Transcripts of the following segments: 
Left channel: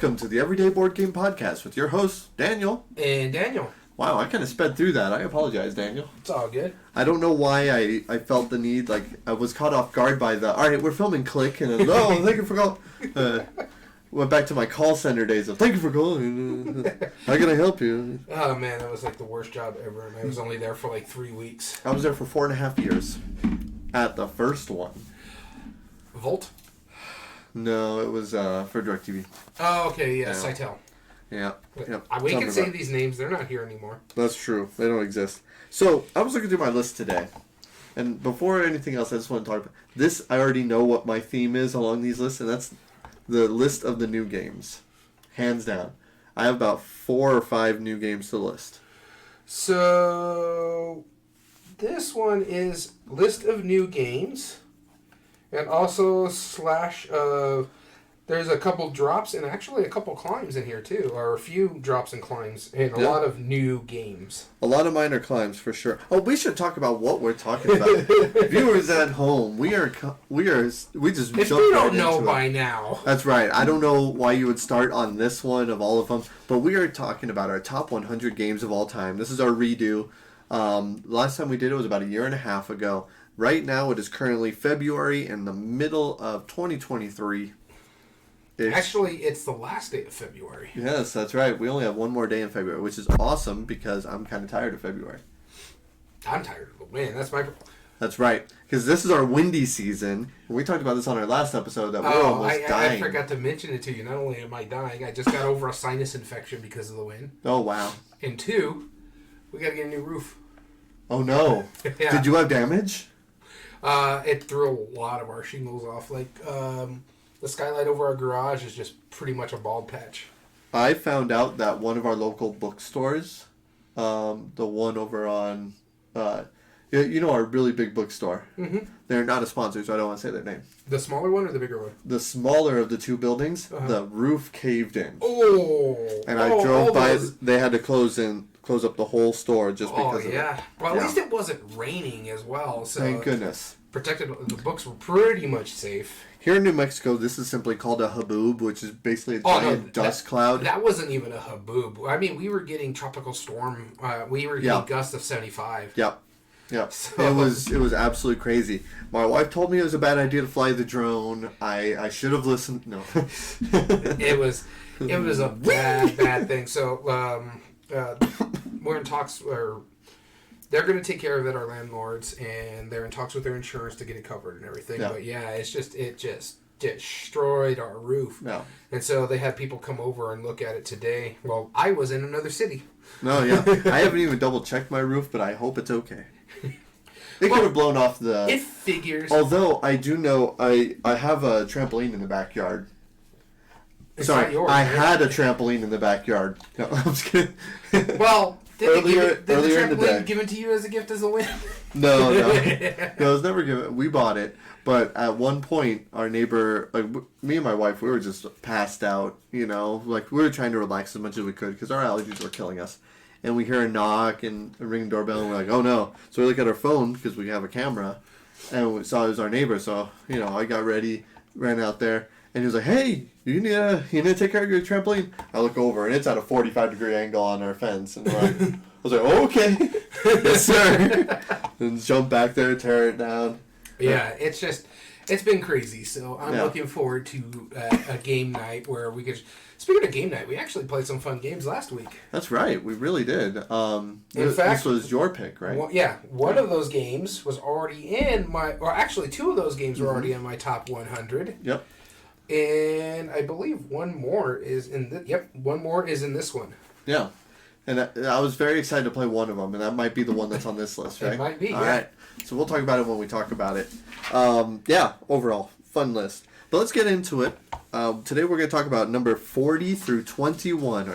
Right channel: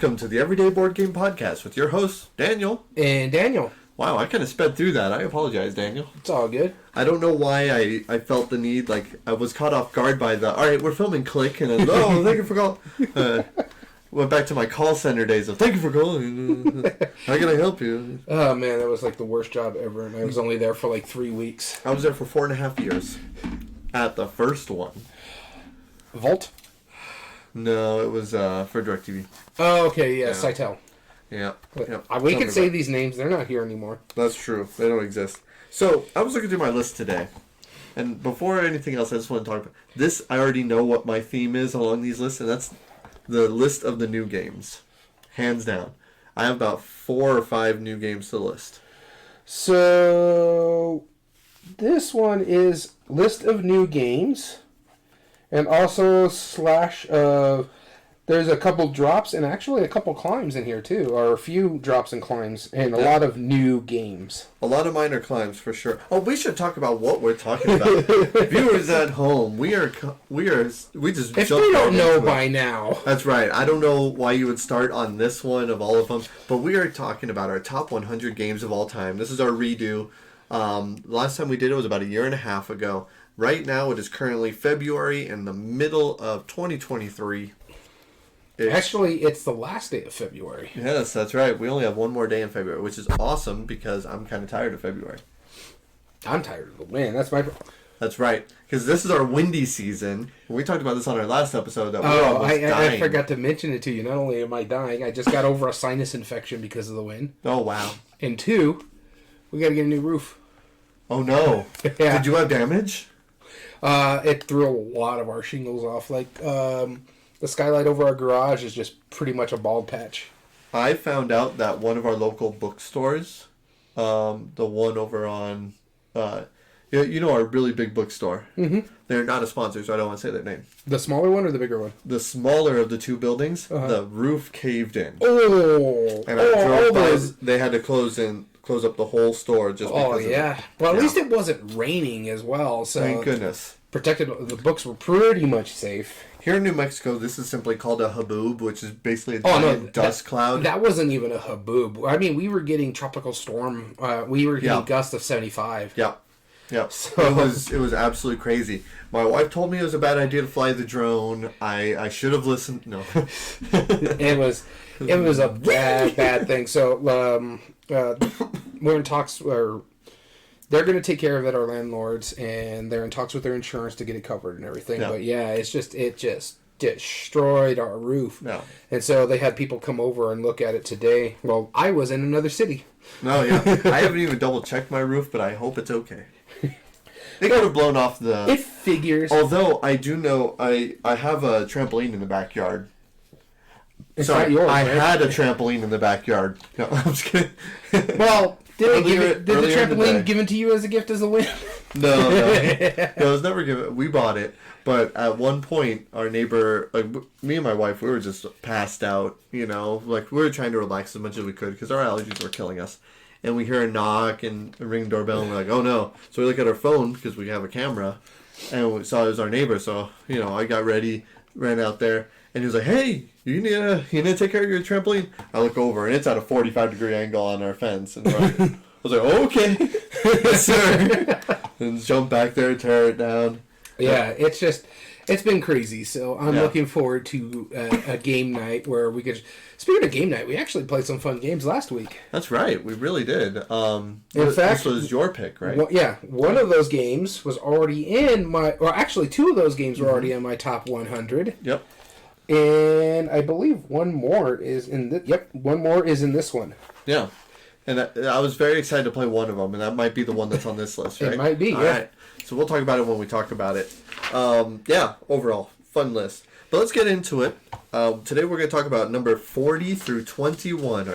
welcome to the Everyday Board Game Podcast with your hosts, Daniel. And Daniel. Wow, I kind of sped through that. I apologize, Daniel. It's all good. I don't know why I felt the need, like, I was caught off guard by the, all right, we're filming Click, and then, oh, thank you for calling. Went back to my call center days of, thank you for calling. How can I help you? Oh, man, that was like the worst job ever, and I was only there for like 3 weeks. I was there for 4.5 years at the first one. Volt? No, it was for DirecTV. Oh, okay, yeah, Cytel. Yeah. We can say these names. They're not here anymore. That's true. They don't exist. So, I was looking through my list today. And before anything else, I just want to talk about this. I already know what my theme is along these lists, and that's the list of the new games. Hands down. I have about 4 or 5 new games to list. So, this one is list of new games. And also there's a couple drops and actually a couple climbs in here too, or a few drops and climbs, and a lot of new games. A lot of minor climbs for sure. Oh, we should talk about what we're talking about. Viewers at home, we just if jumped you don't right know into by it. now. That's right. I don't know why you would start on this one of all of them, but we are talking about our top 100 games of all time. This is our redo. Last time we did it was about 1.5 years ago. Right now, it is currently February in the middle of 2023. Actually, it's the last day of February. Yes, that's right. We only have one more day in February, which is awesome because I'm kind of tired of February. I'm tired of the wind. That's right. Because this is our windy season. We talked about this on our last episode that we're almost dying. I forgot to mention it to you. Not only am I dying, I just got over a sinus infection because of the wind. Oh, wow. And 2, we got to get a new roof. Oh, no. Yeah. Did you have damage? It threw a lot of our shingles off. Like, the skylight over our garage is just pretty much a bald patch. I found out that one of our local bookstores, the one over on, our really big bookstore. Mm-hmm. They're not a sponsor, so I don't want to say their name. The smaller one or the bigger one? The smaller of the 2 buildings, the roof caved in. Oh! And I drove by, they had to close up the whole store just because of it. Yeah. Well, at least it wasn't raining as well, so... Thank goodness. The books were pretty much safe. Here in New Mexico, this is simply called a haboob, which is basically a giant dust cloud. That wasn't even a haboob. I mean, we were getting tropical storm. We were getting gusts of 75. Yep. So, It was absolutely crazy. My wife told me it was a bad idea to fly the drone. I should have listened. No. It was a bad thing. So we're in talks. They're going to take care of it, our landlords, and they're in talks with their insurance to get it covered and everything. Yeah. But yeah, it just destroyed our roof. Yeah. And so they had people come over and look at it today. Well, I was in another city. No, yeah. I haven't even double-checked my roof, but I hope it's okay. It could have blown off the... It figures. Although, I do know, I have a trampoline in the backyard. It's not yours, I right? had a trampoline in the backyard. No, I'm just kidding. Well... Did the trampoline day. given to you as a gift as a win? No, it was never given. We bought it, but at one point, our neighbor, like me and my wife, we were just passed out. Like we were trying to relax as much as we could because our allergies were killing us. And we hear a knock and a ring doorbell, and we're like, "Oh no!" So we look at our phone because we have a camera, and we saw it was our neighbor. So I got ready, ran out there, and he was like, "Hey, you need to take care of your trampoline." I look over, and it's at a 45-degree angle on our fence, and I was like, "Oh, okay, yes, sir." And jump back there, tear it down. Yeah, it's been crazy. So I'm looking forward to a game night where we could. Speaking of game night, we actually played some fun games last week. That's right, we really did. In fact, this was your pick, right? Well, yeah, one of those games was already in my. Well, actually, 2 of those games were already in my top 100. Yep. And I believe one more is in one more is in this one. Yeah. And I was very excited to play one of them, and that might be the one that's on this list, right? It might be, All right. So we'll talk about it when we talk about it. Overall, fun list. But let's get into it. Today we're going to talk about number 40 through 21,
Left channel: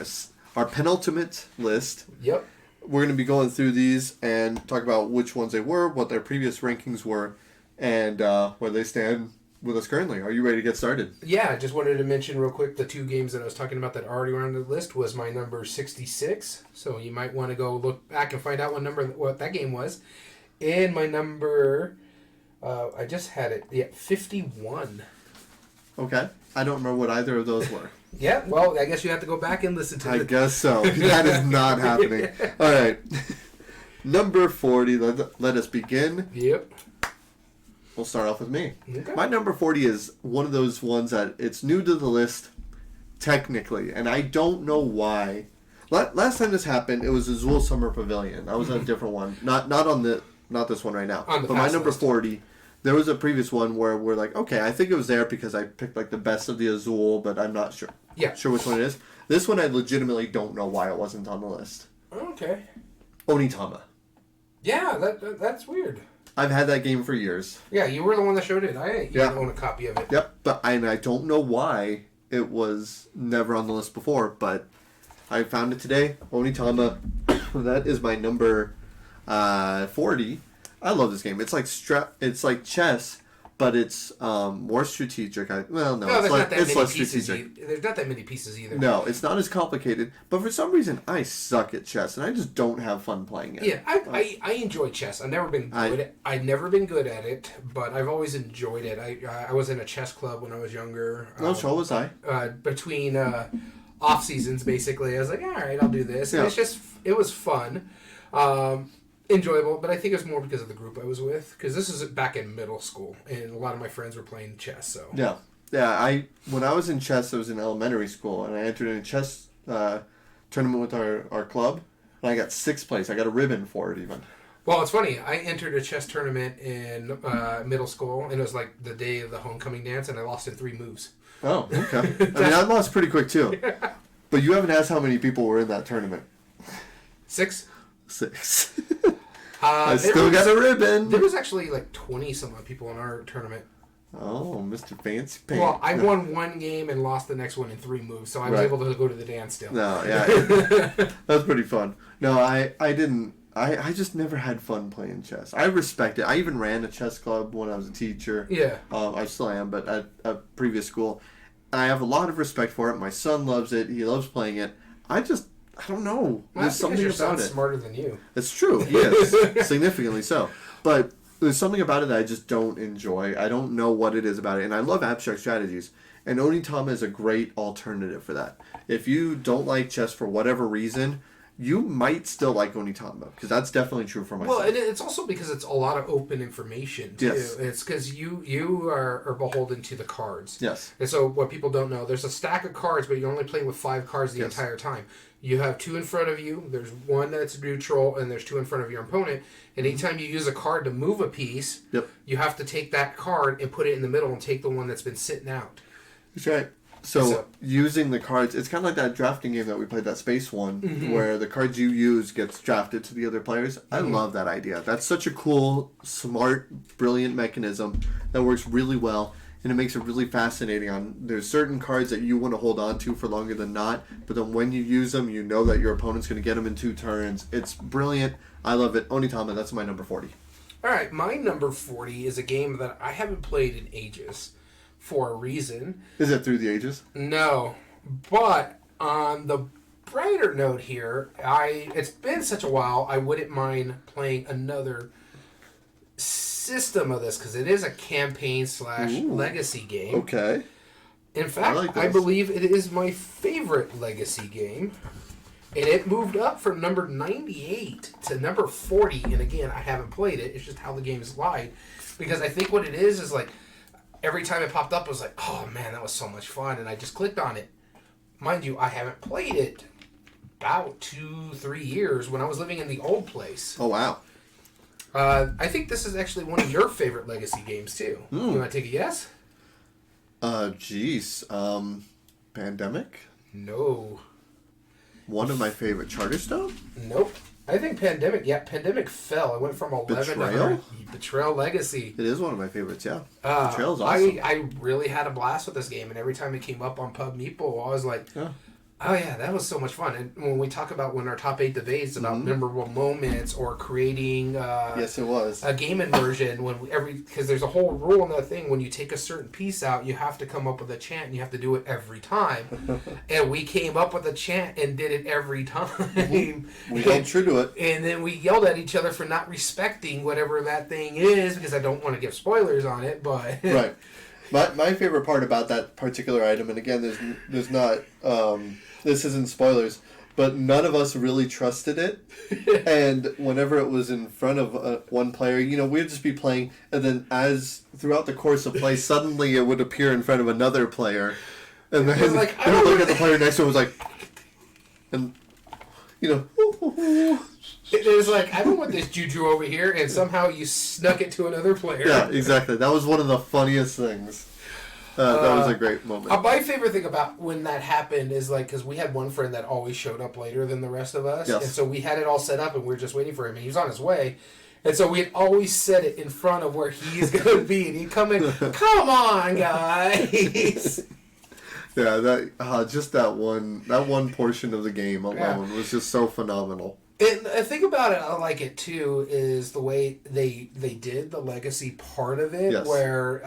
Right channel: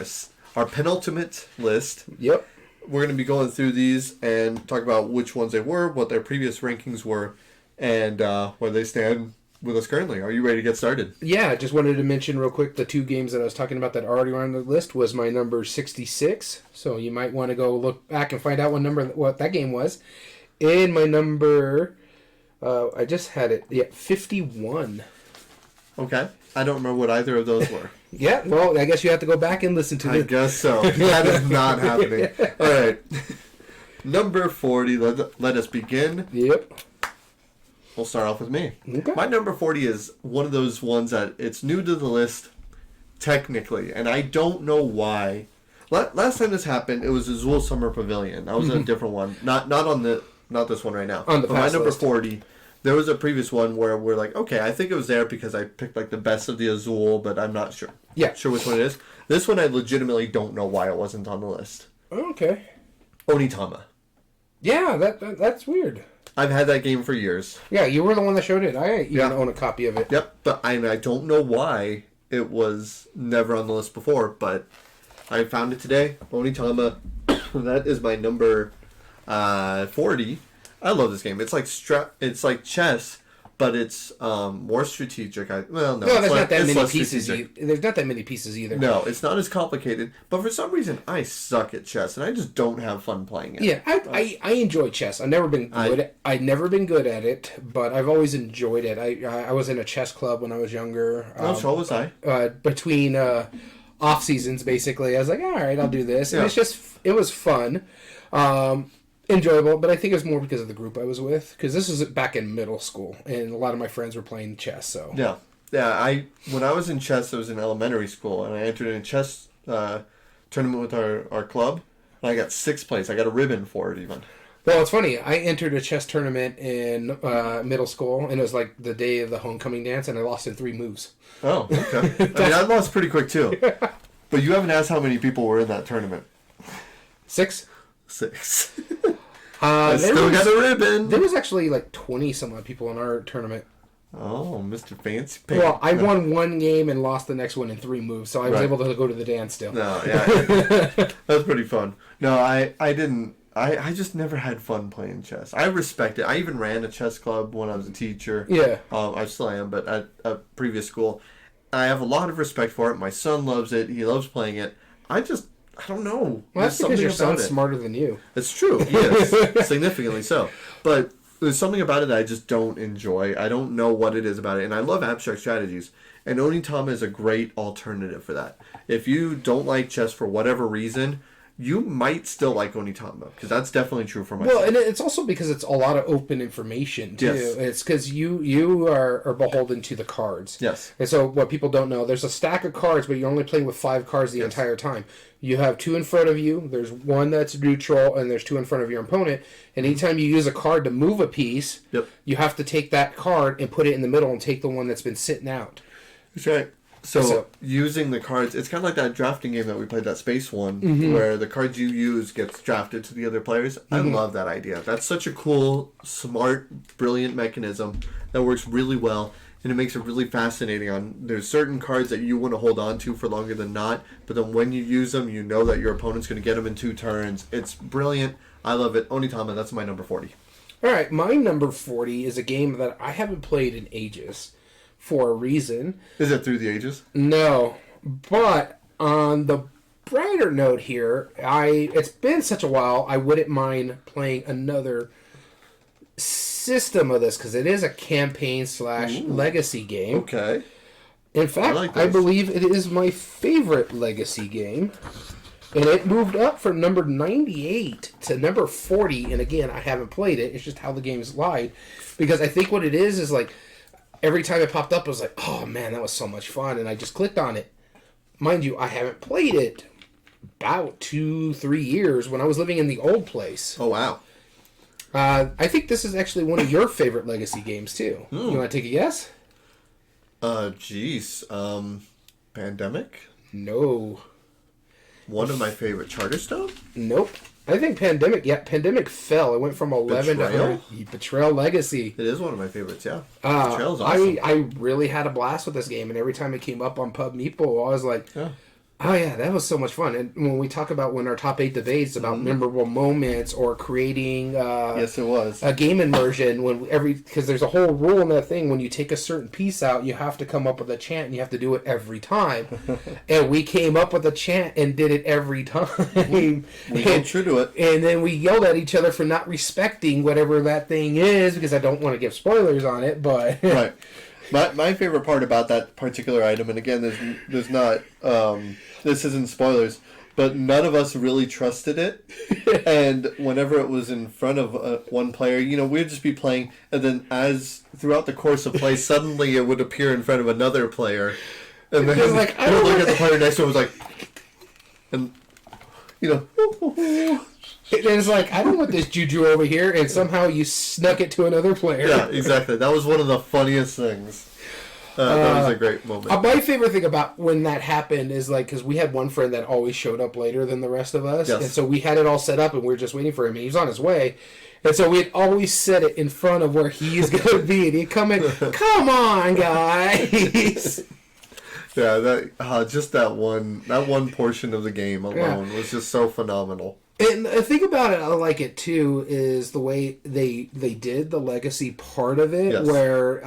our penultimate list. Yep. We're going to be going through these and talk about which ones they were, what their previous rankings were, and where they stand with us currently. Are you ready to get started? Yeah, I just wanted to mention real quick the 2 games that I was talking about that already were on the list was my number 66. So you might want to go look back and find out what that game was. And my number, I just had it, 51. Okay. I don't remember what either of those were. Yeah, well, I guess you have to go back and listen to I it. guess so. That is not happening. All right. Number 40. Let us begin. Yep. We'll start off with me. Okay. My number 40 is one of those ones that it's new to the list, technically, and I don't know why. Last time this happened, it was Azul Summer Pavilion. I was in a different one. Not this one right now. On the but my fast number list. 40, there was a previous one where we're like, okay, I think it was there because I picked like the best of the Azul, but I'm not sure. Yeah. Sure which one it is. This one I legitimately don't know why it wasn't on the list. Okay. Onitama. Yeah, that's weird. I've had that game for years. Yeah, you were the one that showed it. I even own a copy of it. Yep, but I don't know why it was never on the list before, but I found it today. Onitama. That is my number 40. I love this game. It's like it's like chess, but it's more strategic. No, it's there's not that many less pieces. strategic. There's not that many pieces either. No, it's not as complicated. But for some reason, I suck at chess, and I just don't have fun playing it. Yeah, I enjoy chess. I've never been good. I've never been good at it, but I've always enjoyed it. I was in a chess club when I was younger. So was I. Between off seasons, basically, I was like, all right, I'll do this. And Yeah. it was fun, enjoyable. But I think it was more because of the group I was with. Because this was back in middle school, and a lot of my friends were playing chess. So Yeah. When I was in chess, I was in elementary school, and I entered in a chess tournament with our club, and I got 6th place. I got a ribbon for it even. Well, it's funny. I entered a chess tournament in middle school, and it was like the day of the homecoming dance, and I lost in 3 moves. Oh, okay. I mean, I lost pretty quick too. But you haven't asked how many people were in that tournament. 6. 6. I still got a There ribbon. was actually like 20 some odd people in our tournament. Oh, Mr. Fancy Pants. Well, I won one game and lost the next one in 3 moves, so I was Right. able to go to the dance still. No, yeah. That was pretty fun. No, I didn't. I just never had fun playing chess. I respect it. I even ran a chess club when I was a teacher. Yeah. I still am, but at a previous school. I have a lot of respect for it. My son loves it. He loves playing it. I don't know. Well, There's that's because something your about son's it. smarter than you. It's true. He is. Significantly so. But there's something about it that I just don't enjoy. I don't know what it is about it. And I love abstract strategies. And Onitama is a great alternative for that. If you don't like chess for whatever reason, you might still like Onitama. Because that's definitely true for myself. Well, and it's also because it's a lot of open information, too. Yes. It's because you are beholden to the cards. Yes. And so what people don't know, there's a stack of cards, but you're only playing with 5 cards the entire time. You have 2 in front of you, there's 1 that's neutral, and there's 2 in front of your opponent. And anytime you use a card to move a piece, you have to take that card and put it in the middle and take the one that's been sitting out. That's right. So using the cards, it's kind of like that drafting game that we played, that space one, where the cards you use gets drafted to the other players. I love that idea. That's such a cool, smart, brilliant mechanism that works really well, and it makes it really fascinating. There's certain cards that you want to hold on to for longer than not, but then when you use them, you know that your opponent's going to get them in 2 turns. It's brilliant. I love it. Onitama, that's my number 40. All right, my number 40 is a game that I haven't played in ages. For a reason. Is it Through the Ages? No, but on the brighter note here, it's been such a while, I wouldn't mind playing another system of this, because it is a campaign / legacy game. Okay. In fact, like I this. believe it is my favorite legacy game. And it moved up from number 98 to number 40. And again, I haven't played it. It's just how the game's lied. Because I think what it is like, every time it popped up, I was like, oh man, that was so much fun. And I just clicked on it. Mind you, I haven't played it about 2-3 years when I was living in the old place. Oh, wow. I think this is actually one of your favorite legacy games, too. You want to take a guess? Pandemic? No. One of my favorite. Charterstone? Nope. I think Pandemic fell. It went from 11 Betrayal? to Betrayal Legacy. It is one of my favorites, yeah. Betrayal's awesome. I really had a blast with this game, and every time it came up on Pub Meeple, I was like, oh yeah, that was so much fun. And when we talk about when our top 8 debates about memorable moments or creating yes, it was. a game immersion, because there's a whole rule in that thing, when you take a certain piece out, you have to come up with a chant, and you have to do it every time. And we came up with a chant and did it every time. We held true to it. And then we yelled at each other for not respecting whatever that thing is, because I don't want to give spoilers on it, but Right. My favorite part about that particular item, and again, there's not this isn't spoilers, but none of us really trusted it. And whenever it was in front of one player, we'd just be playing, and then as throughout the course of play, suddenly it would appear in front of another player, and then like, they would look at the player next to him, was like, and It was like, I don't want this juju over here, and somehow you snuck it to another player. Yeah, exactly. That was one of the funniest things. That was a great moment. My favorite thing about when that happened is like, because we had one friend that always showed up later than the rest of us, Yes. and so we had it all set up, and we were just waiting for him, and he was on his way, and so we'd always set it in front of where he's going to be, and he'd come in, come on, guys! Yeah, that just that one portion of the game alone was just so phenomenal. And the thing about it, I like it too, is the way they did the legacy part of it, Yes. where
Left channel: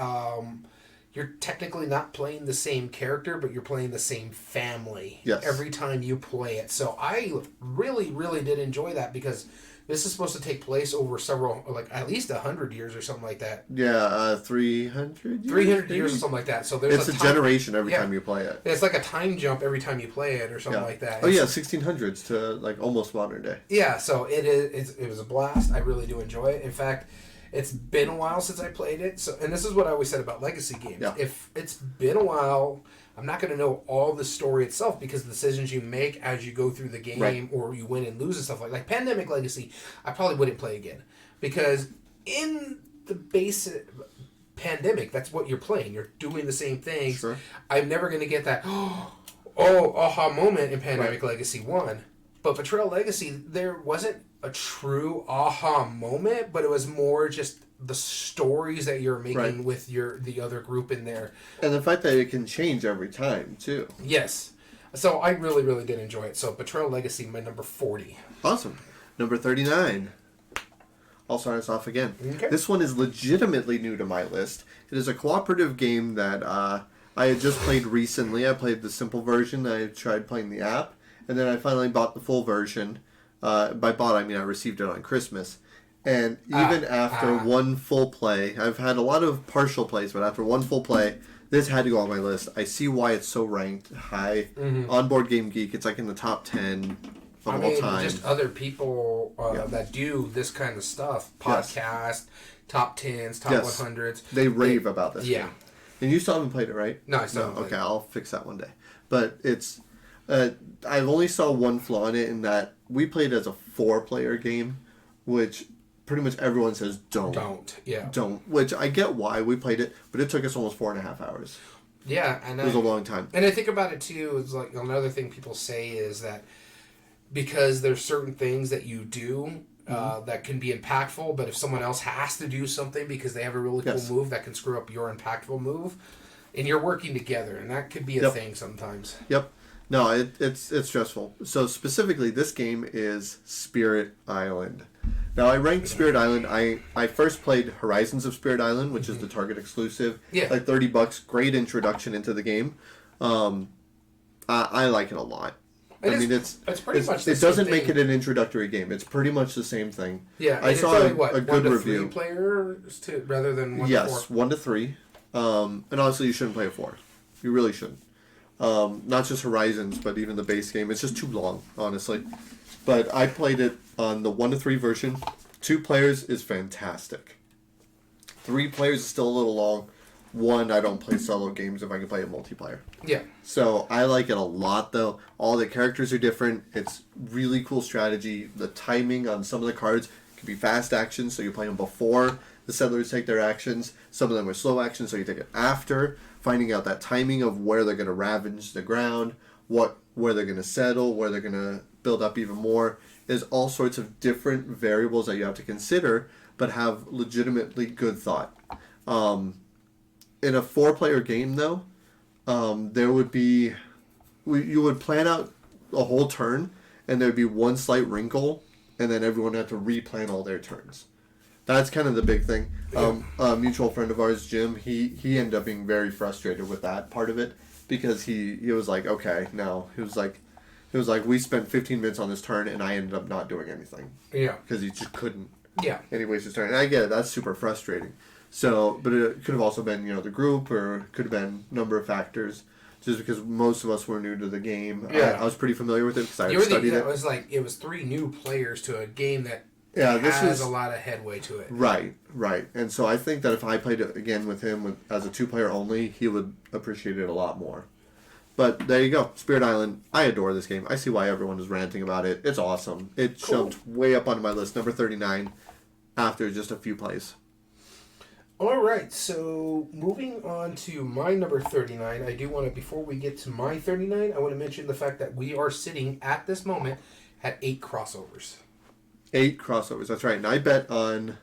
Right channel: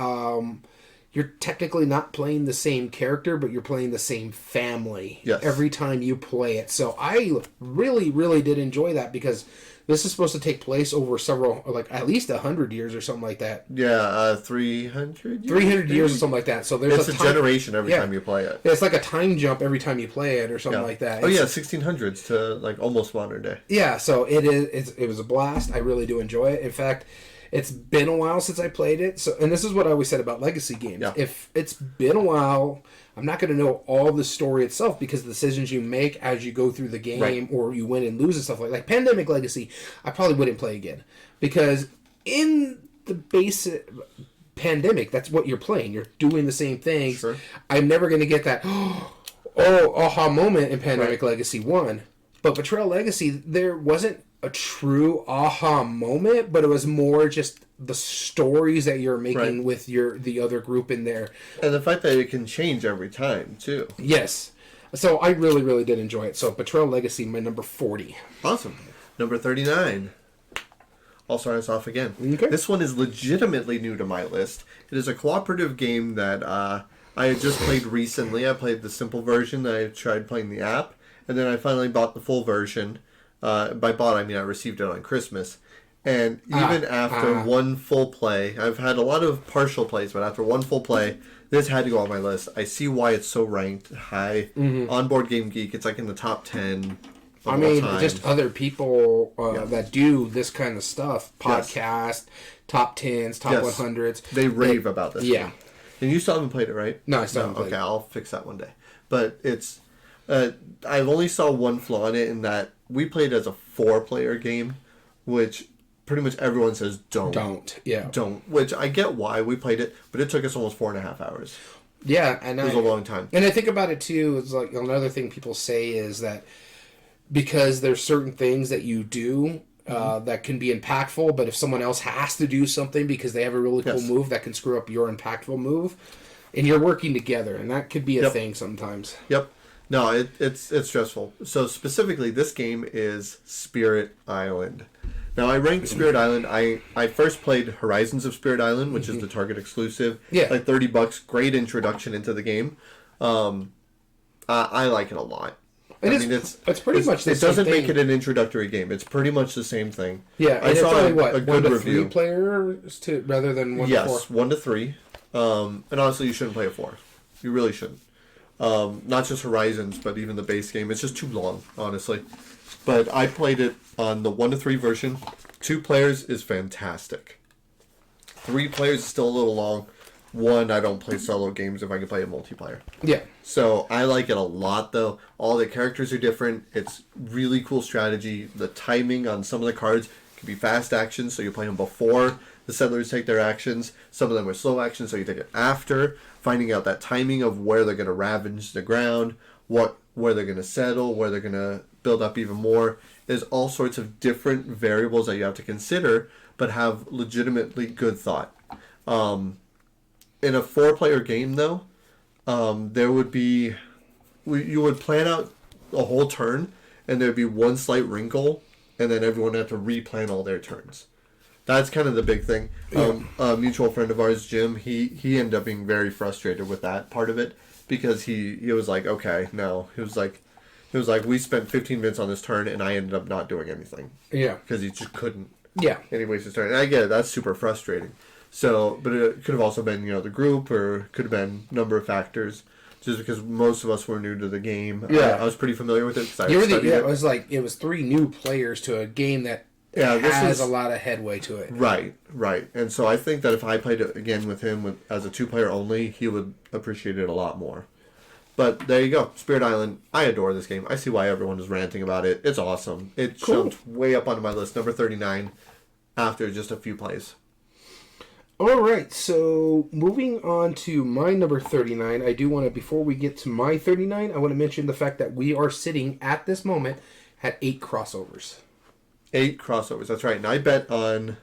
you're technically not playing the same character, but you're playing the same family every time you play it. So I really, really did enjoy that, because this is supposed to take place over several, like at least 100 years or something like that. Yeah, 300 years? 300 years or something like that. So there's it's a generation every time you play it. It's like a time jump every time you play it or something like that. Oh yeah, 1600s to like almost modern day. Yeah, so it was a blast. I really do enjoy it. In fact, it's been a while since I played it. So, and this is what I always said about legacy games. Yeah. If it's been a while, I'm not going to know all the story itself, because the decisions you make as you go through the game, or you win and lose and stuff like Pandemic Legacy, I probably wouldn't play again, because in the basic Pandemic, that's what you're playing. You're doing the same things. Sure. I'm never going to get that aha moment in Pandemic Legacy 1. But Betrayal Legacy, there wasn't a true aha moment, but it was more just the stories that you're making with the other group in there. And the fact that it can change every time, too. Yes. So I really, really did enjoy it. So Betrayal Legacy, my number 40. Awesome. Number 39. I'll start us off again. Okay. This one is legitimately new to my list. It is a cooperative game that I had just played recently. I played the simple version. I tried playing the app. And then I finally bought the full version. By bought, I mean I received it on Christmas. And even after one full play, I've had a lot of partial plays, but after one full play, this had to go on my list. I see why it's so ranked high. On Board Game Geek, it's like in the top 10 of all time. Just other people that do this kind of stuff. Podcast, top 10s, top 100s. They rave about this game. And you still haven't played it, right? No, I still haven't played it. Okay, I'll fix that one day. But it's... I've only saw one flaw in it, in that we played as a 4-player game, which pretty much everyone says don't. Don't. Which I get why we played it, but it took us almost 4.5 hours. Yeah, and it was a long time. And I think about it too. It's like another thing people say is that because there's certain things that you do that can be impactful, but if someone else has to do something because they have a really cool move, that can screw up your impactful move, and you're working together, and that could be a thing sometimes. Yep. No, it's stressful. So specifically, this game is Spirit Island. Now, I ranked Spirit Island. I first played Horizons of Spirit Island, which is the Target exclusive. Yeah. Like $30, great introduction into the game. I like it a lot. It's pretty much the it same doesn't thing. make it an introductory game. It's pretty much the same thing. Yeah, I saw a good 1 to review. 3 players rather than 1 to 4. Yes, 1 to 3. And honestly, you shouldn't play a 4. You really shouldn't. Not just Horizons, but even the base game. It's just too long, honestly. But I played it on the 1 to 3 version. 2 players is fantastic. 3 players is still a little long. 1, I don't play solo games if I can play a multiplayer. Yeah. So I like it a lot, though. All the characters are different. It's really cool strategy. The timing on some of the cards can be fast actions, so you play them before the settlers take their actions. Some of them are slow actions, so you take it after. Finding out that timing of where they're going to ravage the ground, where they're going to settle, where they're going to build up even more. There's all sorts of different variables that you have to consider, but have legitimately good thought. In a 4-player game, though, there would be... You would plan out a whole turn, and there'd be one slight wrinkle, and then everyone would have to replan all their turns. That's kind of the big thing. A mutual friend of ours, Jim, he ended up being very frustrated with that part of it, because he was like, okay, no. He was like, we spent 15 minutes on this turn, and I ended up not doing anything. Yeah. Because he just couldn't. Yeah. And he wasted his turn. And I get it. That's super frustrating. So, but it could have also been, the group, or could have been number of factors. Just because most of us were new to the game. Yeah. I was pretty familiar with it because I studied it. It was 3 new players to a game that this has a lot of headway to it. Right. And so I think that if I played it again with him as a 2-player only, he would appreciate it a lot more. But there you go. Spirit Island. I adore this game. I see why everyone is ranting about it. It's awesome. It jumped way up onto my list, number 39, after just a few plays. All right, so moving on to my number 39, I do want to, before we get to my 39, I want to mention the fact that we are sitting at this moment at 8 crossovers. 8 crossovers, that's right. And I bet on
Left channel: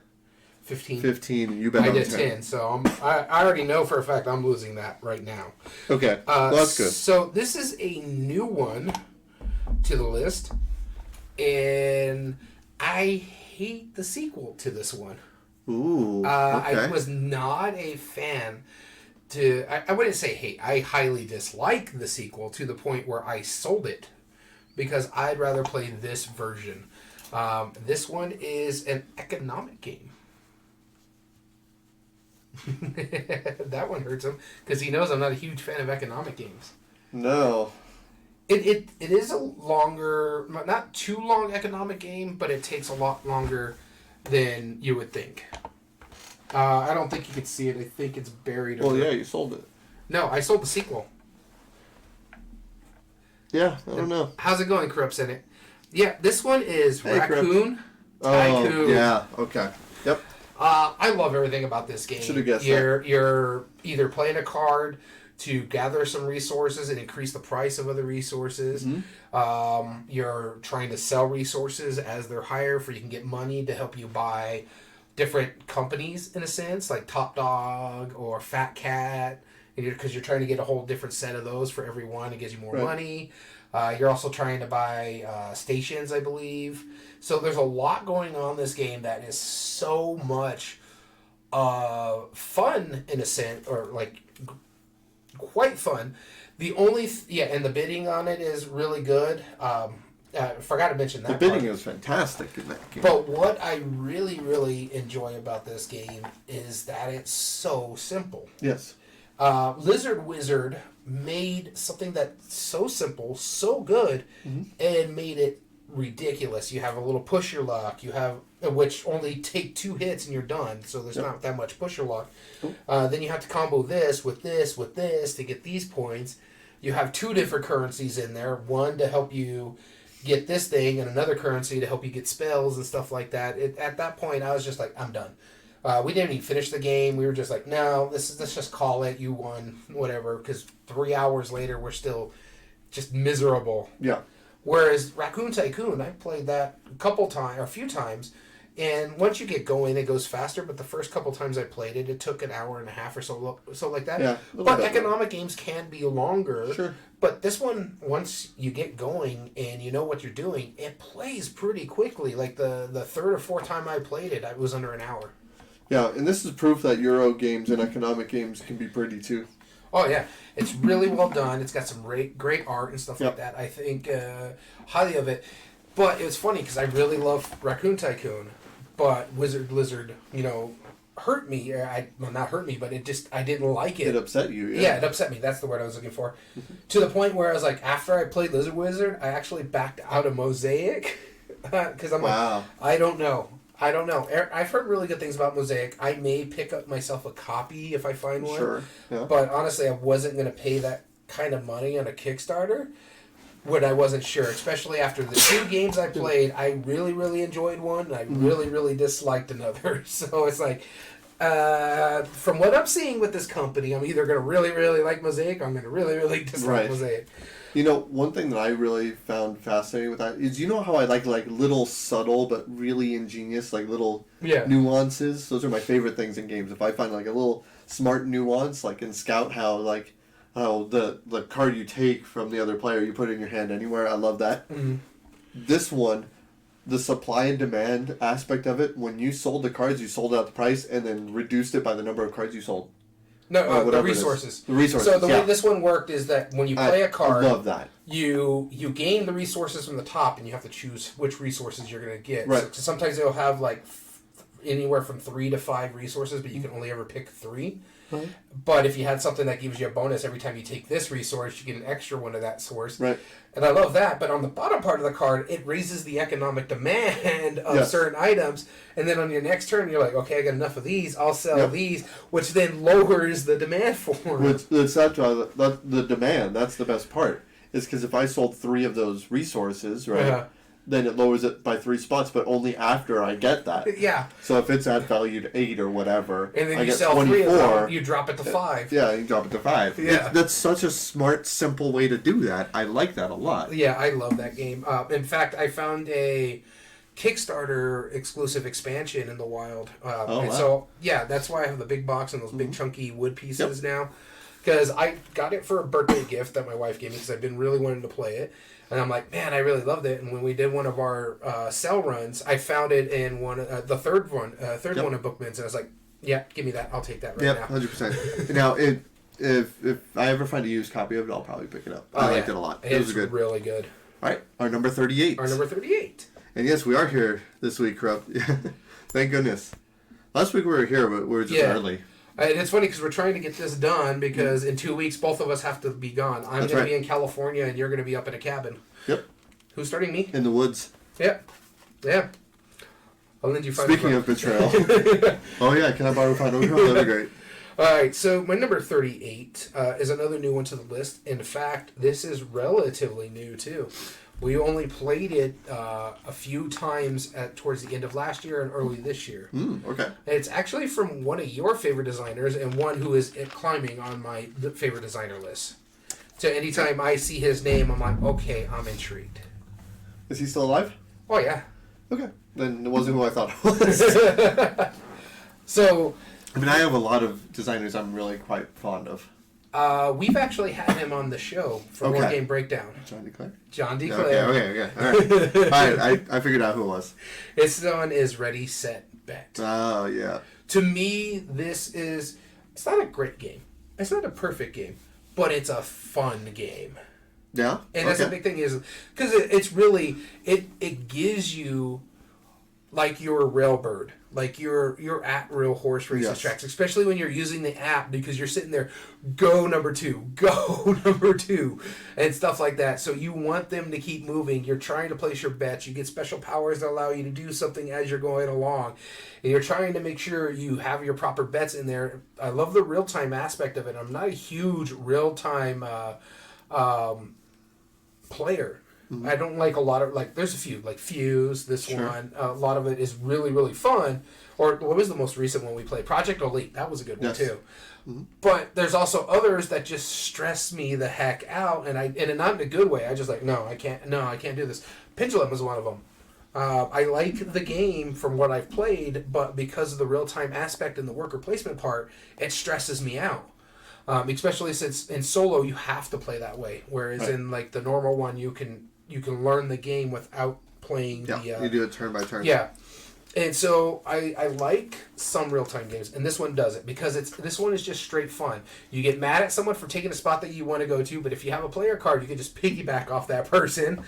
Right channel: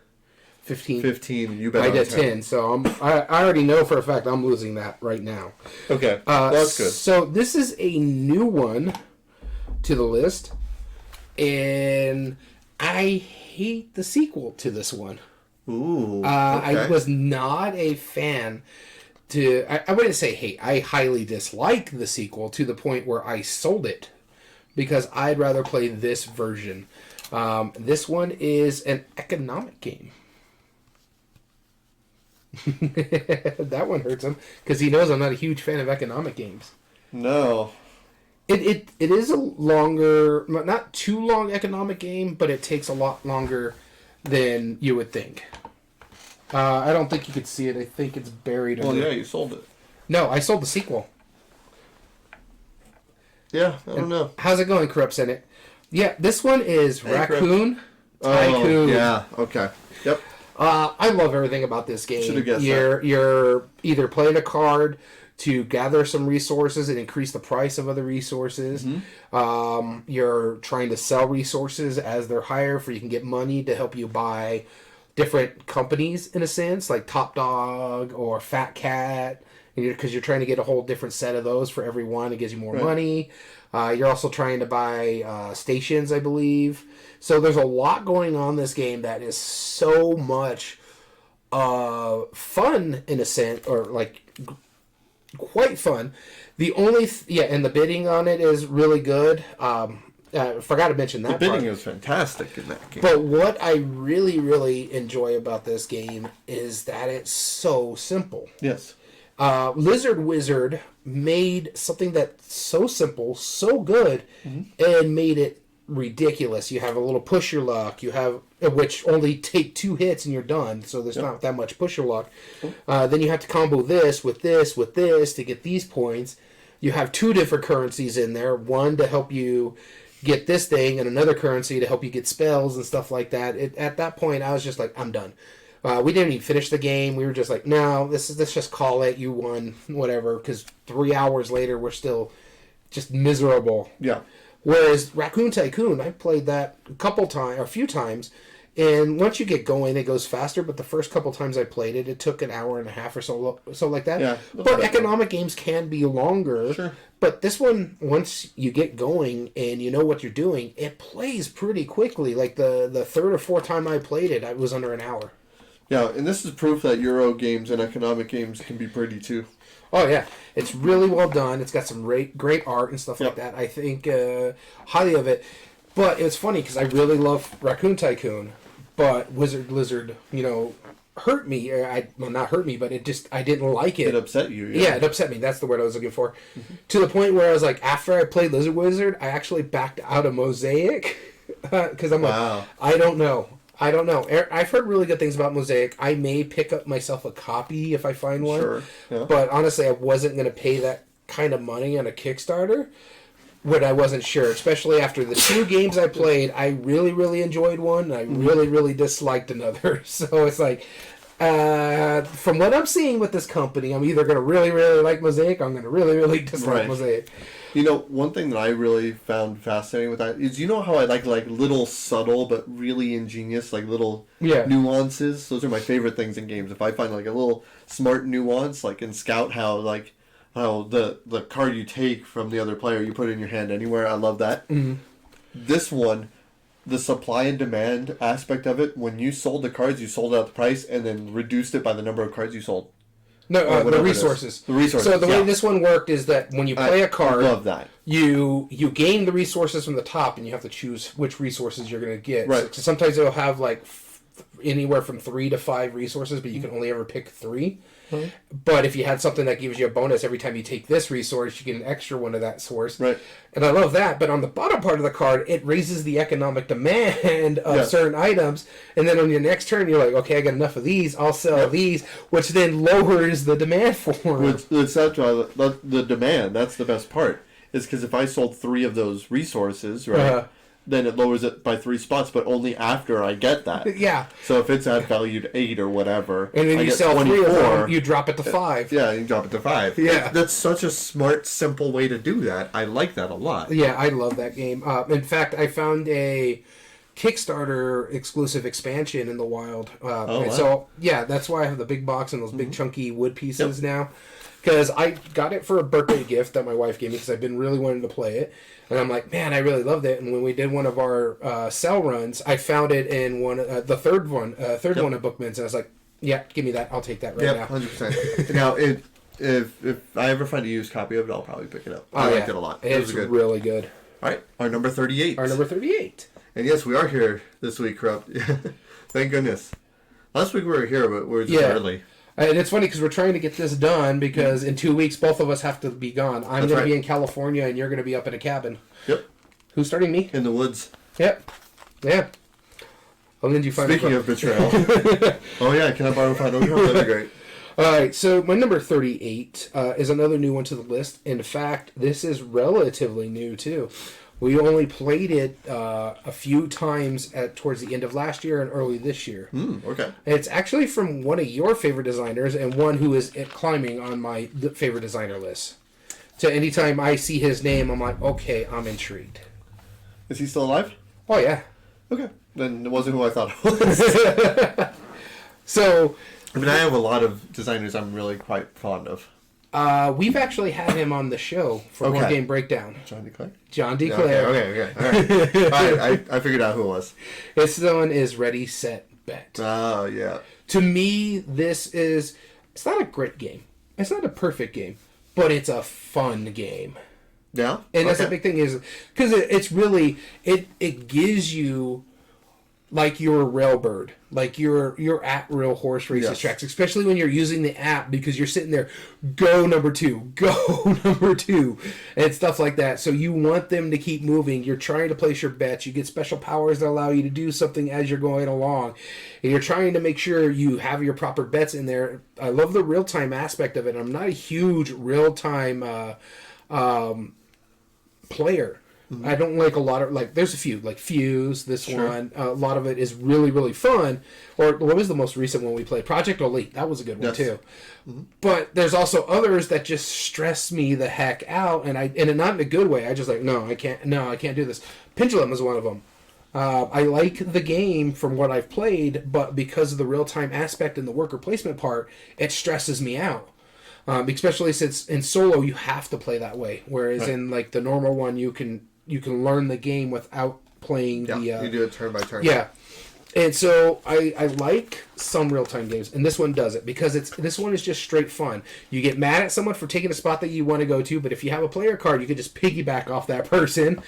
15, and you bet on 10. 10, so I already know for a fact I'm losing that right now. Okay, well, that's good. So this is a new one to the list, and I hate the sequel to this one. Ooh, okay. I was not a fan I wouldn't say hate. I highly dislike the sequel to the point where I sold it because I'd rather play this version. This one is an economic game. That one hurts him because he knows I'm not a huge fan of economic games. No. It is a longer, not too long economic game, but it takes a lot longer than you would think. I don't think you could see it. I think it's buried. Well, yeah, you sold it. No, I sold the sequel. Yeah, I don't know. How's it going, Corrupt Senate? Yeah, this one is Raccoon Tycoon. Tycoon. Yeah, okay. Yep. I love everything about this game. Should have guessed that. You're either playing a card to gather some resources and increase the price of other resources. Mm-hmm. You're trying to sell resources as they're higher for you can get money to help you buy different companies, in a sense, like Top Dog or Fat Cat, because you're trying to get a whole different set of those for every one. It gives you more money. You're also trying to buy stations, I believe. So there's a lot going on in this game that is so much fun, in a sense, or like quite fun. The only and the bidding on it is really good. I forgot to mention that. The bidding is fantastic in that game. But what I really, really enjoy about this game is that it's so simple. Yes. Lizard Wizard made something that's so simple, so good, and made it ridiculous. You have a little push your luck. You have which only take 2 hits and you're done. So there's not that much push your luck. Then you have to combo this with this to get these points. You have 2 different currencies in there. One to help you get this thing, and another currency to help you get spells and stuff like that. At that point, I was just like, I'm done. We didn't even finish the game. We were just like, no, let's just call it. You won, whatever. Because 3 hours later, we're still just miserable. Yeah. Whereas Raccoon Tycoon, I played that a few times, and once you get going, it goes faster. But the first couple times I played it, it took an hour and a half or so like that. Yeah. But economic games can be longer. Sure. But this one, once you get going and you know what you're doing, it plays pretty quickly. Like the third or fourth time I played it, it was under an hour. Yeah, and this is proof that Euro games and economic games can be pretty too. Oh, yeah. It's really well done. It's got some great art and stuff like that. I think highly of it. But it's funny because I really love Raccoon Tycoon. But Wizard Lizard, hurt me. Well, not hurt me, but I didn't like it. It upset you, yeah. Yeah, it upset me. That's the word I was looking for. To the point where I was like, after I played Lizard Wizard, I actually backed out of Mosaic. Because I'm like, I don't know. I've heard really good things about Mosaic. I may pick up myself a copy if I find one. Sure. Yeah. But honestly, I wasn't going to pay that kind of money on a Kickstarter when I wasn't sure. Especially after the 2 games I played, I really, really enjoyed one. And I really, really disliked another. So it's like, from what I'm seeing with this company, I'm either going to really, really like Mosaic or I'm going to really, really dislike Mosaic. One thing that I really found fascinating with that is, how I like little subtle but really ingenious, little nuances. Those are my favorite things in games. If I find a little smart nuance, like in Scout, how the card you take from the other player, you put it in your hand anywhere. I love that. Mm-hmm. This one, the supply and demand aspect of it, when you sold the cards, you sold it at the price and then reduced it by the number of cards you sold. No, the resources. The resources. So the way this one worked is that when you play a card, I love that. You gain the resources from the top, and you have to choose which resources you're going to get. Right. So sometimes it'll have anywhere from 3 to 5 resources, but you can only ever pick 3. But if you had something that gives you a bonus every time you take this resource, you get an extra one of that source. Right. And I love that. But on the bottom part of the card, it raises the economic demand of certain items. And then on your next turn, you're like, okay, I got enough of these. I'll sell these, which then lowers the demand for them. It's actually the demand. That's the best part. Is because if I sold 3 of those resources, right, then it lowers it by 3 spots, but only after I get that. Yeah. So if it's at value to 8 or whatever, and then I you get sell 24. 3 of them, you drop it to 5. Yeah, you drop it to 5. Yeah. That's such a smart, simple way to do that. I like that a lot. Yeah, I love that game. In fact, I found a Kickstarter exclusive expansion in the wild. Wow. So, yeah, that's why I have the big box and those big chunky wood pieces now. Because I got it for a birthday gift that my wife gave me because I've been really wanting to play it. And I'm like, man, I really loved it. And when we did one of our sell runs, I found it in the third one of Bookman's. And I was like, yeah, give me that. I'll take that right now. 100%. Now, if I ever find a used copy of it, I'll probably pick it up. I liked it a lot. It was good. Really good. All right, our number 38. And yes, we are here this week, Corrupt. Thank goodness. Last week we were here, but we were just early. And it's funny because we're trying to get this done because in 2 weeks both of us have to be gone. I'm going to be in California and you're going to be up at a cabin. Yep. Who's starting me? In the woods. Yep. Yeah. I'll lend you $5. Speaking of betrayal. Oh yeah, can I borrow $5? That'd be great. All right, so my number 38 is another new one to the list. In fact, this is relatively new too. We only played it a few times towards the end of last year and early this year. Okay. And it's actually from one of your favorite designers and one who is climbing on my favorite designer list. So anytime I see his name, I'm like, okay, I'm intrigued. Is he still alive? Oh, yeah. Okay. Then it wasn't who I thought it was. So... I mean, I have a lot of designers I'm really quite fond of. We've actually had him on the show for Board Game Breakdown. John DeClaire? John DeClaire. Okay. All right. I figured out who it was. This one is Ready, Set, Bet. Oh, yeah. To me, it's not a great game. It's not a perfect game, but it's a fun game. Yeah? And that's the big thing is, because it's really, it gives you, like your railbird, like your at real horse races tracks, especially when you're using the app because you're sitting there, go number 2, and stuff like that. So you want them to keep moving. You're trying to place your bets. You get special powers that allow you to do something as you're going along, and you're trying to make sure you have your proper bets in there. I love the real time aspect of it. I'm not a huge real time player. Mm-hmm. I don't like a lot of, there's a few, like Fuse, this one. A lot of it is really, really fun. Or what was the most recent one we played? Project Elite. That was a good one, too. Mm-hmm. But there's also others that just stress me the heck out, and not in a good way. I just no, I can't do this. Pendulum is one of them. I like the game from what I've played, but because of the real-time aspect and the worker placement part, it stresses me out. Especially since in solo you have to play that way, whereas in the normal one you can learn the game without playing you do it turn by turn. Yeah, and so I like some real time games, and this one does it because this one is just straight fun. You get mad at someone for taking a spot that you want to go to, but if you have a player card, you can just piggyback off that person,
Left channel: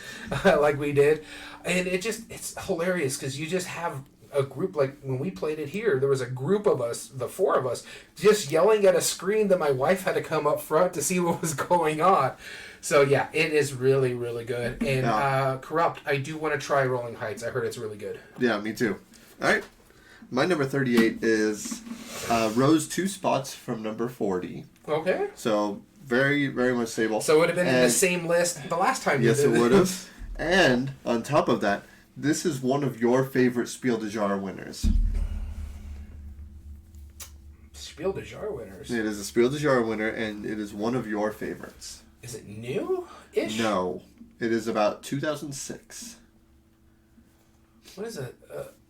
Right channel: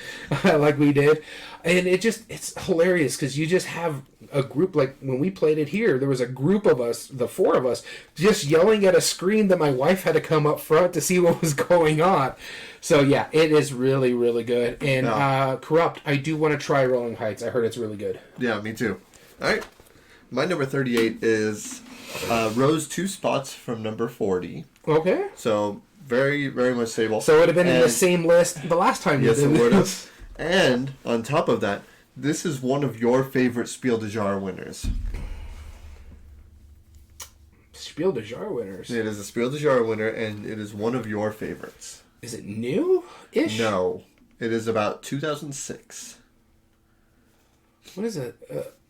like we did, and it's hilarious because you just have a group. Like when we played it here, there was a group of us, the 4 of us, just yelling at a screen that my wife had to come up front to see what was going on. So yeah, it is really, really good. And Corrupt, I do want to try Rolling Heights. I heard it's really good. Yeah, me too. All right, my number 38 is rose 2 spots from number 40. Okay. So very, very much stable. So it would have been in the same list the last time. Yes, it would have. And on top of that, this is one of your favorite Spiel des Jahres winners. Spiel des Jahres winners? It is a Spiel des Jahres winner, and it is one of your favorites. Is it new-ish? No. It is about 2006. What is it?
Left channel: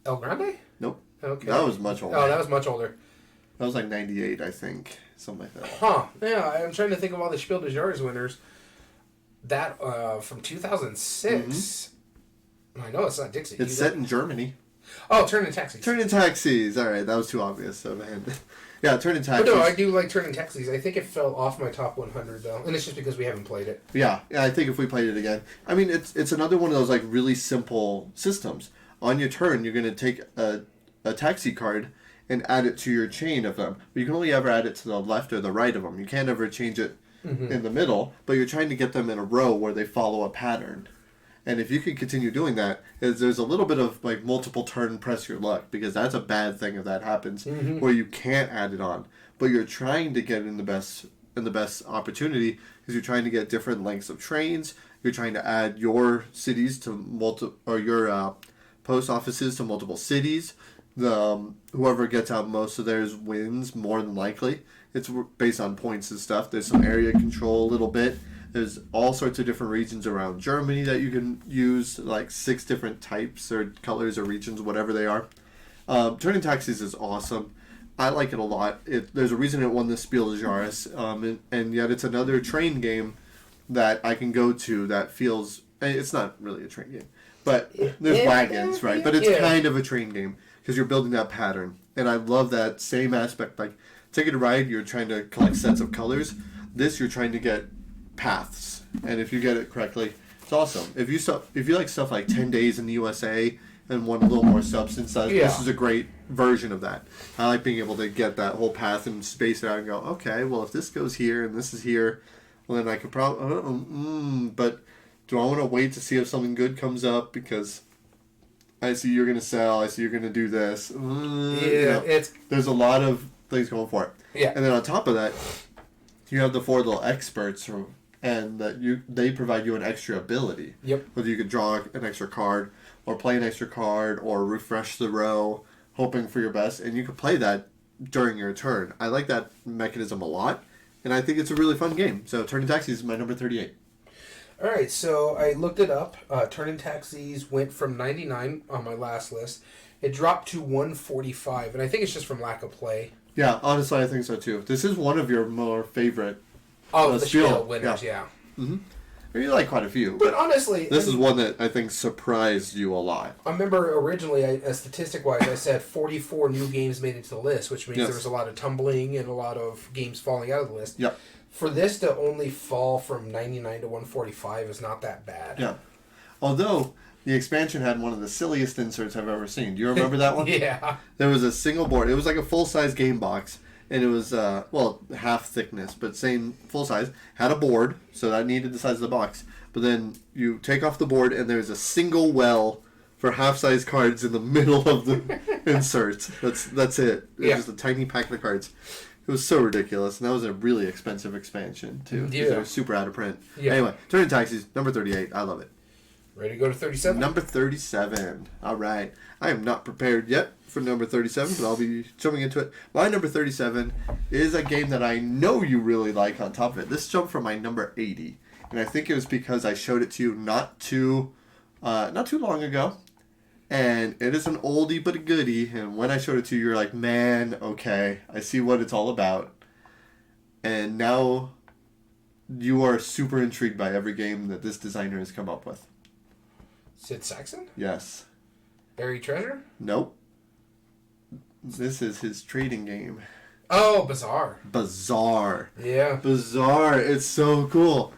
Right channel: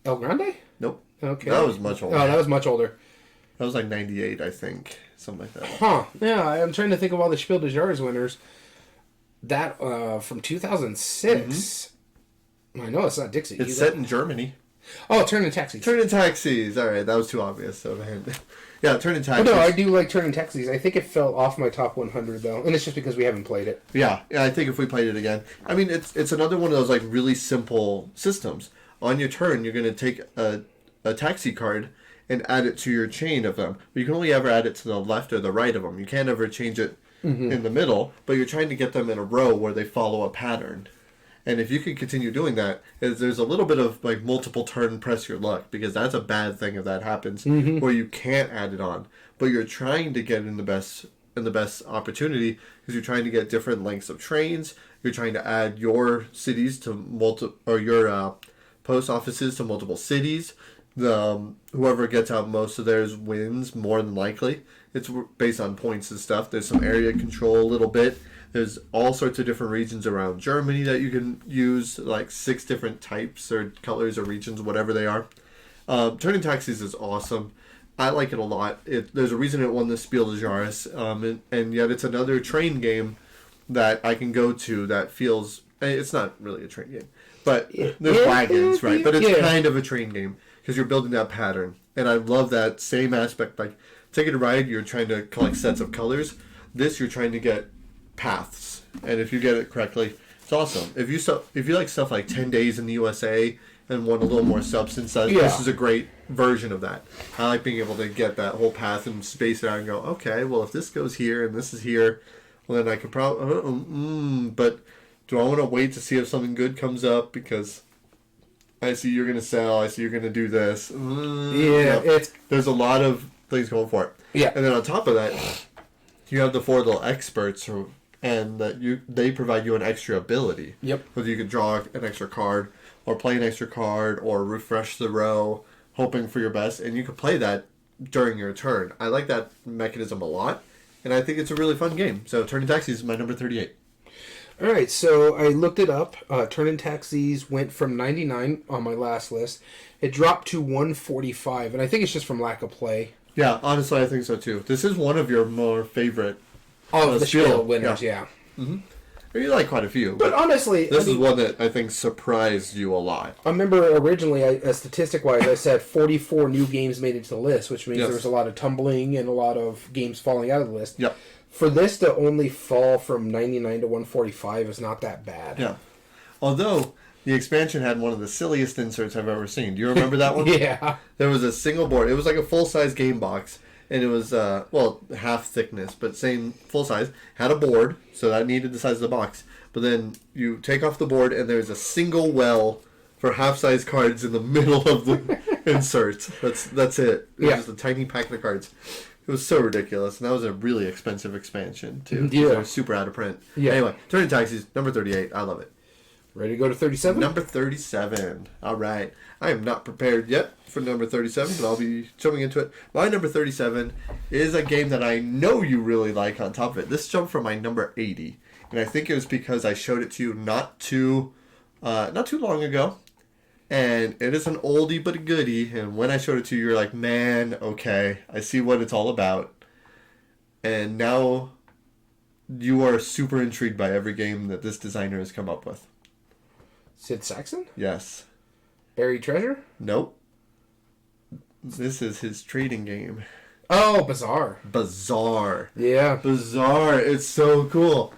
El Grande? Nope. Okay. That was much older. Oh, that was much older. That was like 98, I think. Something like that. Huh. Yeah, I'm trying to think of all the Spiel des Jahres winners. That, from 2006... Mm-hmm. I know it's not Dixie. It's set in Germany. Oh, Turning Taxis. Turning Taxis. All right, that was too obvious. So, yeah, Turning Taxis. Oh, no, I do like Turning Taxis. I think it fell off my top 100 though, and it's just because we haven't played it. Yeah. I think if we played it again, I mean, it's another one of those really simple systems. On your turn, you're going to take a a taxi card and add it to your chain of them. But you can only ever add it to the left or the right of them. You can't ever change it in the middle, but you're trying to get them in a row where they follow a pattern. And if you can continue doing that, there's a little bit of like multiple turn press your luck, because that's a bad thing if that happens, where you can't add it on. But you're trying to get in the best opportunity, because you're trying to get different lengths of trains. You're trying to add your cities to your post offices to multiple cities. Whoever gets out most of theirs wins more than likely. It's based on points and stuff. There's some area control a little bit. There's all sorts of different regions around Germany that you can use, like 6 different types or colors or regions, whatever they are. Turning Taxis is awesome. I like it a lot. There's a reason it won the Spiel des Jahres, and yet it's another train game that I can go to that feels... It's not really a train game, but there's wagons, right? But it's kind of a train game, because you're building that pattern. And I love that same aspect. Like, Ticket to Ride, you're trying to collect sets of colors. This, you're trying to get paths, and if you get it correctly, it's awesome. If you like stuff like 10 Days in the USA and want a little more substance, this is a great version of that. I like being able to get that whole path and space it out and go, okay, well, if this goes here and this is here, well, then I could probably but do I want to wait to see if something good comes up, because I see you're going to sell, I see you're going to do this. There's a lot of things going for it. And then on top of that, you have the 4 little experts, and they provide you an extra ability. Whether you could draw an extra card, or play an extra card, or refresh the row, hoping for your best, and you can play that during your turn. I like that mechanism a lot, and I think it's a really fun game. So Turning Taxis is my number 38. All right, so I looked it up. Turning Taxis went from 99 on my last list. It dropped to 145, and I think it's just from lack of play. Yeah, honestly, I think so too. This is one of your more favorite the Spiel winners, yeah. Mm-hmm. You like quite a few. But honestly... This is one that I think surprised you a lot. I remember originally, statistic-wise, I said 44 new games made it to the list, which means there was a lot of tumbling and a lot of games falling out of the list. Yep. For this to only fall from 99 to 145 is not that bad. Yeah. Although... the expansion had one of the silliest inserts I've ever seen. Do you remember that one? Yeah. There was a single board. It was like a full-size game box. And it was, half thickness, but same full size. Had a board, so that needed the size of the box. But then you take off the board, and there's a single well for half-size cards in the middle of the insert. That's it. It was just a tiny pack of cards. It was so ridiculous. And that was a really expensive expansion, too. Yeah. They were super out of print. Yeah. Anyway, Turning Taxis, number 38. I love it. Ready to go to 37? Number 37. All right. I am not prepared yet for number 37, but I'll be jumping into it. My number 37 is a game that I know you really like on top of it. This jumped from my number 80, and I think it was because I showed it to you not too long ago. And it is an oldie but a goodie, and when I showed it to you, you're like, man, okay, I see what it's all about. And now you are super intrigued by every game that this designer has come up with. Sid Saxon? Yes. Buried Treasure? Nope. This is his trading game. Oh, Bizarre. Yeah. Bizarre. It's so cool.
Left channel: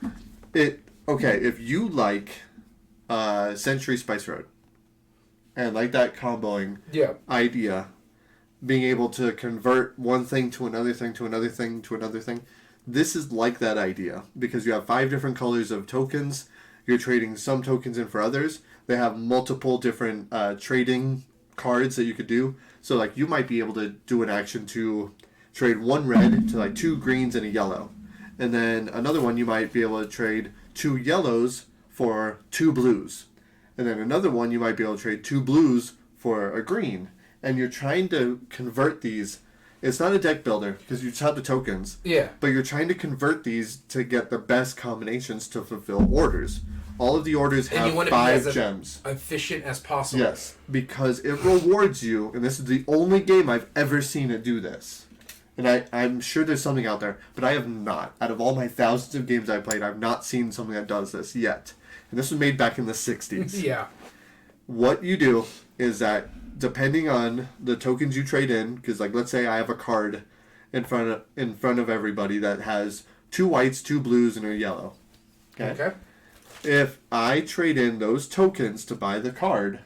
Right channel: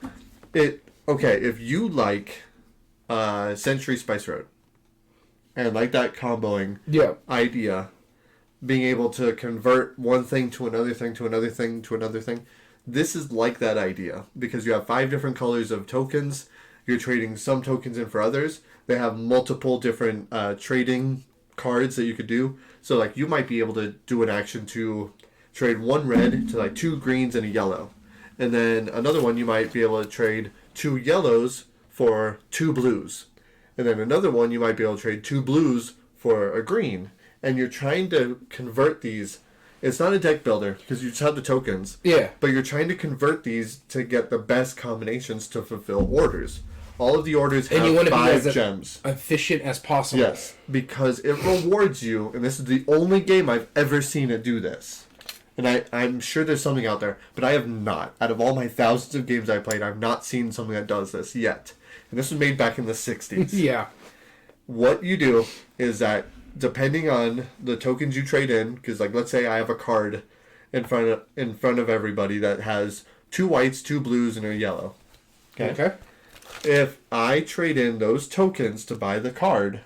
If you like Century Spice Road and like that comboing idea, being able to convert one thing to another thing to another thing to another thing, this is like that idea, because you have 5 different colors of tokens. You're trading some tokens in for others. They have multiple different trading cards that you could do. So, like, you might be able to do an action to trade 1 red to, like, 2 greens and a yellow. And then another one, you might be able to trade 2 yellows for 2 blues. And then another one, you might be able to trade 2 blues for a green. And you're trying to convert these. It's not a deck builder, because you just have the tokens. Yeah. But you're trying to convert these to get the best combinations to fulfill orders. All of the orders have 5 gems. Efficient as possible. Yes, because it rewards you, and this is the only game I've ever seen it do this. And I'm sure there's something out there, but I have not. Out of all my thousands of games I played, I've not seen something that does this yet. And this was made back in the 60s. Yeah. What you do is that, depending on the tokens you trade in, because, like, let's say I have a card in front of everybody that has 2 whites, 2 blues, and a yellow. Okay. If I trade in those tokens to buy the card,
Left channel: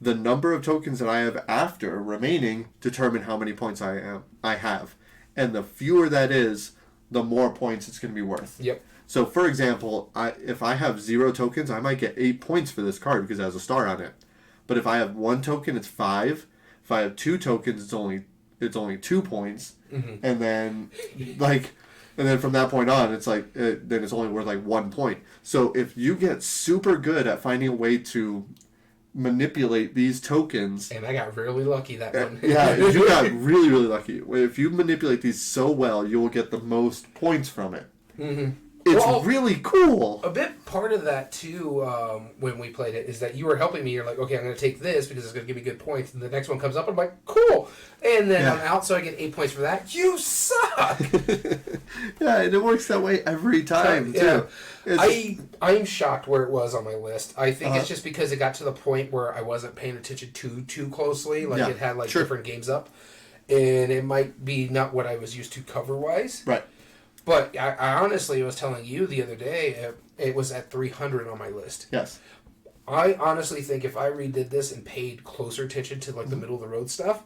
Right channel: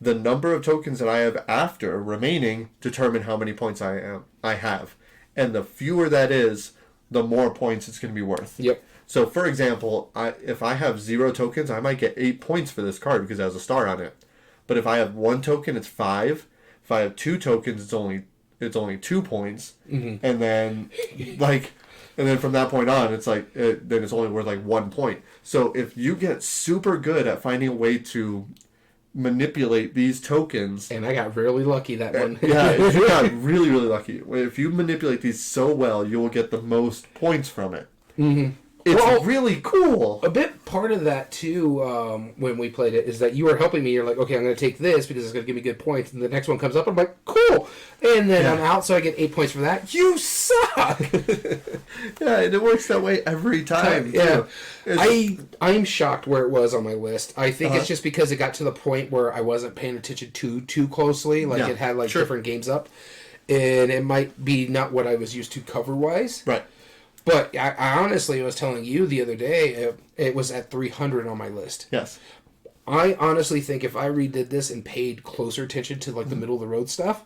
the number of tokens that I have after remaining determine how many points I have. And the fewer that is, the more points it's going to be worth. Yep. So, for example, if I have 0 tokens, I might get 8 points for this card because it has a star on it. But if I have 1 token, it's 5. If I have 2 tokens, it's only 2 points. Mm-hmm. And then from that point on, it's like then it's only worth like 1 point. So if you get super good at finding a way to manipulate these tokens, and I got really lucky that one. yeah, you got really, really lucky. If you manipulate these so well, you will get the most points from it. Mm-hmm. It's really cool. A bit part of that too, when we played it, is that you were helping me. You're like, okay, I'm going to take this because it's going to give me good points, and the next one comes up, I'm like, cool, and then I'm out, so I get 8 points for that. You suck. Yeah, and it works that way every time too. I'm shocked where it was on my list. I think it's just because it got to the point where I wasn't paying attention too closely. Like it had like different games up, and it might be not what I was used to cover wise. Right. But I honestly was telling you the other day, it was at 300 on my list. Yes. I honestly think if I redid this and paid closer attention to like the middle of the road stuff,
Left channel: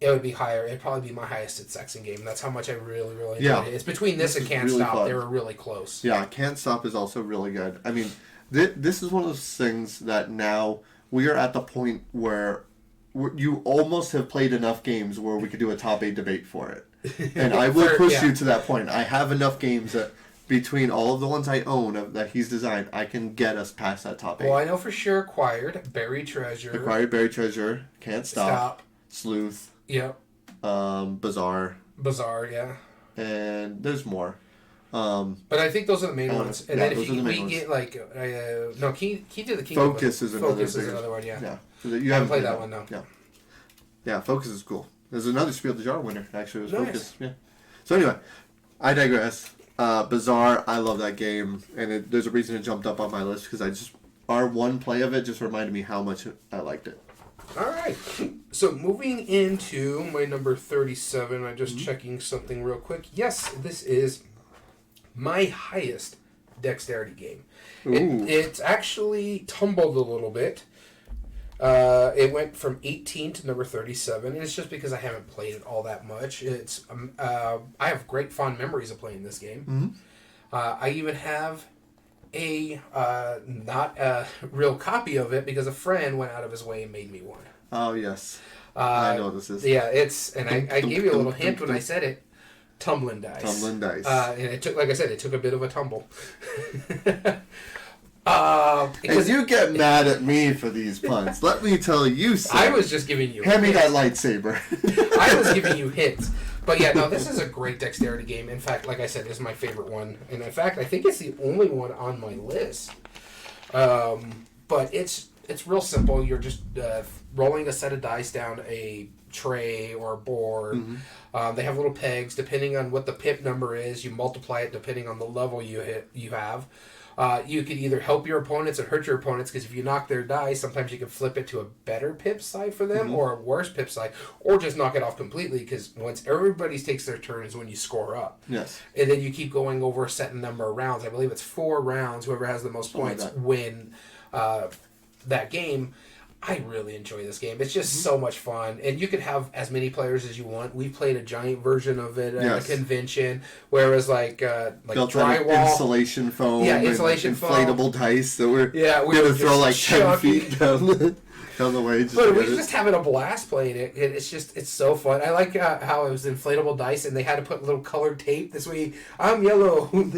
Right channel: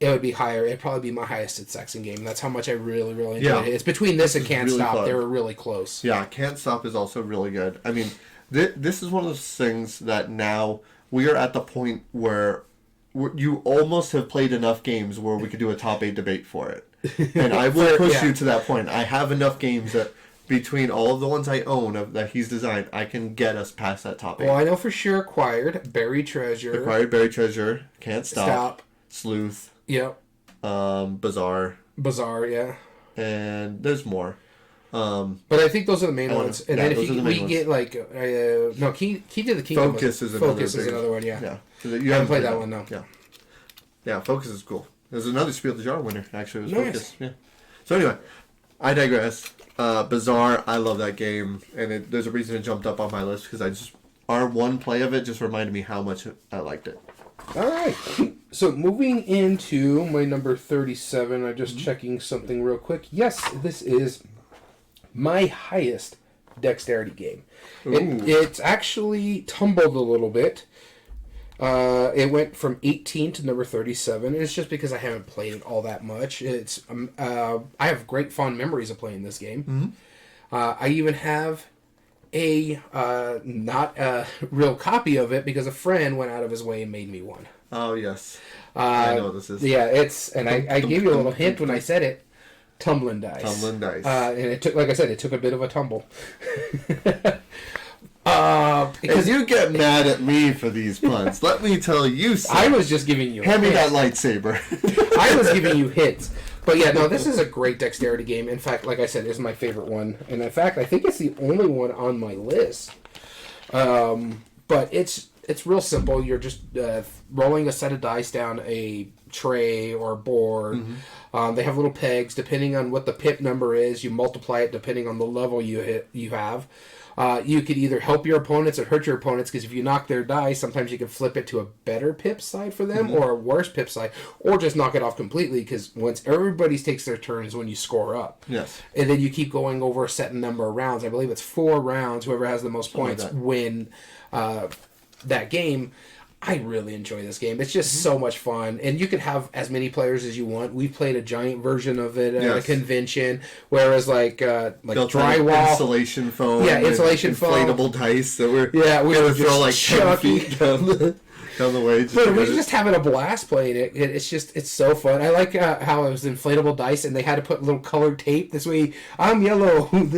it would be higher. It'd probably be my highest at Saxon game. That's how much I really, really enjoyed it. It's between this and Can't Stop. Fun. They were really close. Yeah, Can't Stop is also really good. I mean, this is one of those things that now we are at the point where you almost have played enough games where we could do a top 8 debate for it. And I will push you to that point. I have enough games that between all of the ones I own that he's designed, I can get us past that top 8. Well, I know for sure Acquired, Buried Treasure, Can't Stop. Sleuth. Yep. Bazaar, yeah. And there's more. But I think those are the main ones. And then if we get like Key to the Kingdom. Focus is another one. Yeah. Yeah. You haven't played that one, no. Yeah. Yeah, Focus is cool. There's another Spiel des Jahres winner, actually. It was Nice. Focus. Yeah. So anyway, I digress. Bazaar, I love that game, and there's a reason it jumped up on my list because our one play of it just reminded me how much I liked it. All right. So moving into my number 37, I'm just checking something real quick. Yes, this is my highest dexterity game. It's actually tumbled a little bit. It went from 18 to number 37. It's just because I haven't played it all that much. It's I have great fond memories of playing this game. I even have a not a real copy of it because a friend went out of his way and made me one. Oh yes, I know what this is. Yeah, I gave you a little hint when I said it. Tumbling dice. And it took, like I said, it took a bit of a tumble. And you get mad at me for these puns. Let me tell you something. I was just giving you Hand me that lightsaber. I was giving you hints. But yeah, no, this is a great dexterity game. In fact, like I said, it's my favorite one. And in fact, I think it's the only one on my list. But it's real simple. You're just rolling a set of dice down a tray or board. They have little pegs. Depending on what the pip number is, you multiply it depending on the level you have. You could either help your opponents or hurt your opponents, because if you knock their dice, sometimes you can flip it to a better pip side for them or a worse pip side, or just knock it off completely, because once everybody takes their turns when you score up. Yes. And then you keep going over a set number of rounds. I believe it's 4 rounds. Whoever has the most points win that game. I really enjoy this game. It's just so much fun, and you can have as many players as you want. We played a giant version of it at a convention, whereas like drywall, insulation foam, insulation foam, inflatable dice that we're we gonna throw like 10 feet down the way. But we're just having a blast playing it. It's so fun. I like how it was inflatable dice, and they had to put little colored tape. This way, I'm yellow, I'm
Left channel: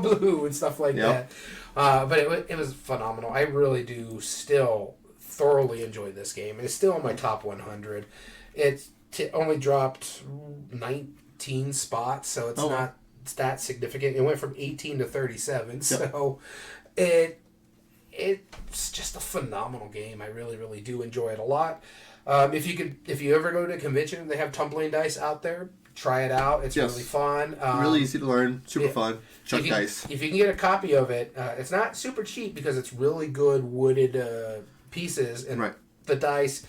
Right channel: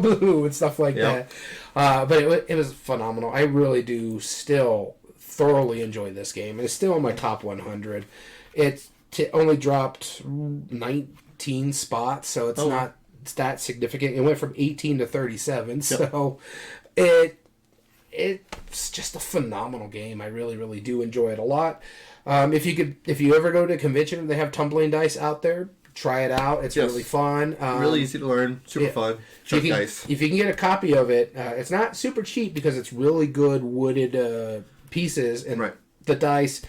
blue, and stuff like that. But it was phenomenal. I really do still thoroughly enjoy this game. It's still in my top 100. It only dropped 19 spots, so it's not that significant. It went from 18 to 37, so it's just a phenomenal game. I really, really do enjoy it a lot. If you ever go to a convention and they have tumbling dice out there, try it out. It's really fun. Really easy to learn. Super fun. Chuck dice. If you can get a copy of it, it's not super cheap because it's really good wooded pieces and the dice.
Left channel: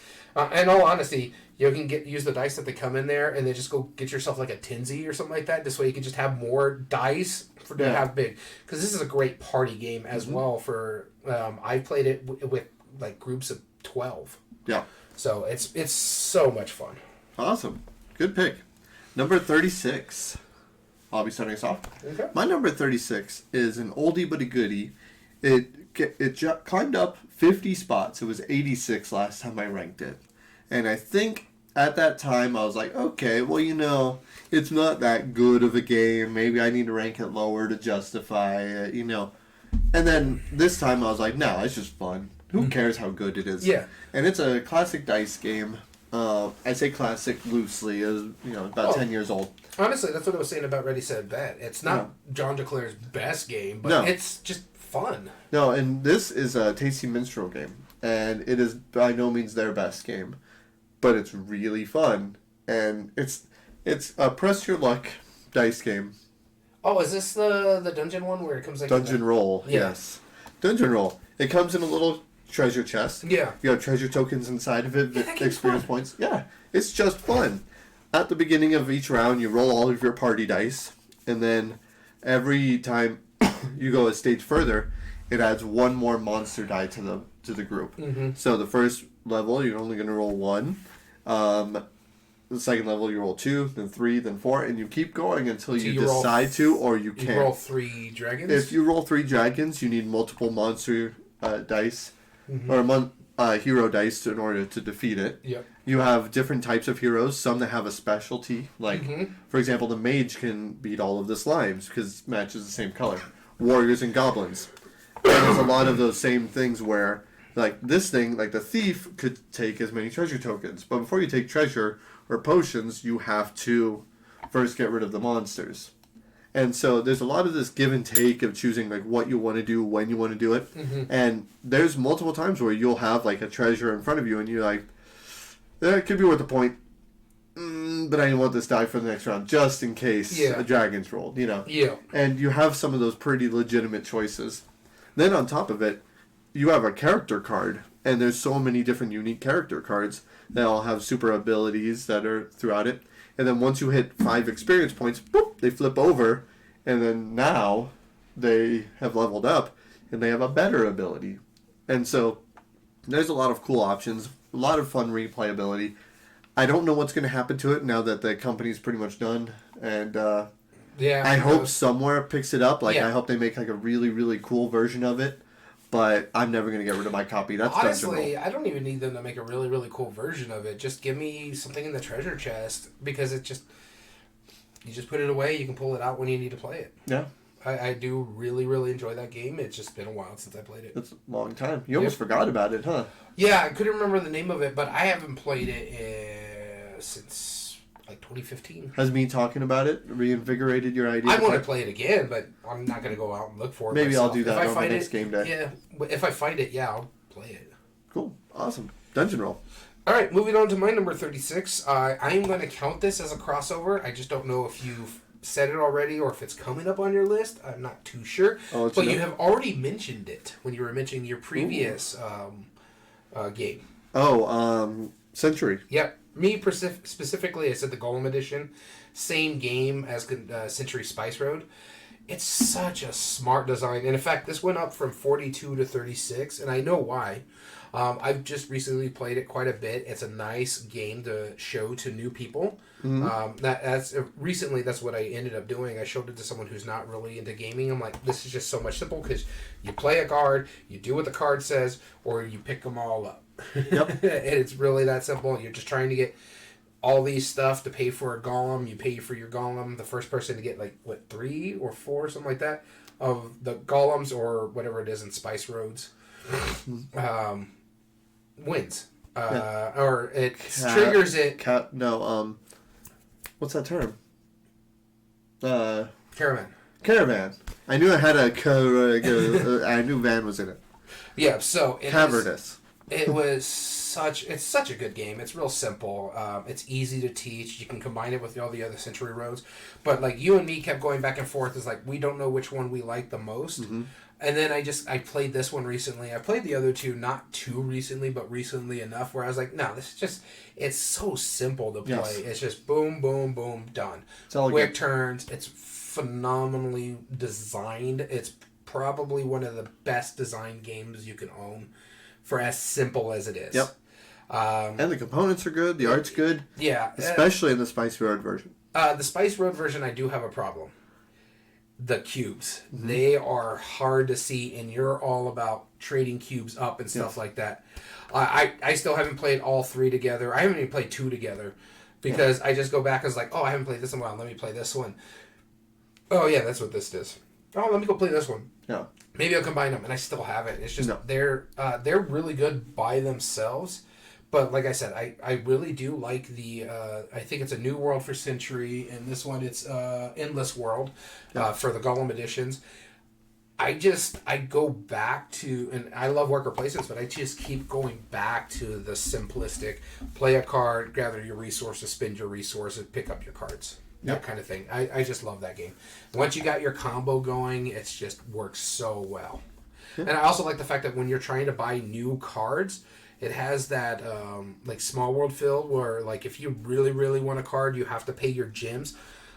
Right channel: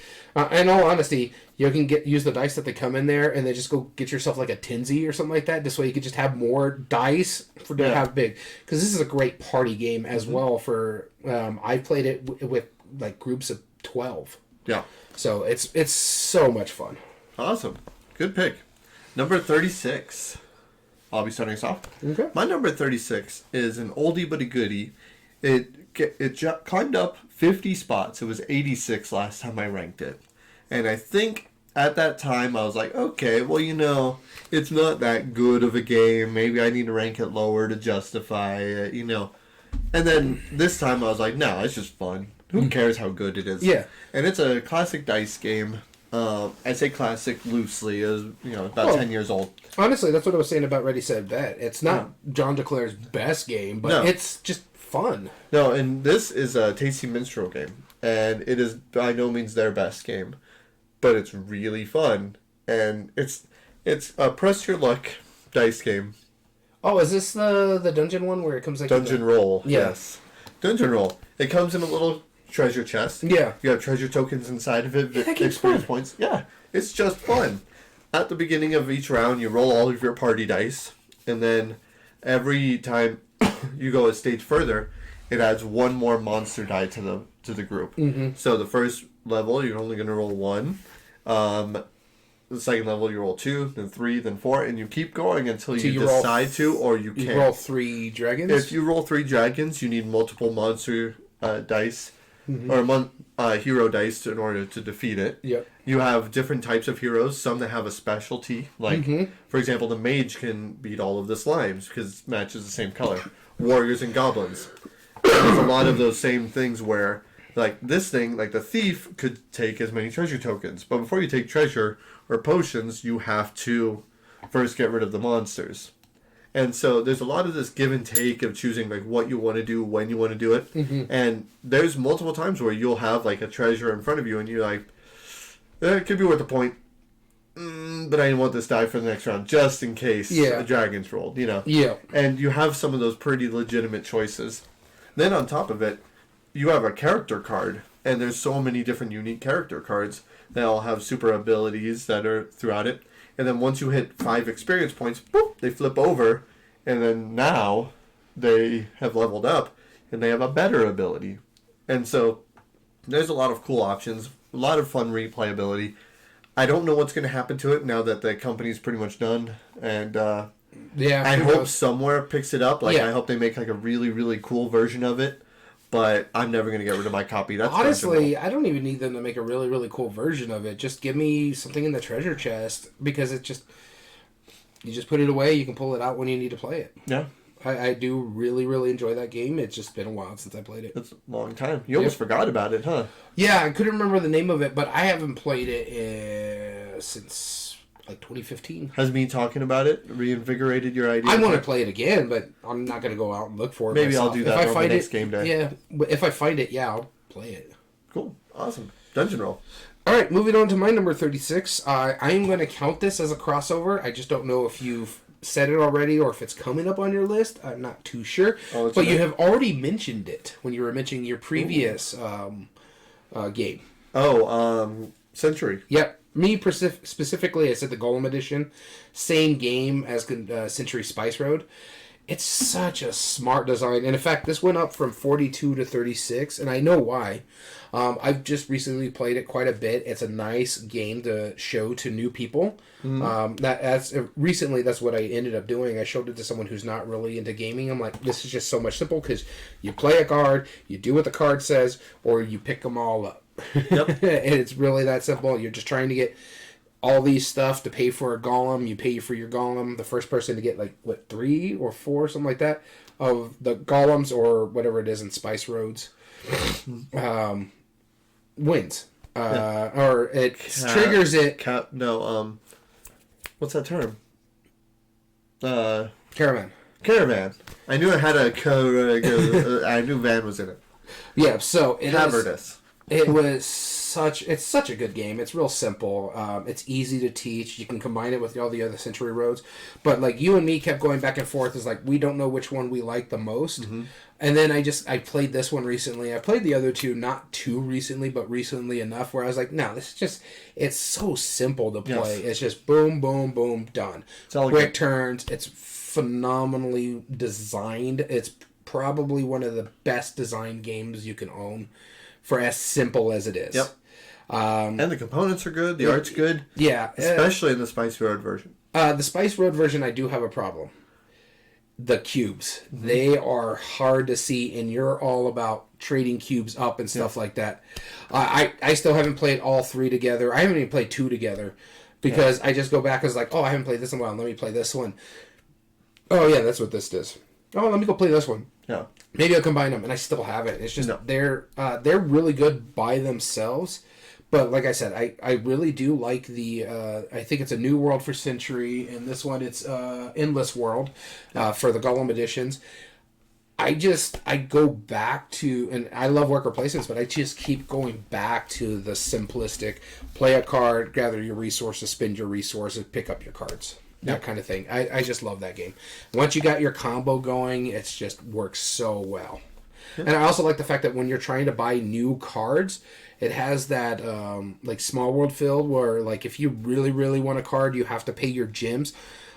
In all honesty, you can use the dice that they come in there, and then just go get yourself like a tinsy or something like that. This way you can just have more dice to have big. Because this is a great party game as well. For I played it with like groups of 12. Yeah. So it's so much fun. Awesome. Good pick. Number 36. I'll be starting us off. Okay. My number 36 is an oldie but a goodie. It climbed up 50 spots. It was 86 last time I ranked it. And I think at that time I was like, okay, well, it's not that good of a game. Maybe I need to rank it lower to justify it, And then this time I was like, no, it's just fun. Who cares how good it is? Yeah. And it's a classic dice game. I say classic loosely, as about 10 years old. Honestly, that's what I was saying about Ready Set Bet. It's not John DeClare's best game, but it's just fun. No, and this is a Tasty Minstrel game, and it is by no means their best game, but it's really fun, and it's a press your luck dice game. Oh, is this the dungeon one where it comes like Dungeon Roll? Yeah. Yes, Dungeon Roll. It comes in a little treasure chest. Yeah, you have treasure tokens inside of it, experience fun. points. Yeah, it's just fun. At the beginning of each round, you roll all of your party dice, and then every time you go a stage further, it adds one more monster die to the group. Mm-hmm. So the first level, you're only going to roll one. The second level, you roll 2, then 3, then 4, and you keep going until you decide to, or you can't. You roll 3 dragons? If you roll 3 dragons, you need multiple monster dice, or hero dice in order to defeat it. Yep. You have different types of heroes, some that have a specialty. Like, for example, the mage can beat all of the slimes because it matches the same color. Warriors and goblins. And there's a lot of those same things where, like, this thing, like the thief, could take as many treasure tokens. But before you take treasure or potions, you have to first get rid of the monsters. And so there's a lot of this give and take of choosing like what you want to do, when you want to do it. And there's multiple times where you'll have like a treasure in front of you and you're like, it could be worth a point, but I didn't want this die for the next round just in case a dragon's rolled, Yeah. And you have some of those pretty legitimate choices. Then on top of it, you have a character card, and there's so many different unique character cards that all have super abilities that are throughout it. And then once you hit 5 experience points, boop, they flip over, and then now they have leveled up, and they have a better ability. And so there's a lot of cool options, a lot of fun replayability. I don't know what's going to happen to it now that the company's pretty much done, and I hope somewhere picks it up. Like I hope they make like a really, really cool version of it. But I'm never going to get rid of my copy. That's honestly, I don't even need them to make a really, really cool version of it. Just give me something in the treasure chest because you just put it away. You can pull it out when you need to play it. Yeah. I do really, really enjoy that game. It's just been a while since I played it. It's a long time. You almost forgot about it, huh? Yeah, I couldn't remember the name of it, but I haven't played it since like 2015. Has me talking about it reinvigorated your idea? I want to play it again, but I'm not going to go out and look for it. Maybe myself. I'll do that on the next game day. Yeah, if I find it, I'll play it. Cool. Awesome. Dungeon Roll. All right, moving on to my number 36. I am going to count this as a crossover. I just don't know if you've said it already or if it's coming up on your list. I'm not too sure. But you have already mentioned it when you were mentioning your previous game. Century. Yep. Me specifically, I said the Golem Edition. Same game as Century Spice Road. It's such a smart design. And in fact, this went up from 42 to 36, and I know why. I've just recently played it quite a bit. It's a nice game to show to new people. Recently, that's what I ended up doing. I showed it to someone who's not really into gaming. I'm like, this is just so much simple because you play a card, you do what the card says, or you pick them all up. Yep. And it's really that simple. You're just trying to get all these stuff to pay for a golem. You pay for your golem. The first person to get 3 or 4, something like that, of the golems or whatever it is in Spice Roads, wins. Or it triggers it. What's that term? Caravan. I knew it had a I knew van was in it. Yeah. So Cavernous. It's such a good game. It's real simple. It's easy to teach. You can combine it with all the other Century Roads. But you and me kept going back and forth. It's we don't know which one we like the most. Mm-hmm. And then I played this one recently. I played the other two not too recently, but recently enough where I was like, no, this is just, it's so simple to play. Yes. It's just boom, boom, boom, done. It's all quick turns. It's phenomenally designed. It's probably one of the best designed games you can own for as simple as it is. Yep. And the components are good. The art's good. Yeah. Especially in the Spice Road version. The Spice Road version, I do have a problem. The cubes. Mm-hmm. They are hard to see, and you're all about trading cubes up and stuff like that. I still haven't played all 3 together. I haven't even played 2 together because I just go back as like, oh, I haven't played this in a while. Let me play this one. Oh, yeah, that's what this is. Oh, let me go play this one. Yeah. Maybe I'll combine them, and I still haven't. It's just they're really good by themselves. But like I said, I really do like the, I think it's a New World for Century, and this one it's Endless World for the Gollum editions. I go back to, and I love worker placements, but I just keep going back to the simplistic, play a card, gather your resources, spend your resources, pick up your cards. That kind of thing. I just love that game. Once you got your combo going, it's just works so well. And I also like the fact that when you're trying to buy new cards, it has that like Small World feel where like if you really, really want a card, you have to pay your gems.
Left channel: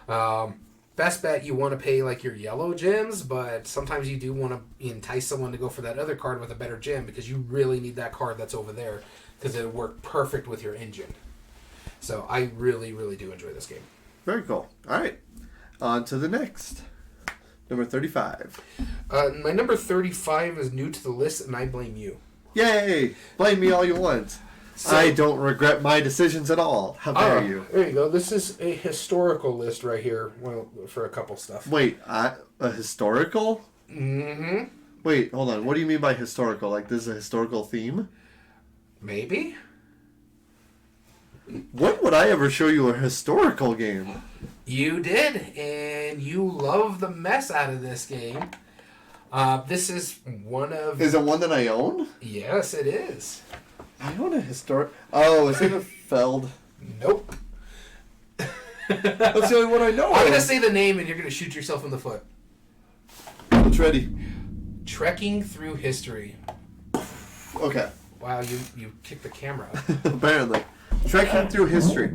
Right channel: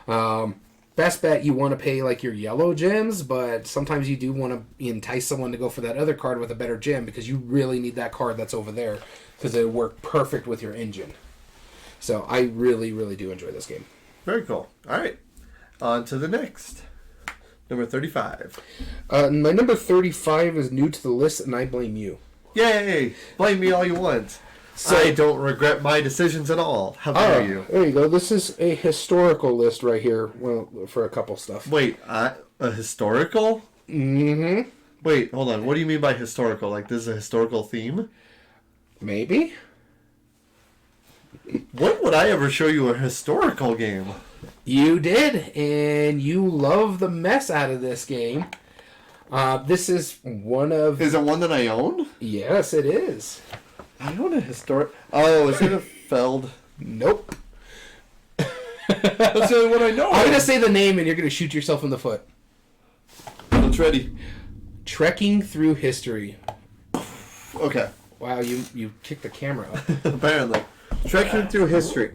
Best bet you want to pay like your yellow gems, but sometimes you do want to entice someone to go for that other card with a better gem because you really need that card that's over there because it'll work perfect with your engine. So I really, really do enjoy this game. Very cool. All right. On to the next. Number 35. My number 35 is new to the list, and I blame you. Yay! Blame me all you want. So, I don't regret my decisions at all. How dare you? There you go. This is a historical list right here. Well, for a couple stuff. Wait, a historical? Mm-hmm. Wait, hold on. What do you mean by historical? Like this is a historical theme? Maybe. When would I ever show you a historical game? You did, and you love the mess out of this game. This is one of... Is it one that I own? Yes, it is. I own a historic... Oh, is it a Feld? Nope. That's the only one I know. I'm going to say the name, and you're going to shoot yourself in the foot. It's ready. Trekking Through History. Okay. Wow, you kicked the camera up. Apparently. Trekking Through History.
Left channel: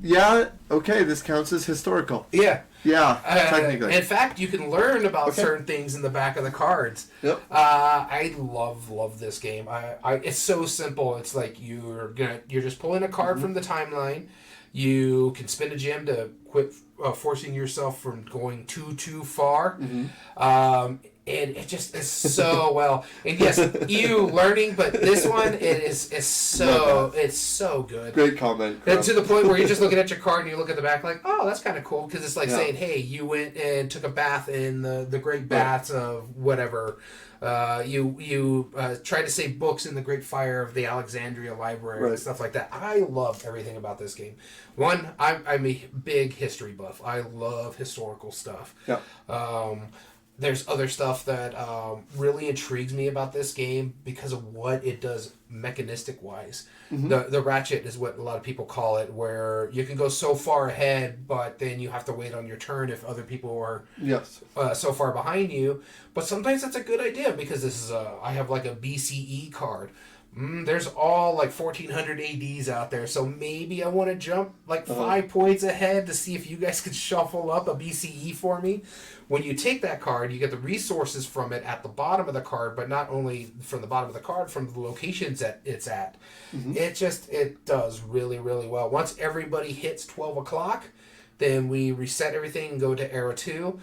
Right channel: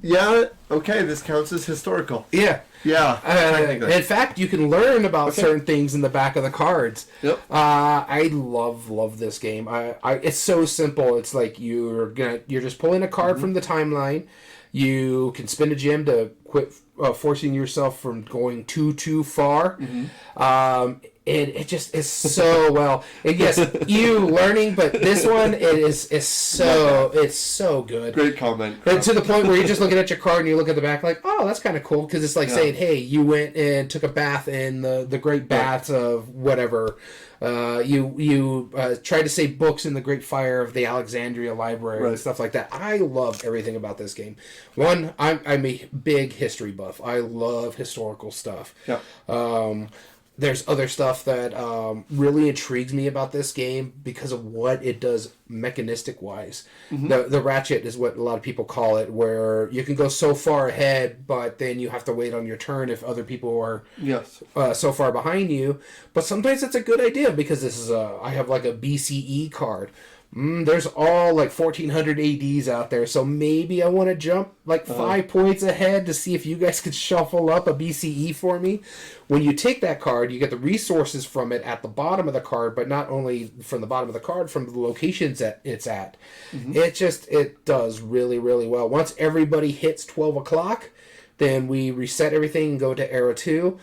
Yeah, okay, this counts as historical. Yeah. Yeah, technically. In fact, you can learn about certain things in the back of the cards. Yep. I love this game. It's so simple. It's like you're just pulling a card from the timeline. You can spend a gem to quit forcing yourself from going too far. And it just is so well. And yes, you learning, but this one is so good. Great comment. And to the point where you're just looking at your card and you look at the back like, oh, that's kind of cool because it's like saying, hey, you went and took a bath in the great baths of whatever. You tried to save books in the Great Fire of the Alexandria Library and stuff like that. I love everything about this game. One, I'm a big history buff. I love historical stuff. Yeah. There's other stuff that really intrigues me about this game because of what it does mechanistic-wise. The ratchet is what a lot of people call it, where you can go so far ahead, but then you have to wait on your turn if other people are so far behind you. But sometimes it's a good idea because this is I have like a BCE card. There's all like 1400 ADs out there, so maybe I want to jump like 5 points ahead to see if you guys could shuffle up a BCE for me. When you take that card, you get the resources from it at the bottom of the card, but not only from the bottom of the card, from the locations that it's at. It does really, really well. Once everybody hits 12 o'clock, then we reset everything and go to Arrow 2.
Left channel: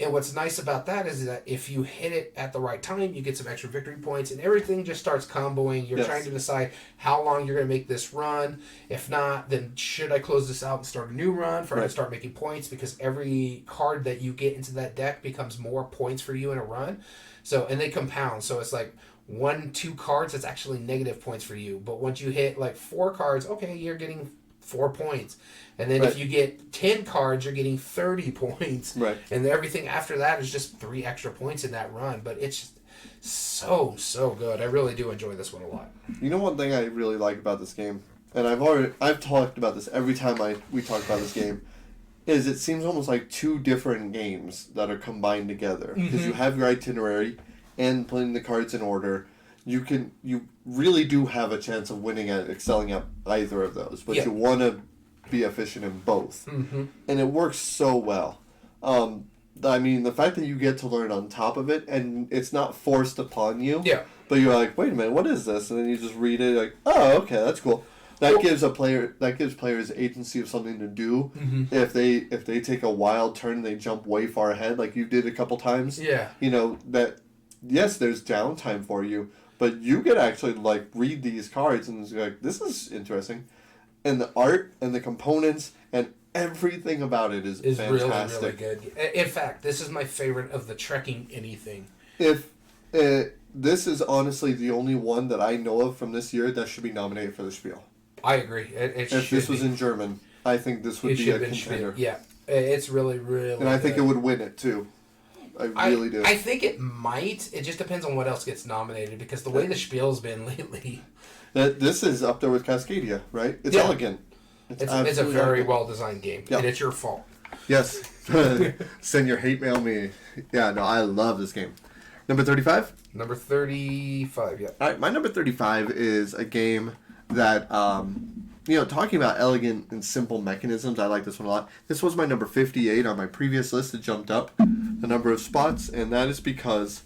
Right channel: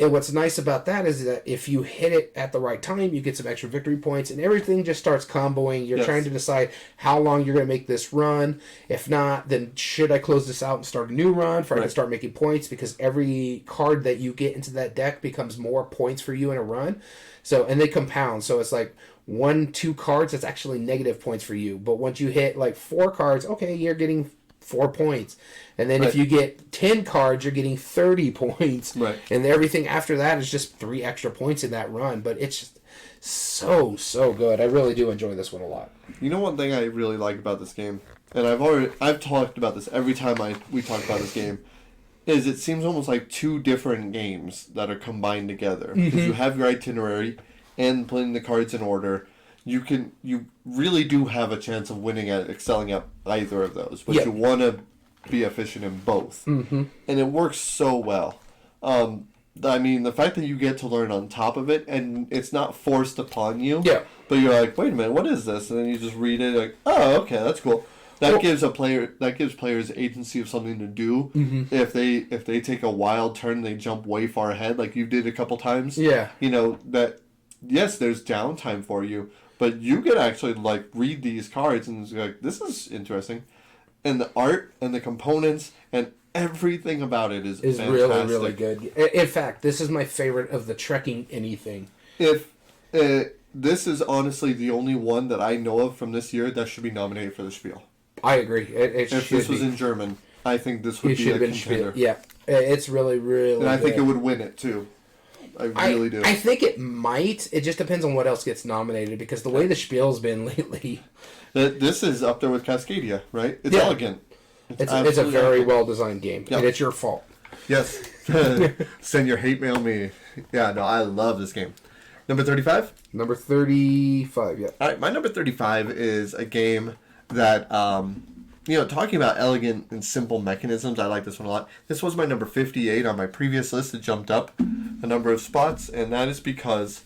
And what's nice about that is that if you hit it at the right time, you get some extra victory points, and everything just starts comboing. You're trying to decide how long you're going to make this run. If not, then should I close this out and start a new run for I can start making points? Because every card that you get into that deck becomes more points for you in a run. So, and they compound. So it's like 1-2 cards, that's actually negative points for you. But once you hit like 4 cards, okay, you're getting 4 points. And then if you get 10 cards, you're getting 30 points. And everything after that is just 3 extra points in that run. But it's just so good. I really do enjoy this one a lot. You know one thing I really like about this game, and I've talked about this every time we talk about this game, is it seems almost like 2 different games that are combined together. Because you have your itinerary and putting the cards in order. You really do have a chance of winning at excelling at either of those. But you want to be efficient in both. And it works so well. I mean, the fact that you get to learn on top of it, and it's not forced upon you. Yeah. But you're like, wait a minute, what is this? And then you just read it, like, oh, okay, that's cool. That gives players agency of something to do. Mm-hmm. If they take a wild turn, they jump way far ahead, like you did a couple times. Yeah. You know that. Yes, there's downtime for you, but you could actually like read these cards and it's like, this is interesting, and the art and the components and everything about it is fantastic. Really good. In fact, this is my favorite of the trekking anything. If this is honestly the only one that I know of from this year that should be nominated for the Spiel. I agree. If this was in German, I think this would be a contender. Yeah, it's really and I think it would win it too. I really do. I think it might. It just depends on what else gets nominated because the way the Spiel's been lately. This is up there with Cascadia, right? It's elegant. It's a very well designed game, and it's your fault. Yes. Send your hate mail me. Yeah, no, I love this game. Number 35? Number 35, yeah. All right, my number 35 is a game that, talking about elegant and simple mechanisms, I like this one a lot. This was my number 58 on my previous list. It jumped up a number of spots, and that is because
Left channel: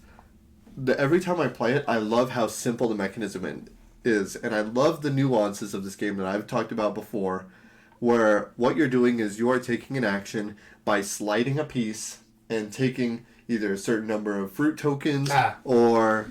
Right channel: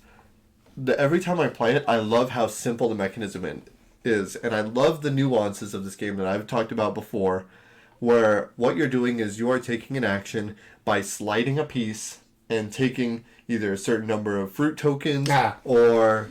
every time I play it, I love how simple the mechanism is, and I love the nuances of this game that I've talked about before, where what you're doing is you are taking an action by sliding a piece and taking either a certain number of fruit tokens or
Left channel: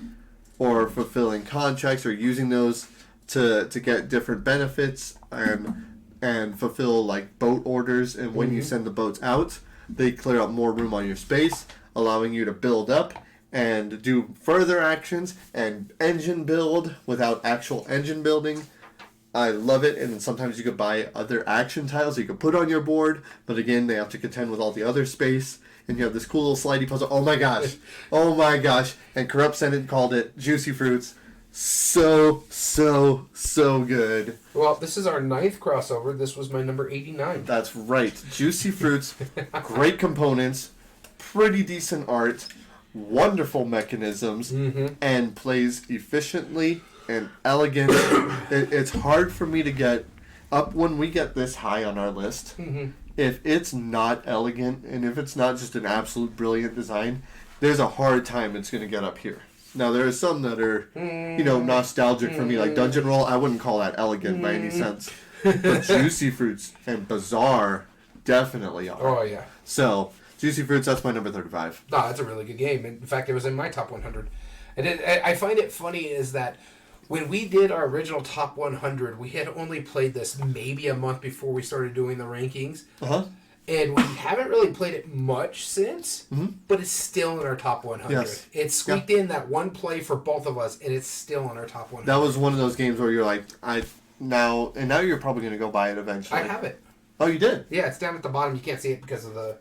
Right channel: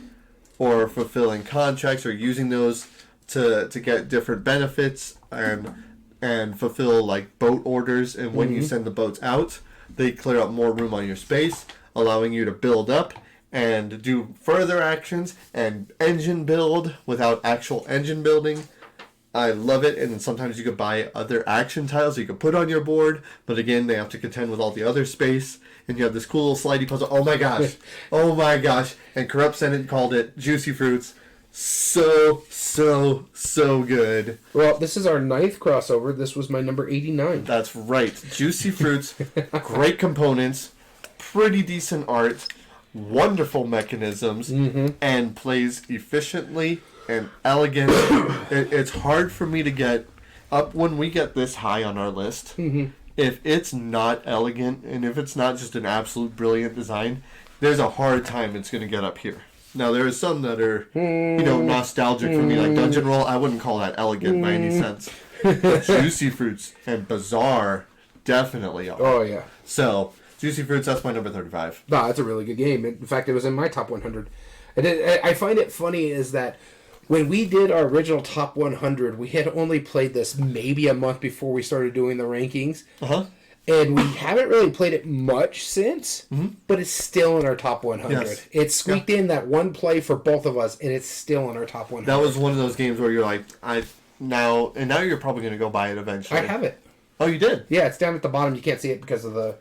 fulfilling contracts or using those to get different benefits and fulfill like boat orders, and when you send the boats out, they clear up more room on your space, allowing you to build up and do further actions and engine build without actual engine building. I love it, and then sometimes you could buy other action tiles you could put on your board, but again, they have to contend with all the other space, and you have this cool little slidey puzzle. Oh my gosh. And Corrupt Senate called it Juicy Fruits. So good. Well, this is our 9th crossover. This was my number 89. That's right. Juicy Fruits, great components, pretty decent art, wonderful mechanisms, and plays efficiently and elegant. It's hard for me to get up when we get this high on our list. If it's not elegant and if it's not just an absolute brilliant design, there's a hard time it's going to get up here. Now, there are some that are, nostalgic for me, like Dungeon Roll. I wouldn't call that elegant by any sense. But Juicy Fruits and Bazaar definitely are. Oh, yeah. So, Juicy Fruits, that's my number 35. No, that's a really good game. In fact, it was in my top 100. And I find it funny is that when we did our original top 100, we had only played this maybe a month before we started doing the rankings. And we haven't really played it much since, but it's still in our top 100. Yes. It's squeaked in that one play for both of us, and it's still in our top 100. That was one of those games where you're like, now you're probably going to go buy it eventually. I have it. Oh, you did? Yeah, it's down at the bottom. You can't see it because of the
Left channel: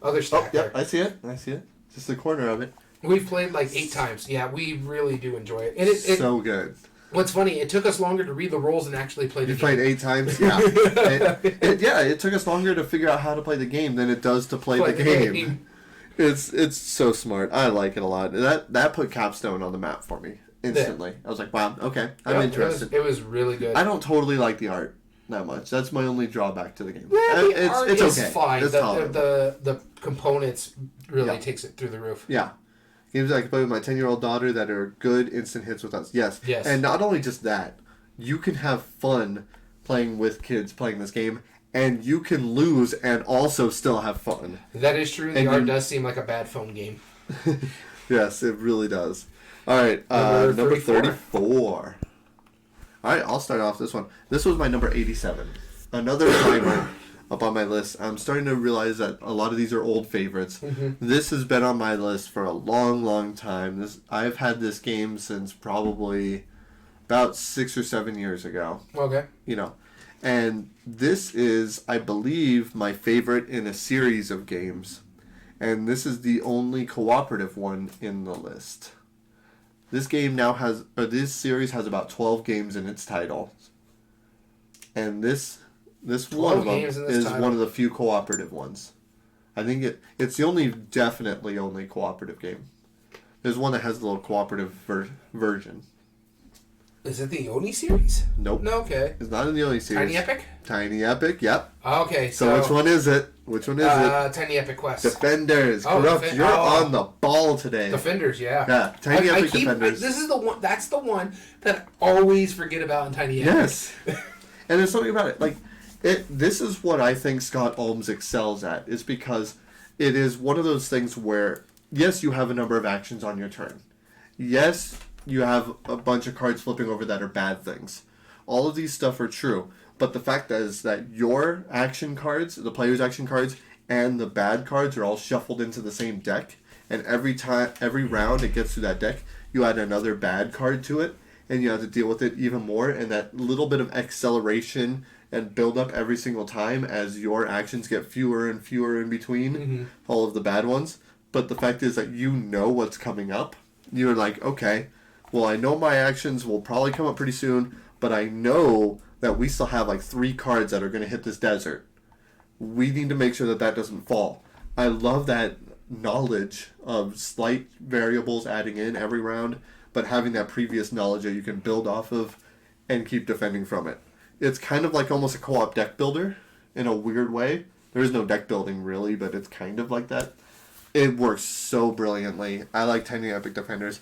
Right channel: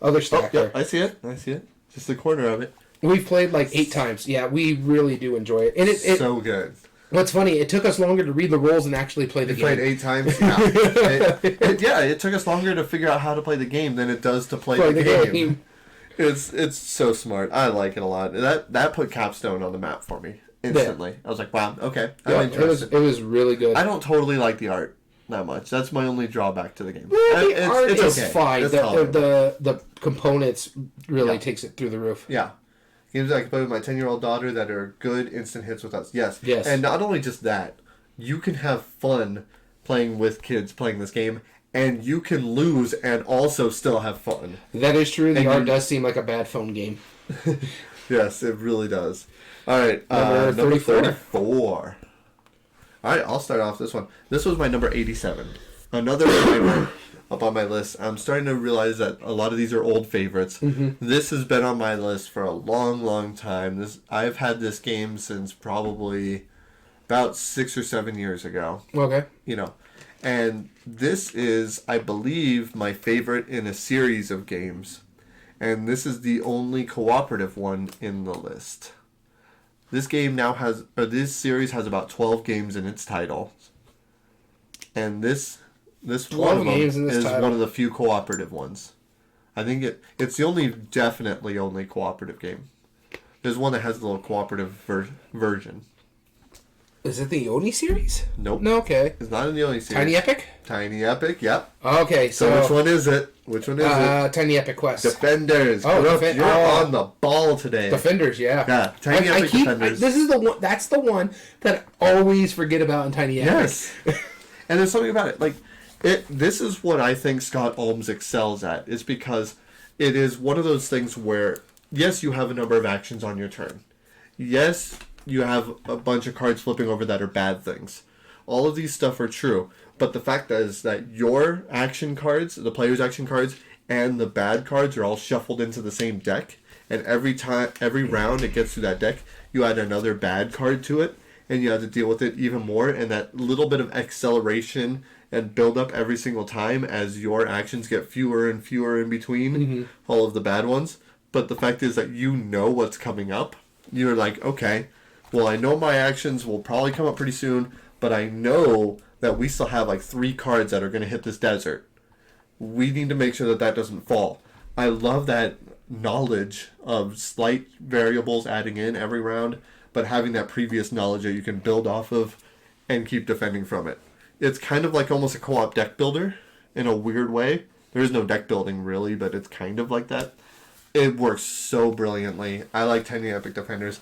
other stack there. I see it. Just the corner of it. We've played like 8 times. Yeah, we really do enjoy it. And it so good. What's funny, it took us longer to read the rules and actually play the game. You played 8 times? Yeah. It took us longer to figure out how to play the game than it does to play the game. It's so smart. I like it a lot. That put Capstone on the map for me instantly. I was like, wow, okay, I'm interested. It was really good. I don't totally like the art that much. That's my only drawback to the game. It's okay. Fine. It's the components really takes it through the roof. Yeah. Games I can play with my 10-year-old daughter that are good instant hits with us. Yes. And not only just that, you can have fun playing with kids playing this game, and you can lose and also still have fun. That is true. The art does seem like a bad phone game. Yes, it really does. All right, number 34. All right, I'll start off this one. This was my number 87. Another timer up on my list. I'm starting to realize that a lot of these are old favorites. This has been on my list for a long time. I've had this game since probably about 6 or 7 years ago. Okay. And this is, I believe, my favorite in a series of games. And this is the only cooperative one in the list. This series has about 12 games in its title. And this one of them is one of the few cooperative ones. I think it's definitely only cooperative game. There's one that has a little cooperative version. Is it the Oni series? Nope. No, okay. It's not in the Oni series. Tiny Epic? Tiny Epic, yep. Okay, So which one is it? Which one is it? Tiny Epic Quest. Defenders. Oh, Corrupt, you're on the ball today. Defenders, yeah. Yeah, Tiny Epic Defenders. This is the one. That's the one that I always forget about in Tiny Epic. Yes. And there's something about it. Like, this is what I think Scott Olms excels at, is because it is one of those things where, yes, you have a number of actions on your turn. Yes, you have a bunch of cards flipping over that are bad things. All of these stuff are true. But the fact is that your action cards, the player's action cards, and the bad cards are all shuffled into the same deck. And every round it gets to that deck, you add another bad card to it, and you have to deal with it even more. And that little bit of acceleration and build up every single time as your actions get fewer and fewer in between all of the bad ones. But the fact is that you know what's coming up. You're like, okay, well, I know my actions will probably come up pretty soon, but I know that we still have like 3 cards that are going to hit this desert. We need to make sure that that doesn't fall. I love that knowledge of slight variables adding in every round, but having that previous knowledge that you can build off of and keep defending from it. It's kind of like almost a co-op deck builder in a weird way. There is no deck building really, but it's kind of like that. It works so brilliantly. I like Tiny Epic Defenders.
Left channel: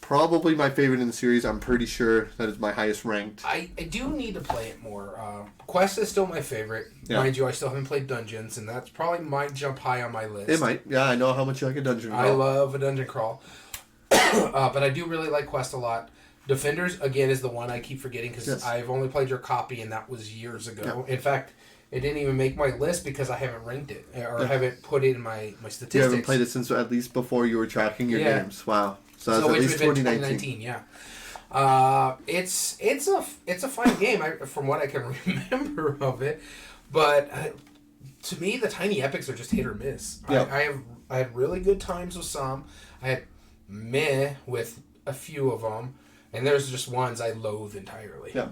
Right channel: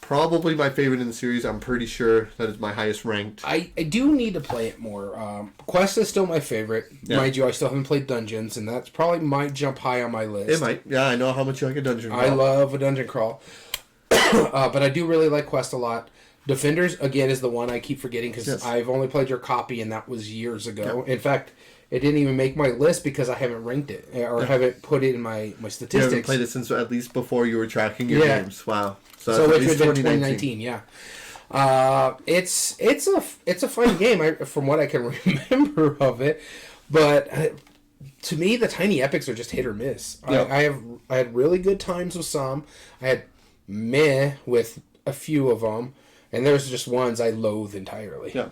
Probably my favorite in the series. I'm pretty sure that is my highest ranked. I do need to play it more. Quest is still my favorite. Yeah. Mind you, I still haven't played Dungeons, and that's probably might jump high on my list. It might. Yeah, I know how much you like a dungeon crawl. I love a dungeon crawl. But I do really like Quest a lot. Defenders, again, is the one I keep forgetting because I've only played your copy, and that was years ago. Yeah. In fact, it didn't even make my list because I haven't ranked it or haven't put it in my statistics. You haven't played it since at least before you were tracking your games. Wow. So that's at least 2019. Yeah. It's a fun game from what I can remember of it, but to me the Tiny Epics are just hit or miss. Yep. I had really good times with some. I had meh with a few of them, and there's just ones I loathe entirely. Yeah.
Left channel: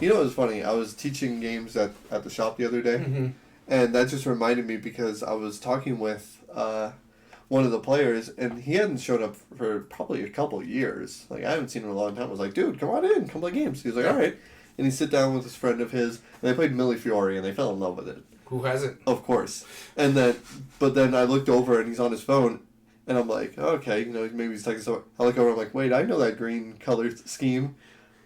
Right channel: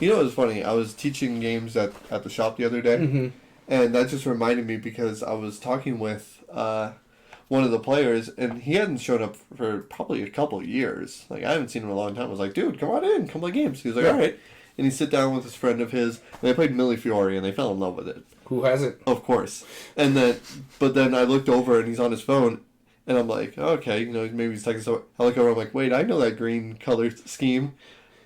You know what was funny? I was teaching games at the shop the other day, and that just reminded me because I was talking with one of the players, and he hadn't shown up for probably a couple of years. Like, I haven't seen him in a long time. I was like, dude, come on in, come play games. He was like, all right. And he sit down with this friend of his, and they played Millefiori, and they fell in love with it. Who hasn't? Of course. And then I looked over, and he's on his phone, and I'm like, okay, maybe he's texting someone. I look over, I'm like, wait, I know that green color scheme.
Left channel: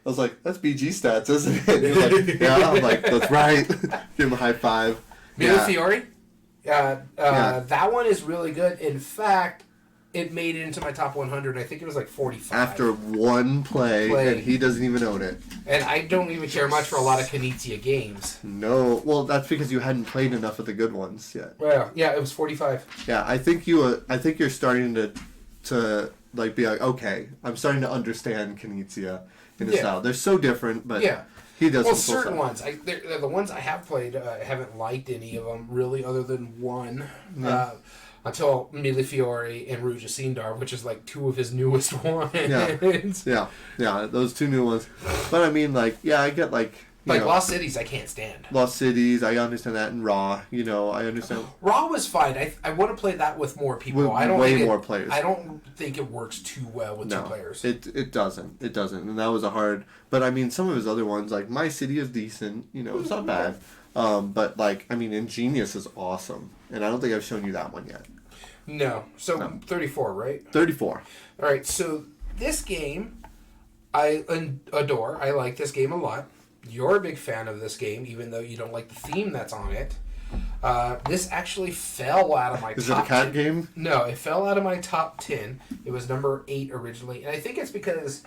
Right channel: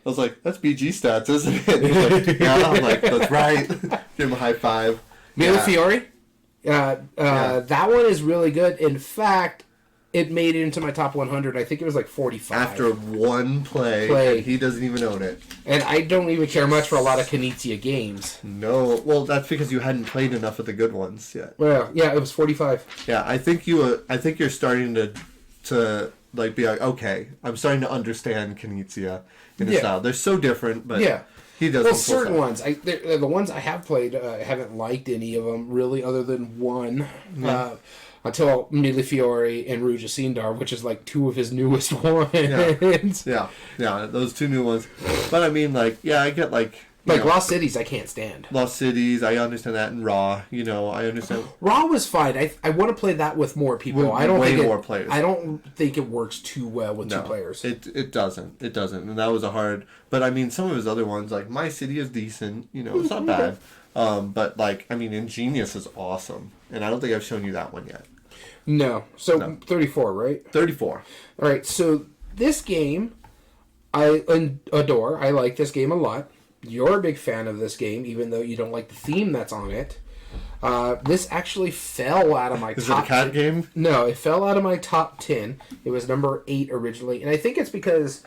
I was like, that's BG stats, isn't it? And he's like, yeah. I'm like, that's right. Give him a high five. Millefiori? That one is really good. In fact, it made it into my top 100. I think it was like 45. After one play, and he doesn't even own it. And I don't even care much for a lot of Knizia games. No. Well, that's because you hadn't played enough of the good ones yet. Well, yeah, it was 45. Yeah, I think you're starting to like be like, okay, I'm starting to understand Knizia in a style. They're so different, but he does. Well, certain ones. The ones I have played, I haven't liked any of them really, other than one. Until Millefiori and Ruja Sindar, which is like 2 of his newest ones. Yeah, those 2 new ones. But I mean, like, I get like Lost Cities, I can't stand. Lost Cities, I understand that, and Raw, I understand. Raw was fine. I want to play that with more people. More players. I don't think it works too well with 2 players. It doesn't, and that was a hard. But I mean, some of his other ones, like My City, is decent. It's not bad. But like, I mean, Ingenious is awesome, and I don't think I've shown you that one yet. No. So 34, right? 34. All right. So this game, I adore. I like this game a lot. You're a big fan of this game, even though you don't like the theme that's on it. This actually fell out of my top 10. Is it a cat game? No, it fell out of my top 10. It was number 8 originally. And I think it's because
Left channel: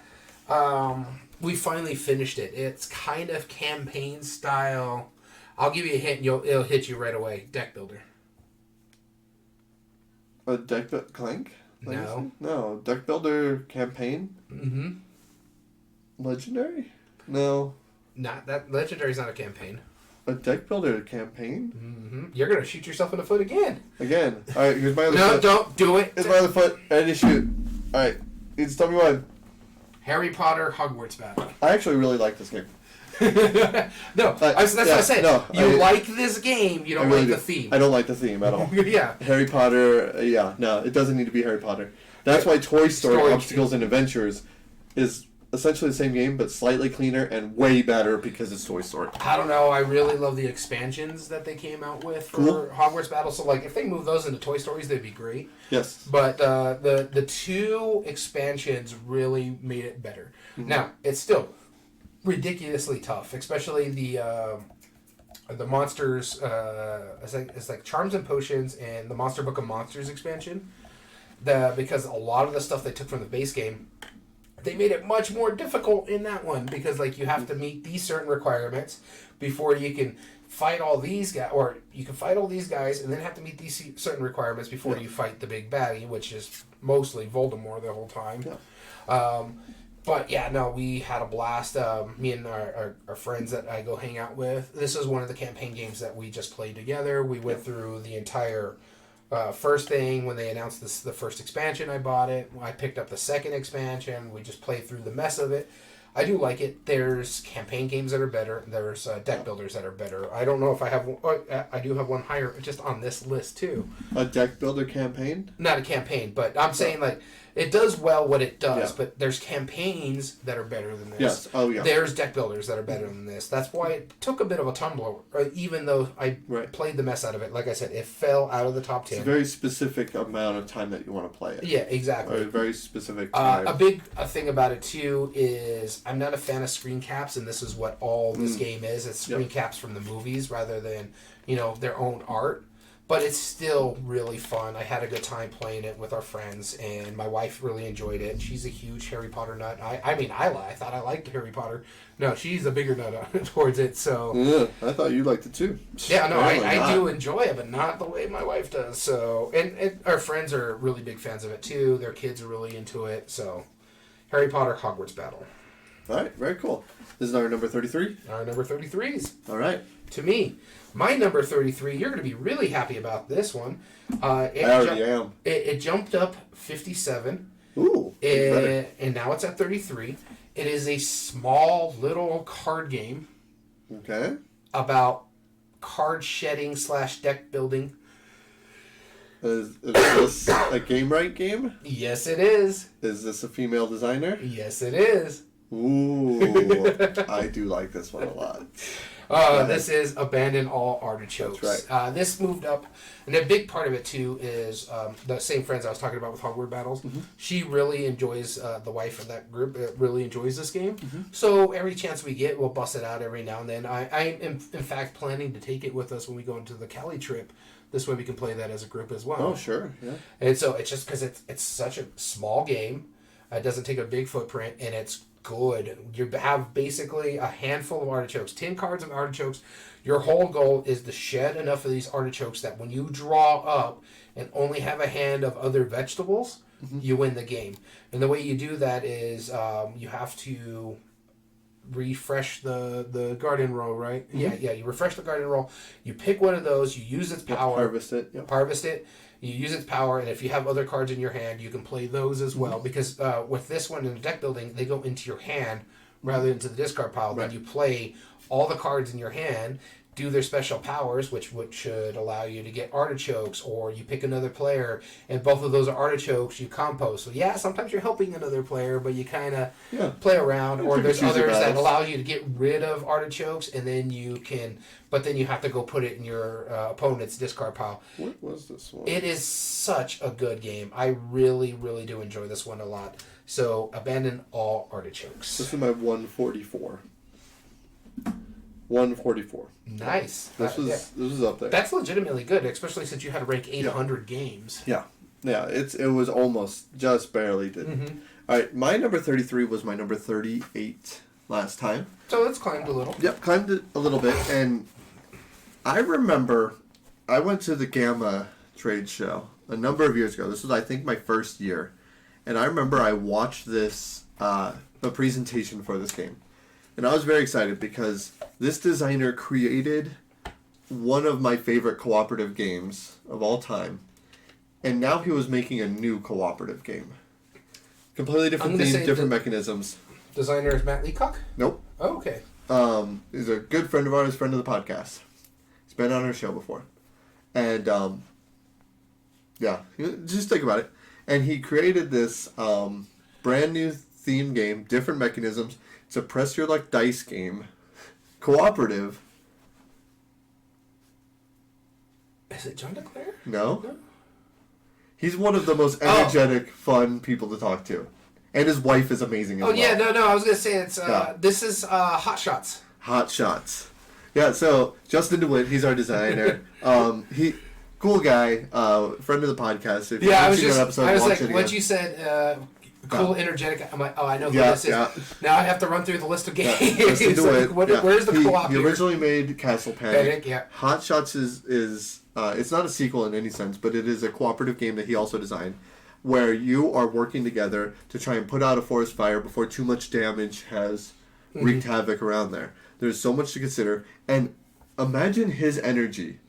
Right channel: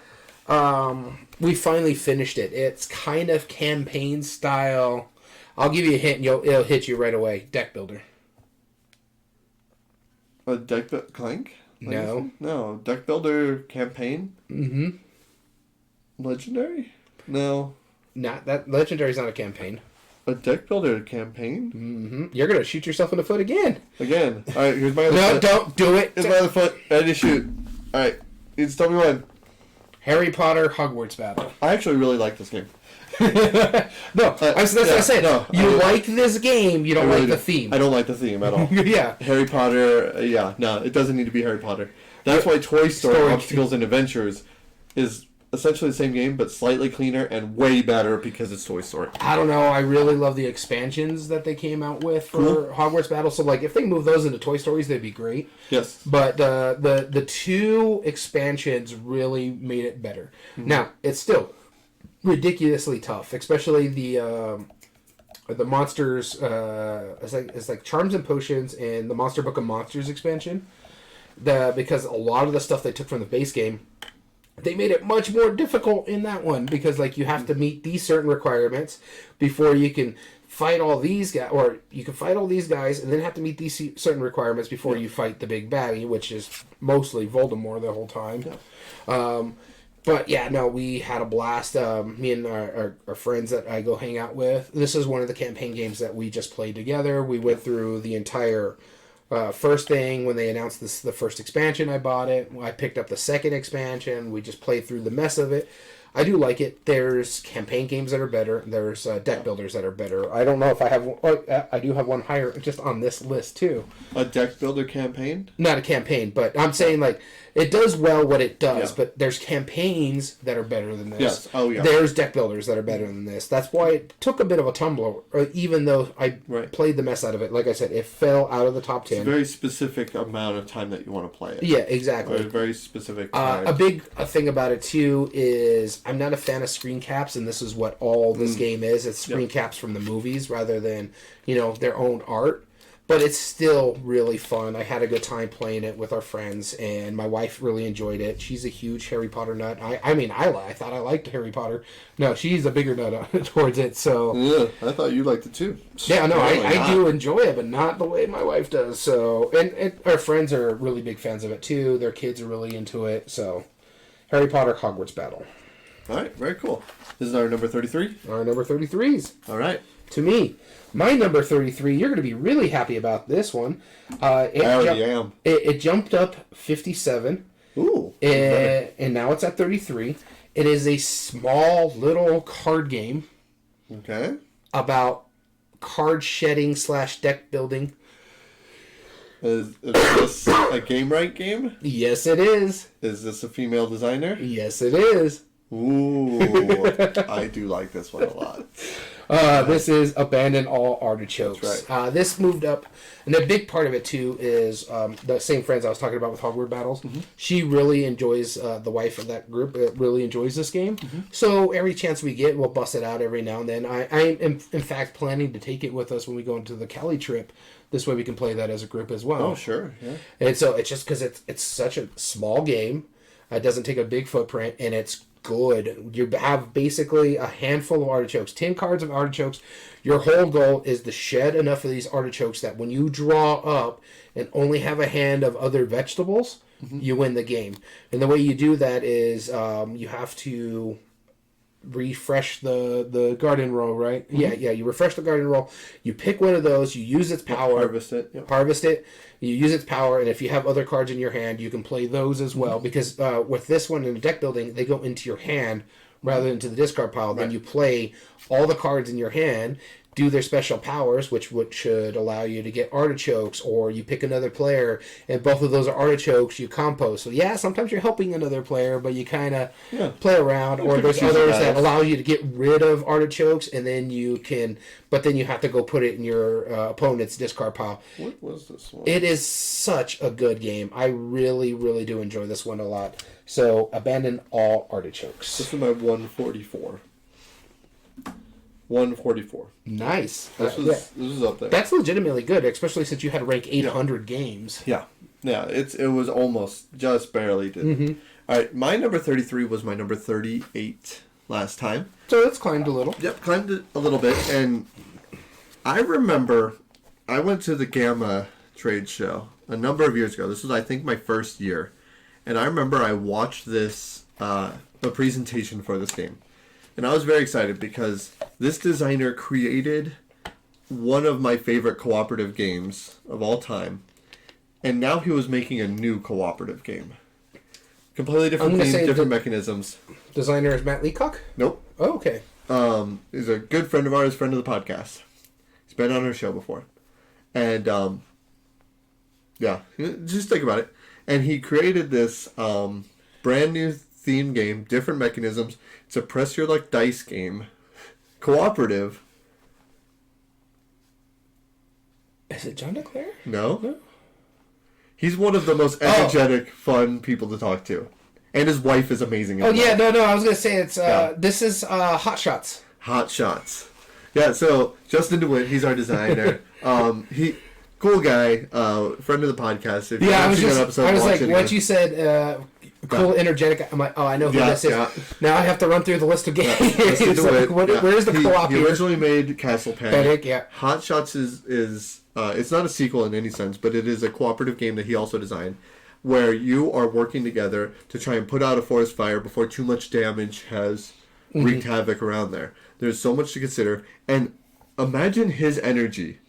we finally finished it. It's kind of campaign style. I'll give you a hint, and it'll hit you right away. Deck builder. A deck Clank? No. No. Deck builder campaign? Mm-hmm. Legendary? No. Not that Legendary's not a campaign. A deck builder campaign? Mm-hmm. You're gonna shoot yourself in the foot again. Again. All right. Here's my other foot. No, don't do it. Here's my other foot. Ready to shoot. All right. It's tell me one. Harry Potter Hogwarts Battle. I actually really like this game. That's what I said. No, you like this game. You don't really like the theme. I don't like the theme at all. Yeah. Harry Potter. No, it doesn't need to be Harry Potter. That's why Toy Story Obstacles and Adventures is essentially the same game, but slightly cleaner and way better because it's Toy Story. I don't know. I really love the expansions that they came out with for Hogwarts Battle. So, like, if they move those into Toy Stories, they'd be great. Yes. But the two expansions really made it better. Mm-hmm. Now, it's still ridiculously tough, especially the monsters. It's like Charms and Potions and the Monster Book of Monsters expansion. Because a lot of the stuff they took from the base game, they made it much more difficult in that one because, like, you have to meet these certain requirements before you can fight all these guys, or you can fight all these guys and then have to meet these certain requirements before you fight the big baddie, which is mostly Voldemort the whole time. Yeah. But yeah, no, we had a blast. Me and our friends that I go hang out with. This is one of the campaign games that we just played together. We went through the entire first thing when they announced the first expansion. I bought it. I picked up the second expansion. We just played through the mess of it. I do like it. There's campaign games that are better. There's deck builders that are better. I don't know if I have one. Oh, I do have one higher just on this list too. A deck builder campaign? Not a campaign, but I'm saying like it does well what it does. Yeah. But there's campaigns that are better than this. Yes. Oh yeah. There's deck builders that are better than this. That's why it took a bit of a tumble. Even though I played the mess out of it, like I said, it fell out of the top 10. It's a very specific amount of time that you want to play it. Yeah, exactly. Or a very specific time. A big thing about it too is I'm not a fan of screen caps, and this is what all this game is. It's screen caps from the movies rather than their own art. But it's still really fun. I had a good time playing it with our friends, and my wife really enjoyed it. She's a huge Harry Potter nut. I thought I liked Harry Potter. No, she's a bigger nut towards it. So yeah, I thought you liked it too. Yeah, no, I do enjoy it, but not the way my wife does. So, and our friends are really big fans of it too. Their kids are really into it. So, Harry Potter Hogwarts Battle. All right, very cool. This is our number 33? Our number 33s. All right. To me. My number 33, you're going to be really happy about this one. I already am. It jumped up 57. Ooh. And now it's at 33. It is a small little card game. Okay. About card shedding / deck building. Is this a Game Right game? Yes, it is. Is this a female designer? Yes, it is. Ooh. I do like this one a lot. This is Abandon All Artichokes. That's right. This moved up, and a big part of it too is the same friends I was talking about with Hogwarts Battles. Mm-hmm. She really enjoys the wife of that group. Really enjoys this game. Mm-hmm. So every chance we get, we'll bust it out every now and then. I am in fact planning to take it with us when we go into the Cali trip. This way we can play that as a group as well. Oh sure, yeah. And so it's just because it's such a small game. It doesn't take a big footprint, and it's good. You have basically a handful of artichokes, 10 cards of artichokes. Your whole goal is to shed enough of these artichokes that when you draw up and only have a hand of other vegetables, you win the game. And the way you do that is you have to refresh the garden roll, right? Mm-hmm. Yeah, you refresh the garden roll. You pick one of those, you use its power. Harvest it. Yep. Harvest it. You use its power, and if you have other cards in your hand, you can play those as well. Because with this one in the deck building, they go into your hand rather than into the discard pile. Right. Then you play all the cards in your hand, do their special powers, which should allow you to get artichokes, or you pick another player, and both of those are artichokes, you compost. So yeah, sometimes you're helping another player, but you kind of play around, or there's others that allow you to get rid of artichokes, and then you can, but then you have to go put it in your opponent's discard pile. What was this one? It is such a good game. I really, really do enjoy this one a lot. So, Abandon All Artichokes. This is my 144. 144. Nice. This was up there. That's legitimately good, especially since you had to rank 800 games. Yeah. It was almost just barely did. Mm-hmm. All right, my number 33 was my number 38 last time. So it's climbed a little. Yep, climbed it a little bit, and I remember I went to the Gamma trade show a number of years ago. This was, I think, my first year, and I remember I watched this a presentation for this game. And I was very excited because this designer created one of my favorite cooperative games of all time. And now he was making a new cooperative game. Completely different theme, different mechanisms. Designer is Matt Leacock? Nope. Oh, okay. He's a good friend of ours, friend of the podcast. He's been on our show before. And, just think about it. And he created this brand new theme game, different mechanisms. It's a press your luck dice game, cooperative. Is it John DeClaire? No. He's one of the most energetic, fun people to talk to. And his wife is amazing as well. Yeah, no, I was going to say it's, this is Hot Shots. Hot Shots. Yeah, so Justin DeWitt, he's our designer. Cool guy, friend of the podcast. If I was like, once you said cool, energetic, I'm like, oh, I know who this is. Yeah. Now I have to run through the list of games. Justin DeWitt. Where's the co-op He originally made Castle Panic. Yeah. Hot Shots is it's not a sequel in any sense, but it is a cooperative game that he also designed, where you are working together to try and put out a forest fire before too much damage has wreaked havoc around there. There's so much to consider, and imagine his energy.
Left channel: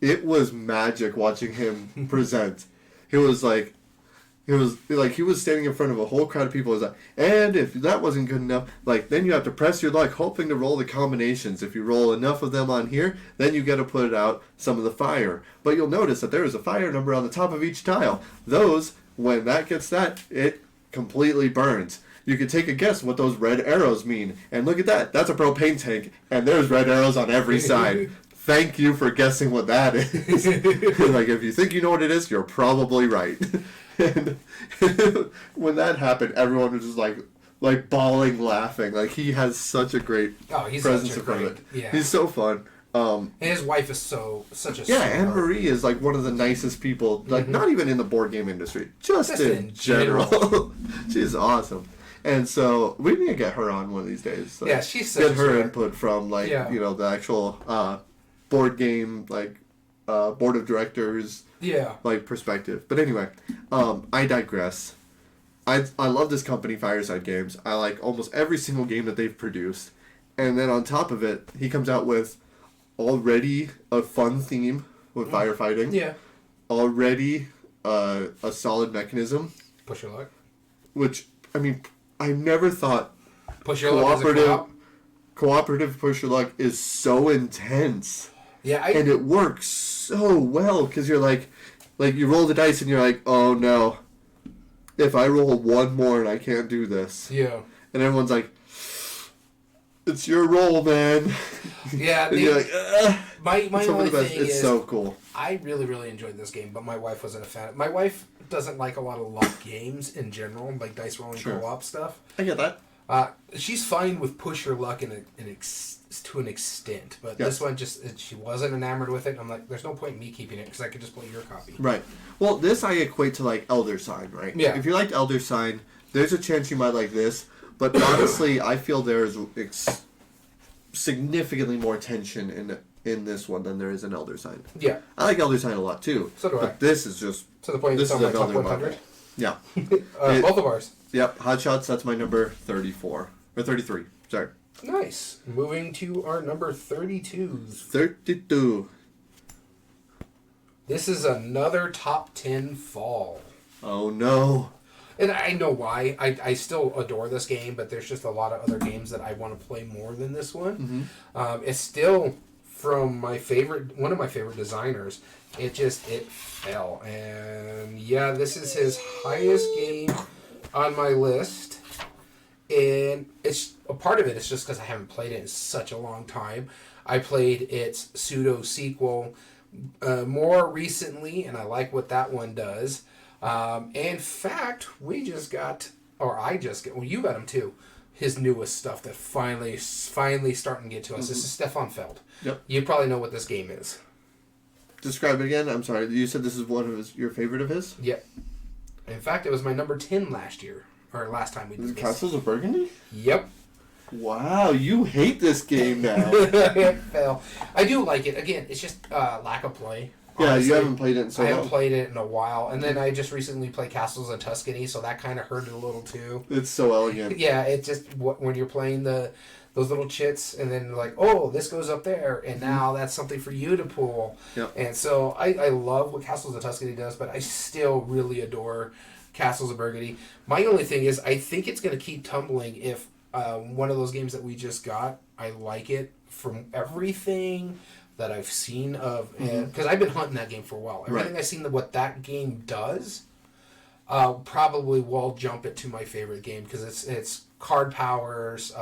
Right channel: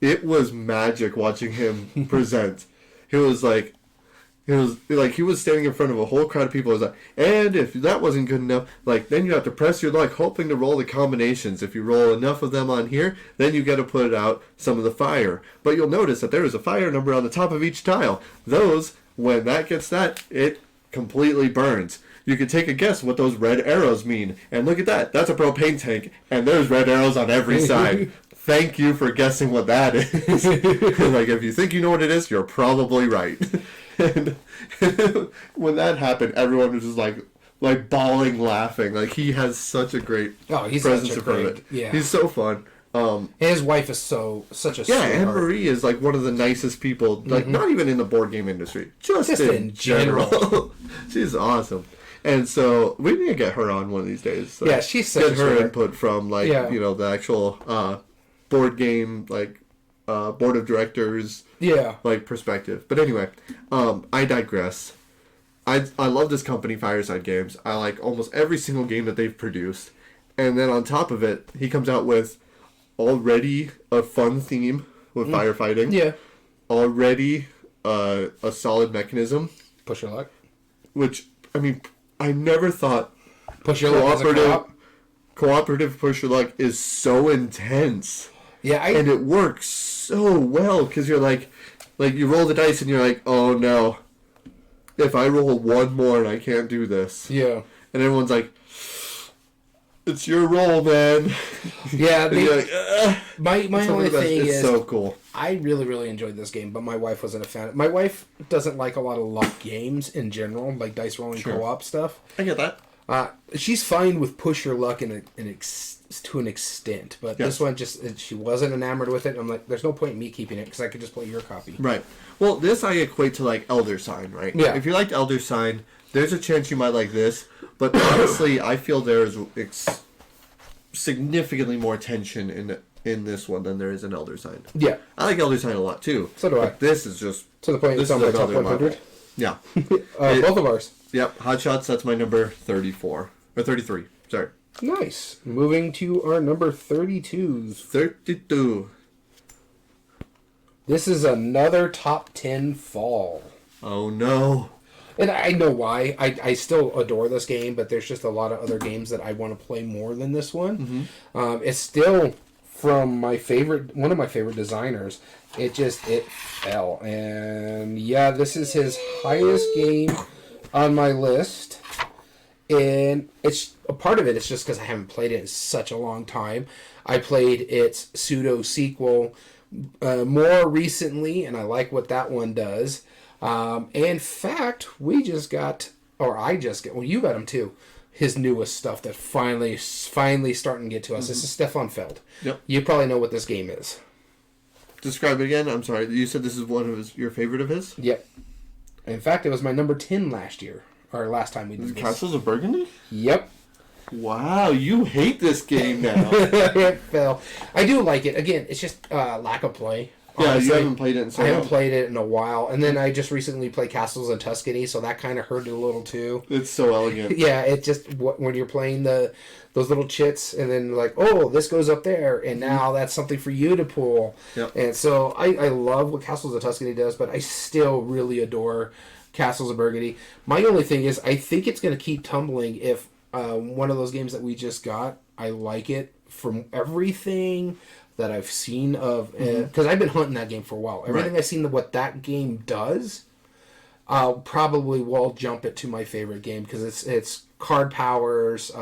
It was magic watching him present. He was standing in front of a whole crowd of people. He was like, and if that wasn't good enough, then you have to press your luck, hoping to roll the combinations. If you roll enough of them on here, then you get to put out some of the fire. But you'll notice that there is a fire number on the top of each tile. Those, when that gets that, it completely burns. You can take a guess what those red arrows mean. And look at that. That's a propane tank. And there's red arrows on every side. Thank you for guessing what that is. If you think you know what it is, you're probably right. And when that happened, everyone was just like bawling, laughing. He has such a great presence in front of it. Yeah. He's so fun. His wife is such a Anne Marie is one of the nicest people. Not even in the board game industry, just in general. She's awesome. And so we need to get her on one of these days. She's such get her input from the actual board game board of directors perspective. But anyway, I digress. I love this company, Fireside Games. I like almost every single game that they've produced. And then on top of it, he comes out with already a fun theme with firefighting. Yeah. Already a solid mechanism. Push your luck. Which, I never thought push your luck cooperative push your luck is so intense. Yeah, and it works so well because you're you roll the dice and you're like, oh no, if I roll one more and I can't do this. Yeah. And everyone's like, it's your roll, man. Yeah. And you're like, my only thing is, it's so cool. I really, really enjoyed this game, but my wife wasn't a fan. My wife doesn't like a lot of luck games in general, like dice rolling co-op stuff. I get that. She's fine with push your luck to an extent, but this one she wasn't enamored with it. I'm like, there's no point in me keeping it because I could just play your copy. Right. Well, this I equate to Elder Sign, right? Yeah. If you liked Elder Sign, there's a chance you might like this, but honestly, I feel there is significantly more tension in this one than there is in Elder Sign. Yeah. I like Elder Sign a lot too. So do I. But this is just to the point. This is another top 100. Yeah. Both of ours. Yep, Hot Shots, that's my number 34. Or 33, sorry. Nice. Moving to our number 32. 32. This is another top 10 fall. Oh, no. And I know why. I still adore this game, but there's just a lot of other games that I want to play more than this one. Mm-hmm. It's still from one of my favorite designers. It fell. And yeah, this is his highest game on my list, and it's a part of it. It's just because I haven't played it in such a long time. I played its pseudo sequel more recently, and I like what that one does. In fact, you got them too. His newest stuff that finally starting to get to us. Mm-hmm. This is Stefan Feld. Yep. You probably know what this game is. Describe it again. I'm sorry. You said this is one of your favorite of his? Yep. In fact, it was my number 10 last time we did this. Castles of Burgundy? Yep. Wow, you hate this game now. It fell. I do like it. Again, it's just lack of play. Yeah, honestly, you haven't played it in so long. I haven't played it in a while. And then I just recently played Castles of Tuscany, so that kind of hurt it a little too. It's so elegant. Yeah, it just, when you're playing those little chits, and then this goes up there, and now that's something for you to pull. Yep. And so I love what Castles of Tuscany does, but I still really adore Castles of Burgundy. My only thing is, I think it's going to keep tumbling if one of those games that we just got, I like it from everything that I've seen of, because I've been hunting that game for a while. Everything I've seen of what that game does, probably will jump it to my favorite game because it's card powers,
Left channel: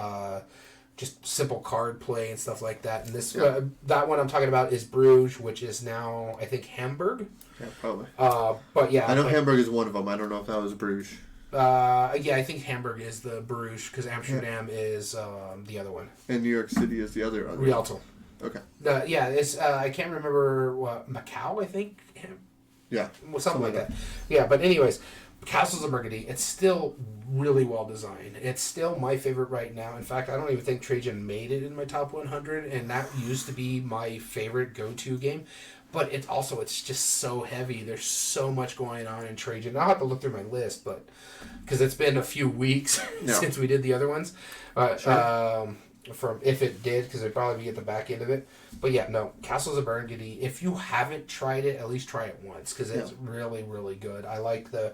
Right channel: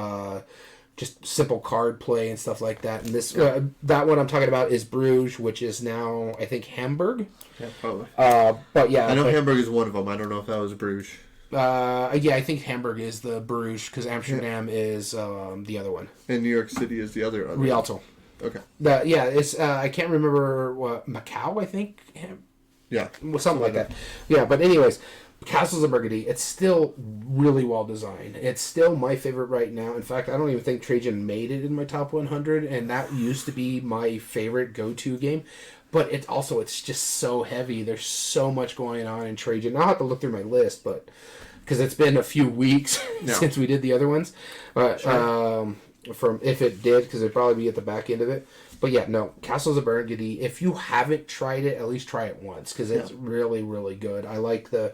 just simple card play and stuff like that. And this that one I'm talking about is Bruges, which is now I think Hamburg. Yeah, probably. But yeah, I know Hamburg is one of them. I don't know if that was Bruges. Yeah, I think Hamburg is the Bruges because Amsterdam is the other one. And New York City is the other. Rialto. Okay. It's I can't remember what Macau. I think. Yeah. Well, something like that. Yeah, but anyways, Castles of Burgundy. It's still really well designed. It's still my favorite right now. In fact, I don't even think Trajan made it in my top 100, and that used to be my favorite go-to game. But it's just so heavy. There's so much going on in Trajan. I'll have to look through my list, but because it's been a few weeks since we did the other ones. But from if it did, because it'd probably be at the back end of it. But yeah, no, Castles of Burgundy. If you haven't tried it, at least try it once because it's really, really good. I like the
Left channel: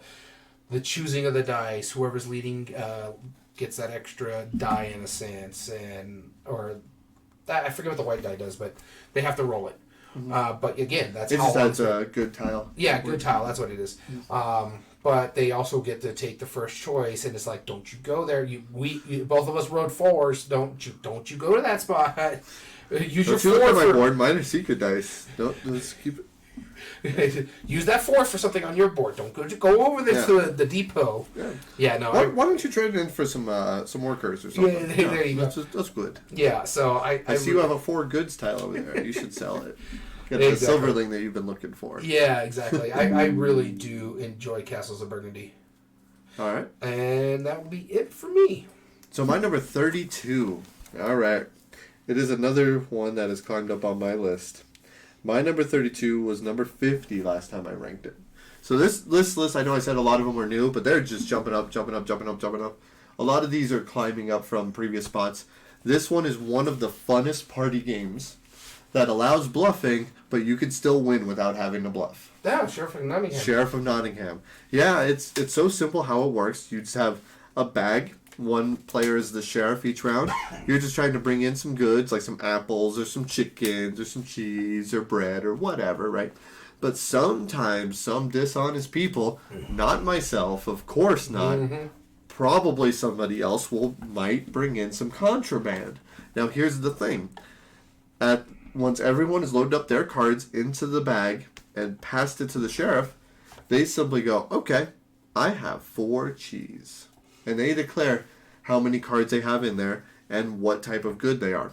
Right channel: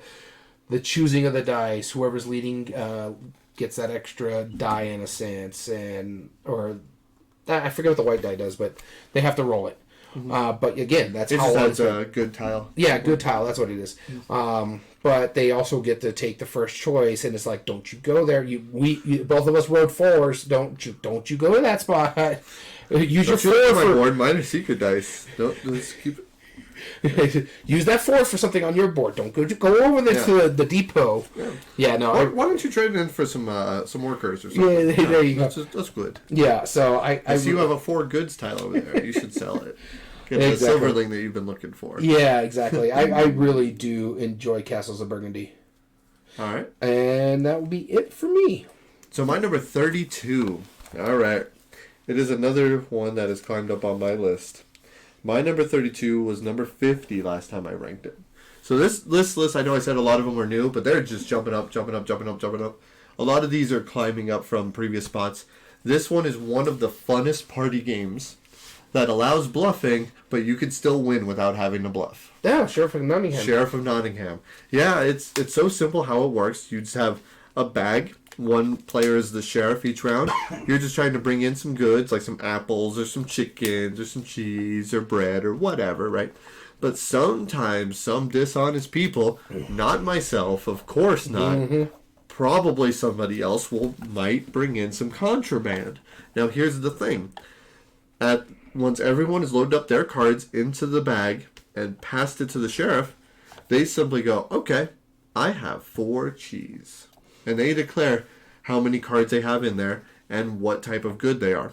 choosing of the dice. Whoever's leading gets that extra die in a sense, or I forget what the white die does, but they have to roll it. Mm-hmm. But again, that's how it just adds a good tile. Yeah, good tile. That's what it is. Mm-hmm. But they also get to take the first choice, and it's like, don't you go there. We both of us rode fours. Don't you go to that spot. Use your four on my board. Mine are secret dice. Let's keep it. Use that four for something on your board. Don't go over there to the depot. Yeah, no. Why don't you trade in for some workers or something? Yeah, there you go. That's good. Yeah, so I see you have a 4 goods tile over there. You should sell it. Get the silverling that you've been looking for. Yeah, exactly. I really do enjoy Castles of Burgundy. All right. And that will be it for me. So my number 32. All right. It is another one that has climbed up on my list. My number 32 was number 50 last time I ranked it. So this list, I know I said a lot of them were new, but they're just jumping up. A lot of these are climbing up from previous spots. This one is one of the funnest party games that allows bluffing, but you can still win without having to bluff. Yeah, Sheriff of Nottingham. Sheriff of Nottingham. Yeah, it's so simple how it works. You just have a bag. One player is the sheriff each round. You're just trying to bring in some goods, like some apples or some chickens or some cheese or bread or whatever, right? But sometimes some dishonest people, not myself, of course not, probably somebody else might bring in some contraband. Now here's the thing. Once everyone has loaded up their cards into the bag and passed it to the sheriff, they simply go, okay, I have 4 cheese. And they declare how many cards they have in there and what type of good they are.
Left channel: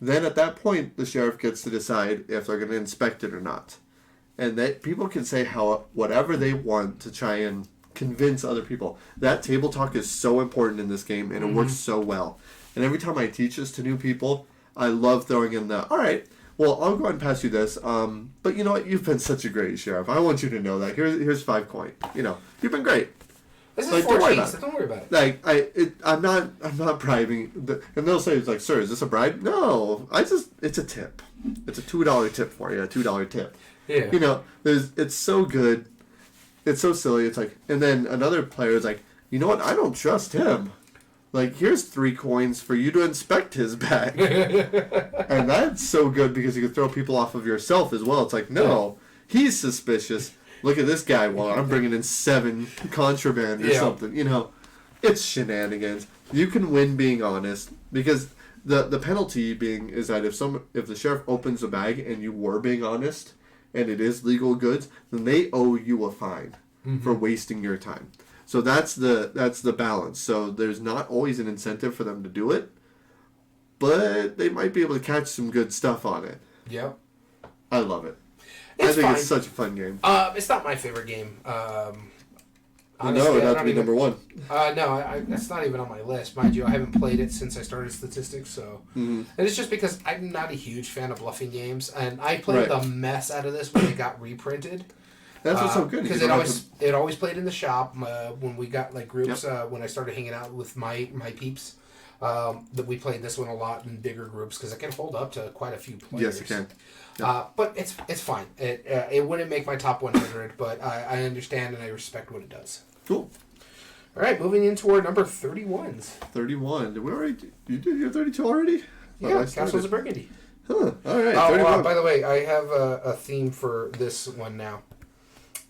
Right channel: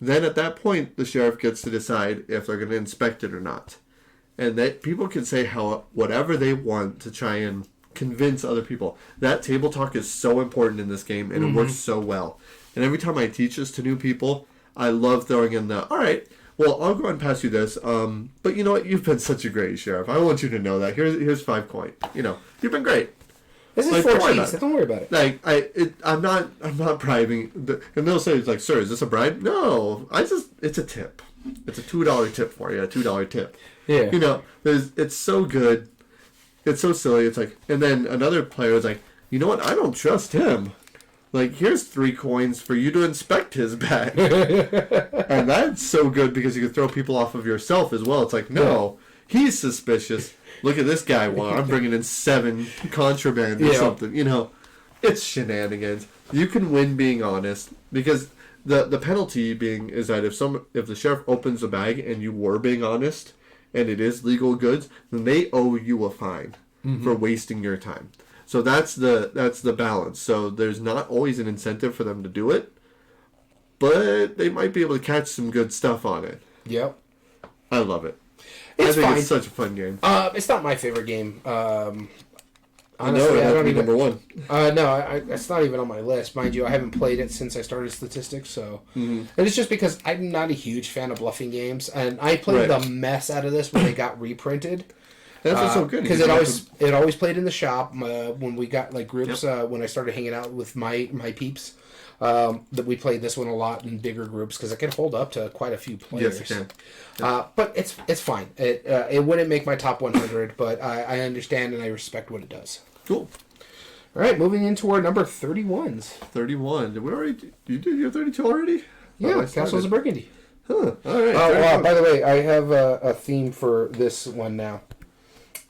Then at that point, the sheriff gets to decide if they're going to inspect it or not. And that people can say whatever they want to try and convince other people. That table talk is so important in this game, and it works so well. And every time I teach this to new people, I love throwing in all right, well, I'll go ahead and pass you this. But you know what? You've been such a great sheriff. I want you to know that. Here's 5 coin. You've been great. This is 4 cheese. Don't worry about it. I'm not bribing. And they'll say, it's like, sir, is this a bribe? No, it's a tip. It's a $2 tip for you, a $2 tip. Yeah. It's so good. It's so silly. It's like, and then another player is like, you know what? I don't trust him. Like, here's 3 coins for you to inspect his bag. And that's so good because you can throw people off of yourself as well. It's like, no, he's suspicious. Look at this guy. Well, I'm bringing in 7 contraband or something. It's shenanigans. You can win being honest because the penalty is that if the sheriff opens the bag and you were being honest and it is legal goods, then they owe you a fine for wasting your time. So that's the balance. So there's not always an incentive for them to do it, but they might be able to catch some good stuff on it. Yep. I love it. I think it's such a fun game. It's not my favorite game. Honestly, no, it has to be number 1. No, it's not even on my list. Mind you, I haven't played it since I started statistics, so... And it's just because I'm not a huge fan of bluffing games, and I played the mess out of this when it got reprinted. That's what's so good. Because it always played in the shop when we got groups, when I started hanging out with my peeps. That we played this one a lot in bigger groups because it can hold up to quite a few players. Yes, it can. But it's fine. It wouldn't make my top 100, but I understand and I respect what it does. Cool. All right, moving into our number 31s. 31. Did we already? You did your 32 already? Yeah, Castles of Burgundy. Huh. All right. Oh, by the way, I have a theme for this one now.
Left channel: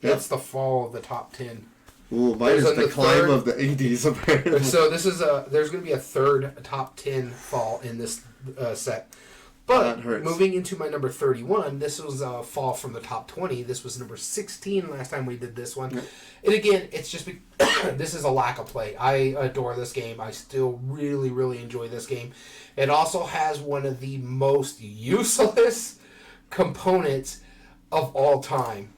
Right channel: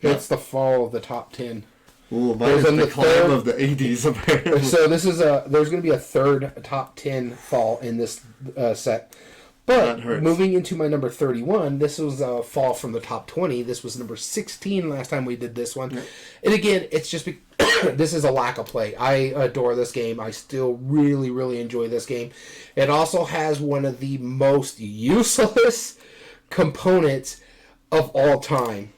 That's the fall of the top 10. Ooh, mine is the climb of the 80s, apparently. So this is there's going to be a third top 10 fall in this set. But moving into my number 31, this was a fall from the top 20. This was number 16 last time we did this one. Yeah. And again, it's just this is a lack of play. I adore this game. I still really, really enjoy this game. It also has one of the most useless components of all time.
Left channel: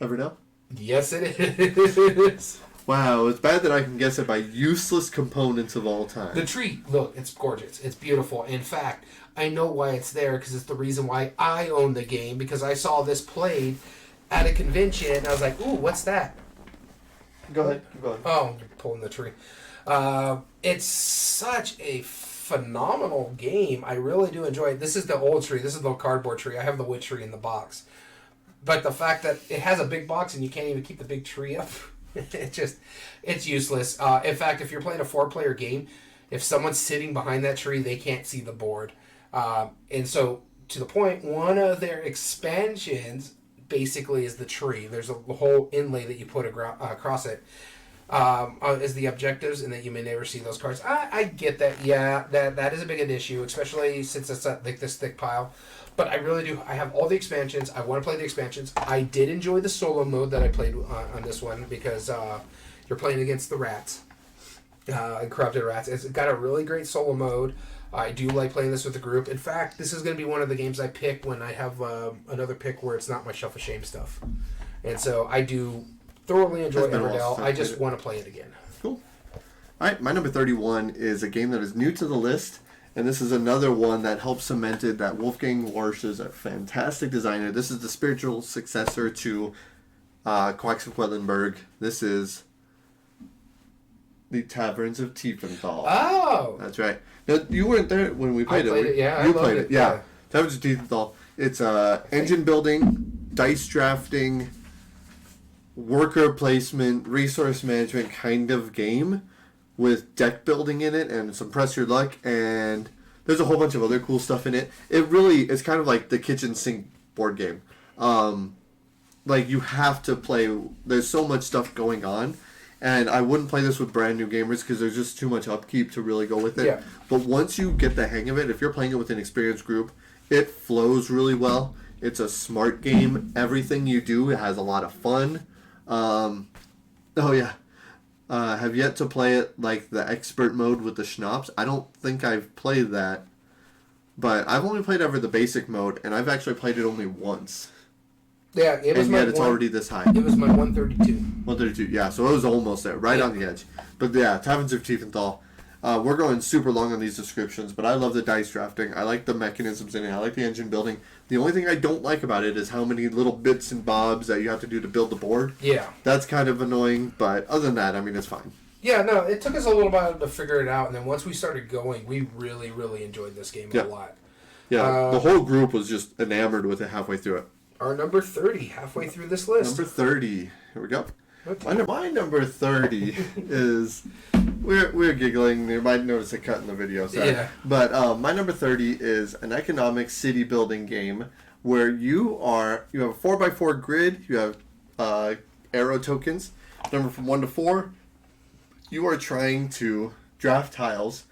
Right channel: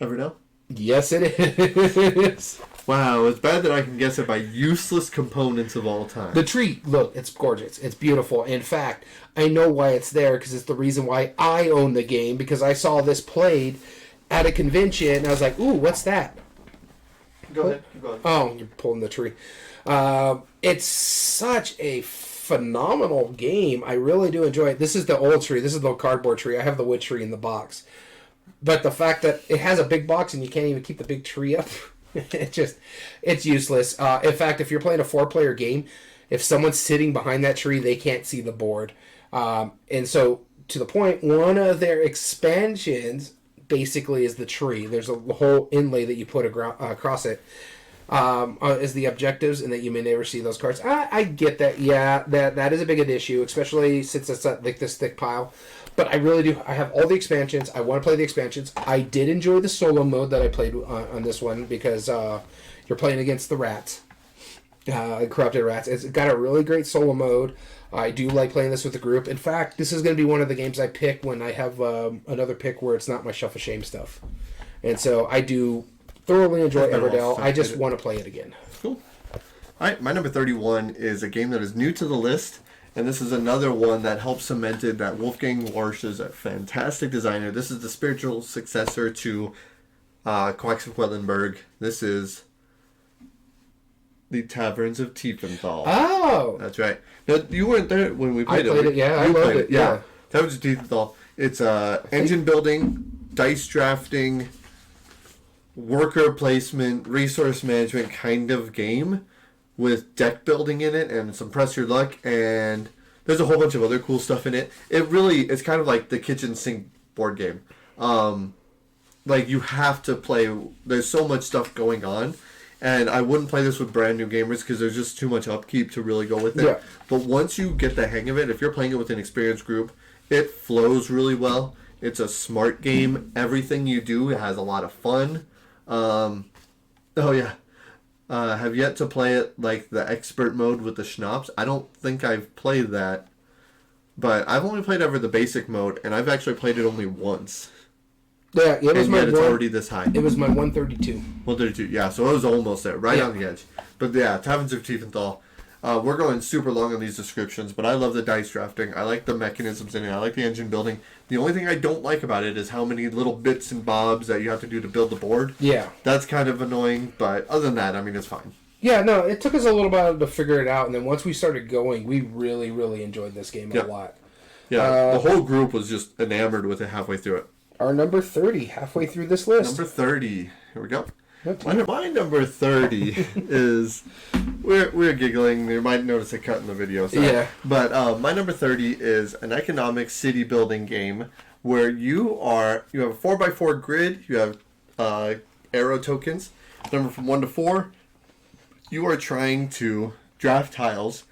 Evernote? Yes, it is. Wow, it's bad that I can guess it by useless components of all time. The tree, look, it's gorgeous. It's beautiful. In fact, I know why it's there because it's the reason why I own the game, because I saw this played at a convention and I was like, ooh, what's that? Go ahead. Keep going. Oh, you're pulling the tree. It's such a phenomenal game. I really do enjoy it. This is the old tree. This is the cardboard tree. I have the wood tree in the box. But the fact that it has a big box and you can't even keep the big tree up... it's useless. In fact, if you're playing a 4-player game, if someone's sitting behind that tree, they can't see the board. And so, to the point, one of their expansions basically is the tree. There's a whole inlay that you put across it as the objectives, and then you may never see those cards. I get that. Yeah, that is a big an issue, especially since it's like this thick pile. But I really do. I have all the expansions. I want to play the expansions. I did enjoy the solo mode that I played on this one because you're playing against the rats, corrupted rats. It's got a really great solo mode. I do like playing this with a group. In fact, this is going to be one of the games I pick when I have another pick where it's not my Shuffle Shame stuff. And so I do thoroughly enjoy Everdell. I just want to play it again. Cool. All right, my number 31 is a game that is new to the list. And this is another one that helped cemented that Wolfgang Warsch is a fantastic designer. This is the spiritual successor to Quacks of Quedlinburg. This is the Taverns of Tiefenthal. Oh! That's right. Now, you weren't there when we played it. Yeah, you played it. Yeah. Taverns of Tiefenthal. It's engine building, dice drafting, worker placement, resource management kind of game, with deck building in it and some press your luck, and there's a whole bunch of other cool stuff in it. It's kind of like the kitchen sink board game. Like, you have to play, there's so much stuff going on, and I wouldn't play this with brand new gamers because there's just too much upkeep to really go with it. Yeah. But once you get the hang of it, if you're playing it with an experienced group, it flows really well. It's a smart game. Everything you do has a lot of fun. Oh yeah. Have yet to play it like the expert mode with the schnapps. I don't think I've played that, but I've only played ever the basic mode, and I've actually played it only once. Yeah, and yet it's already this high. It was my 132. 132, yeah. So it was almost there, right on the edge. But yeah, Taverns of Tiefenthal. We're going super long on these descriptions, but I love the dice drafting. I like the mechanisms in it. I like the engine building. The only thing I don't like about it is how many little bits and bobs that you have to do to build the board. Yeah. That's kind of annoying, but other than that, I mean, it's fine. Yeah, no, it took us a little while to figure it out, and then once we started going, we really, really enjoyed this game a lot. Yeah, the whole group was just enamored with it halfway through it. Our number 30, halfway through this list. Number 30. Here we go. My number 30 is... We're giggling. You might notice a cut in the video. Sorry. Yeah. But my number 30 is an economic city building game where you have a 4x4 grid. You have arrow tokens. Number from 1 to 4. You are trying to draft tiles.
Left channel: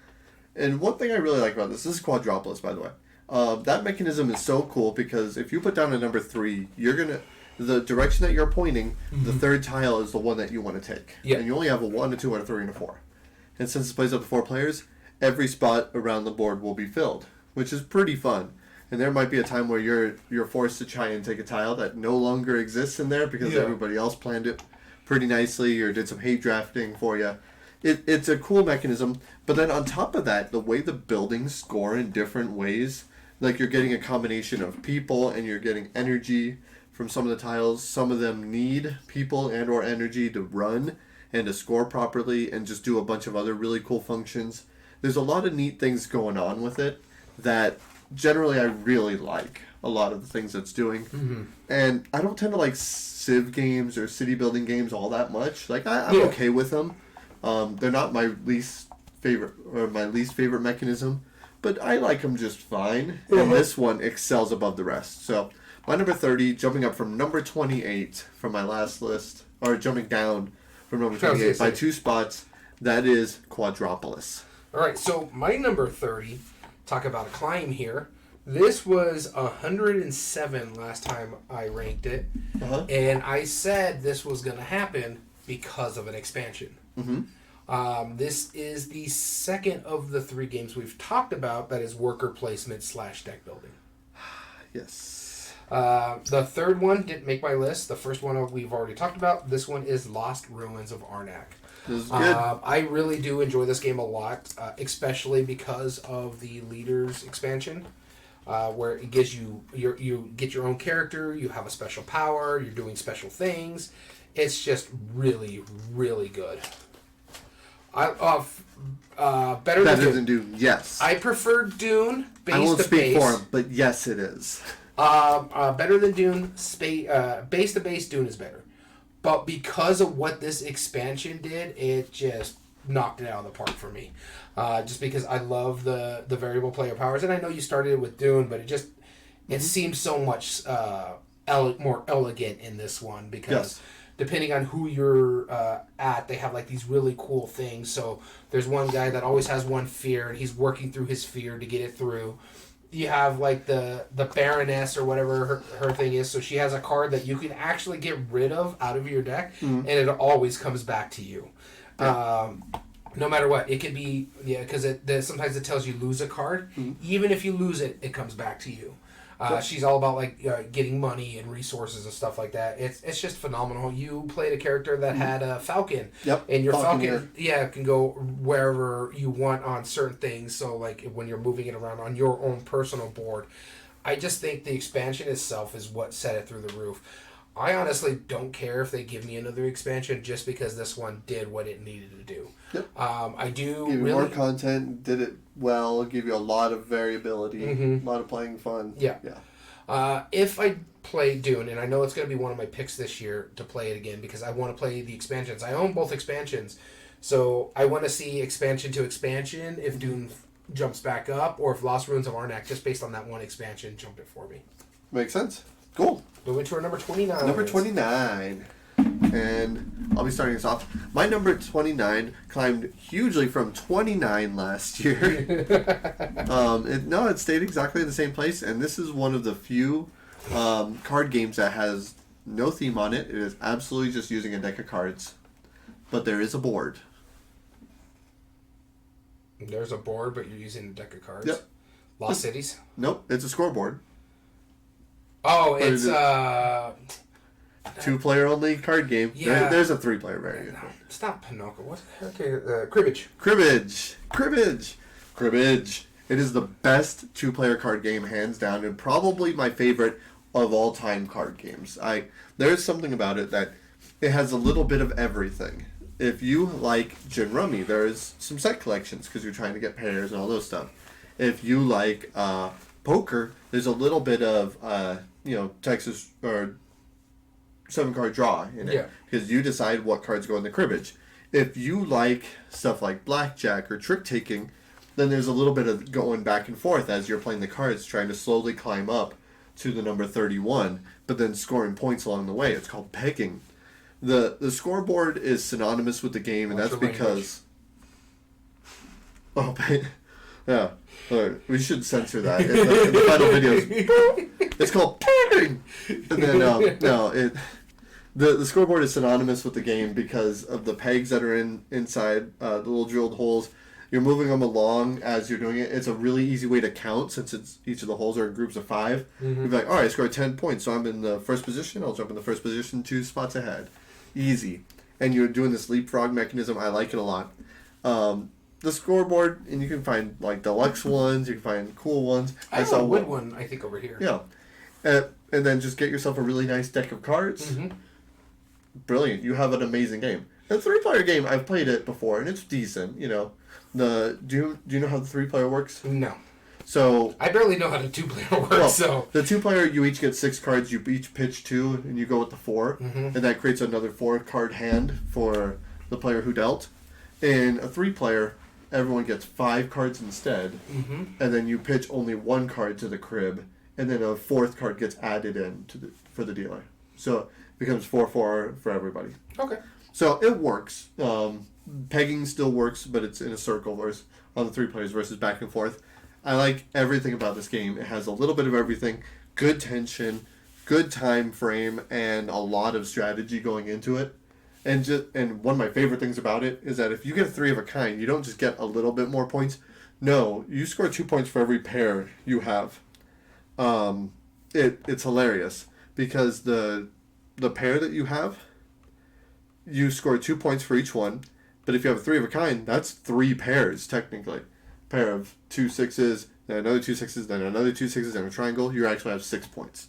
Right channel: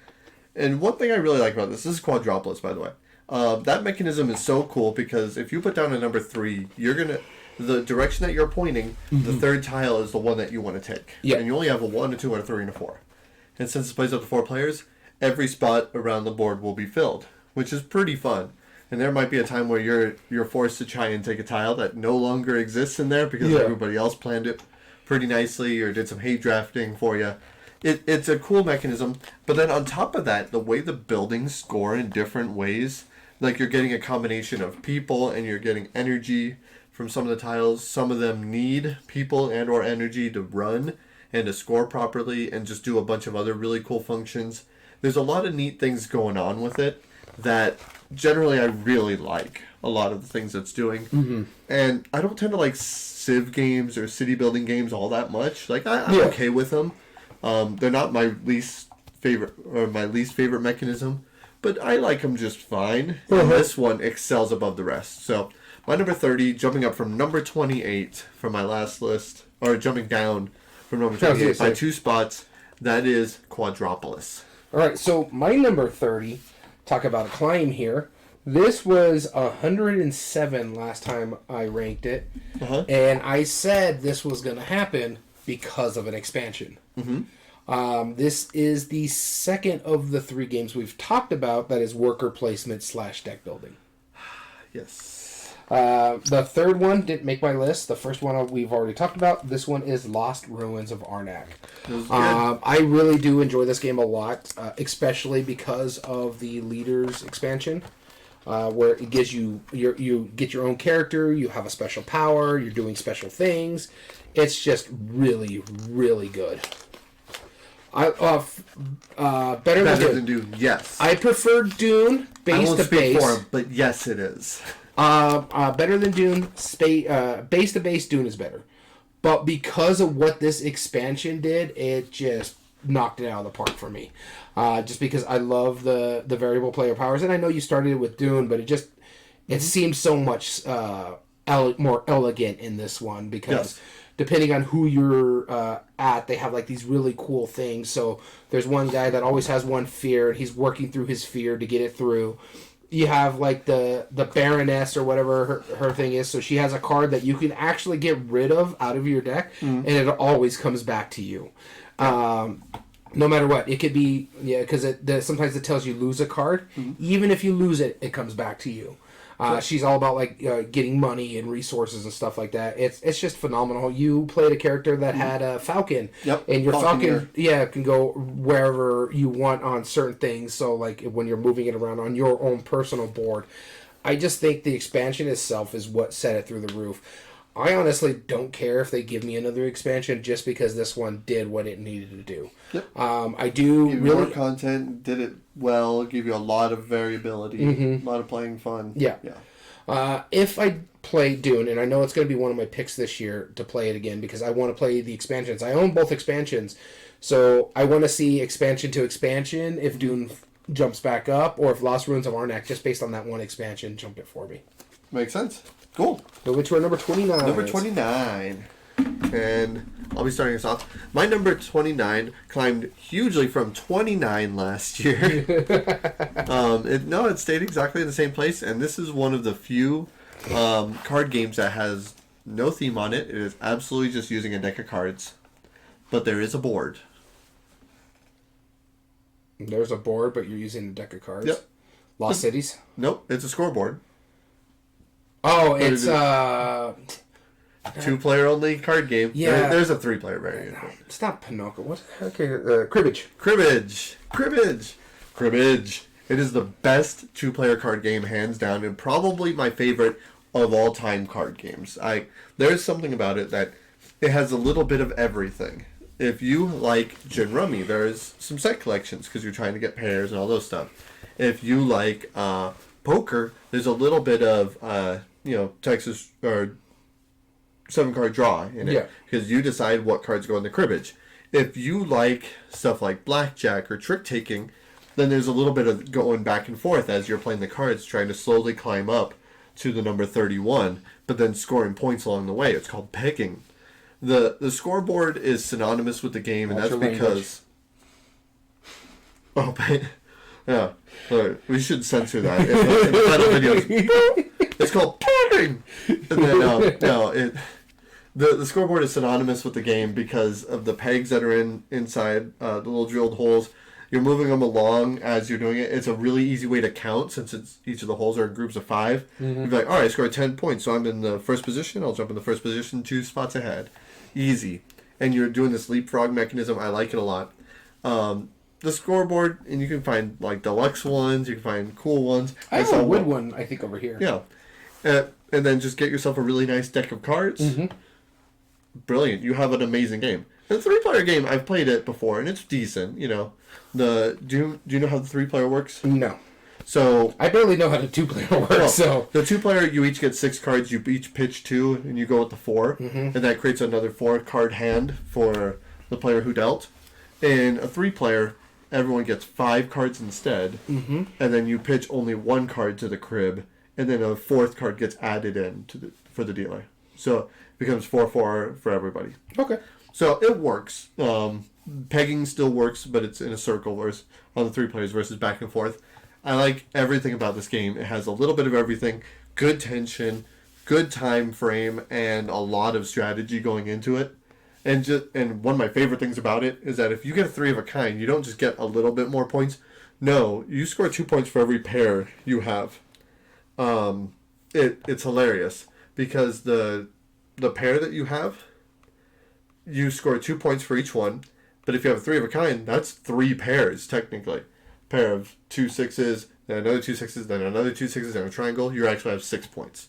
And one thing I really like about this is quadropolis, by the way. That mechanism is so cool because if you put down a number 3, the direction that you're pointing, the third tile is the one that you want to take. Yeah. And you only have a 1, a 2, and a 3, and a 4. And since it plays up to 4 players, every spot around the board will be filled, which is pretty fun. And there might be a time where you're forced to try and take a tile that no longer exists in there because everybody else planned it pretty nicely or did some hate drafting for you. It's a cool mechanism. But then on top of that, the way the buildings score in different ways, like you're getting a combination of people and you're getting energy from some of the tiles. Some of them need people and or energy to run and to score properly and just do a bunch of other really cool functions. There's a lot of neat things going on with it that generally I really like a lot of the things it's doing. Mm-hmm. And I don't tend to like Civ games or city building games all that much. Like I'm okay with them. They're not my least favorite mechanism, but I like them just fine. Mm-hmm. And this one excels above the rest. So my number 30, jumping up from number 28 from my last list. or jumping down from number 28 by 2 spots. That is Quadropolis. All right, so my number 30, talk about a climb here. This was 107 last time I ranked it. And I said this was going to happen because of an expansion. This is the second of the 3 games we've talked about that is worker placement / deck building. Yes. The third one didn't make my list. The first one we've already talked about. This one is Lost Ruins of Arnak. I really do enjoy this game a lot, especially because of the Leaders expansion, where it gives you get your own character, you have a special power, you're doing special things. It's just really, really good. Better than Dune. Yes. I prefer Dune base to base. I won't speak for him, but yes, it is. Better than Dune. Base to base, Dune is better. But because of what this expansion did, it just knocked it out of the park for me. Just because I love the variable player powers, and I know you started it with Dune, but it seems so much more elegant in this one because depending on who you're at, they have like these really cool things. So there's one guy that always has one fear. He's working through his fear to get it through. You have like the Baroness or whatever her thing is. So she has a card that you can actually get rid of out of your deck, and it always comes back to you. No matter what. It could be, because sometimes it tells you lose a card. Even if you lose it, it comes back to you. She's all about like getting money and resources and stuff like that. It's just phenomenal. You played a character that had a falcon. And your falcon can go wherever you want on certain things. So like when you're moving it around on your own personal board. I just think the expansion itself is what set it through the roof. I honestly don't care if they give me another expansion just because this one did what it needed to do. I do give you more content, did it well, give you a lot of variability, a lot of playing fun. If I play Dune, and I know it's going to be one of my picks this year to play it again because I want to play the expansions. I own both expansions, so I want to see expansion to expansion if Dune jumps back up or if Lost Ruins of Arnak, just based on that one expansion, jump it for me. Makes sense. Cool. So which were number 29? Number 29. And I'll be starting us off. My number 29 climbed hugely from 29 last year. It stayed exactly in the same place. And this is one of the few card games that has no theme on it. It is absolutely just using a deck of cards. But there is a board. There's a board, but you're using a deck of cards? Yep. Lost Cities? Nope. It's a scoreboard. Oh, it's 2-player only card game. Yeah. There's a 3-player variant. No, it's not Pinocchio. What? Okay, Cribbage. Cribbage. It is the best 2-player card game, hands down, and probably my favorite of all time card games. There's something about it that it has a little bit of everything. If you like Gin Rummy, there's some set collections because you're trying to get pairs and all those stuff. If you like poker, there's a little bit of Texas or 7-card draw in it because you decide what cards go in the cribbage. If you like stuff like blackjack or trick taking, then there's a little bit of going back and forth as you're playing the cards, trying to slowly climb up to the number 31, but then scoring points along the way. It's called pegging. The scoreboard is synonymous with the game, and that's because yeah. We should censor that in the final videos. It's called pegging. And then the scoreboard is synonymous with the game because of the pegs that are inside the little drilled holes. You're moving them along as you're doing it. It's a really easy way to count since each of the holes are in groups of 5. You'd be like, all right, I scored 10 points, so I'm in the first position. I'll jump in the first position 2 spots ahead. Easy. And you're doing this leapfrog mechanism. I like it a lot. The scoreboard, and you can find like deluxe ones, you can find cool ones. I saw a wood one, I think, over here. Yeah. And then just get yourself a really nice deck of cards. Brilliant. You have an amazing game. And the 3-player game, I've played it before, and it's decent, Do you know how the 3-player works? No. So I barely know how the 2-player works. So the 2-player, you each get 6 cards. You each pitch 2, and you go with the 4, and that creates another 4-card hand for the player who dealt. In a 3-player, everyone gets 5 cards instead, and then you pitch only 1 card to the crib, and then a 4th card gets added in for the dealer. So becomes 4-4 for everybody. Okay. So it works. Pegging still works, but it's in a circle versus on the 3 players versus back and forth. I like everything about this game. It has a little bit of everything. Good tension, good time frame, and a lot of strategy going into it. And one of my favorite things about it is that if you get a 3 of a kind, you don't just get a little bit more points. No, you score 2 points for every pair you have. It's hilarious because the pair that you have, you score 2 points for each one. But if you have a 3 of a kind, that's 3 pairs technically. Pair of 2 6s, then another 2 6s, then another 2 6s, and a triangle. You actually have 6 points.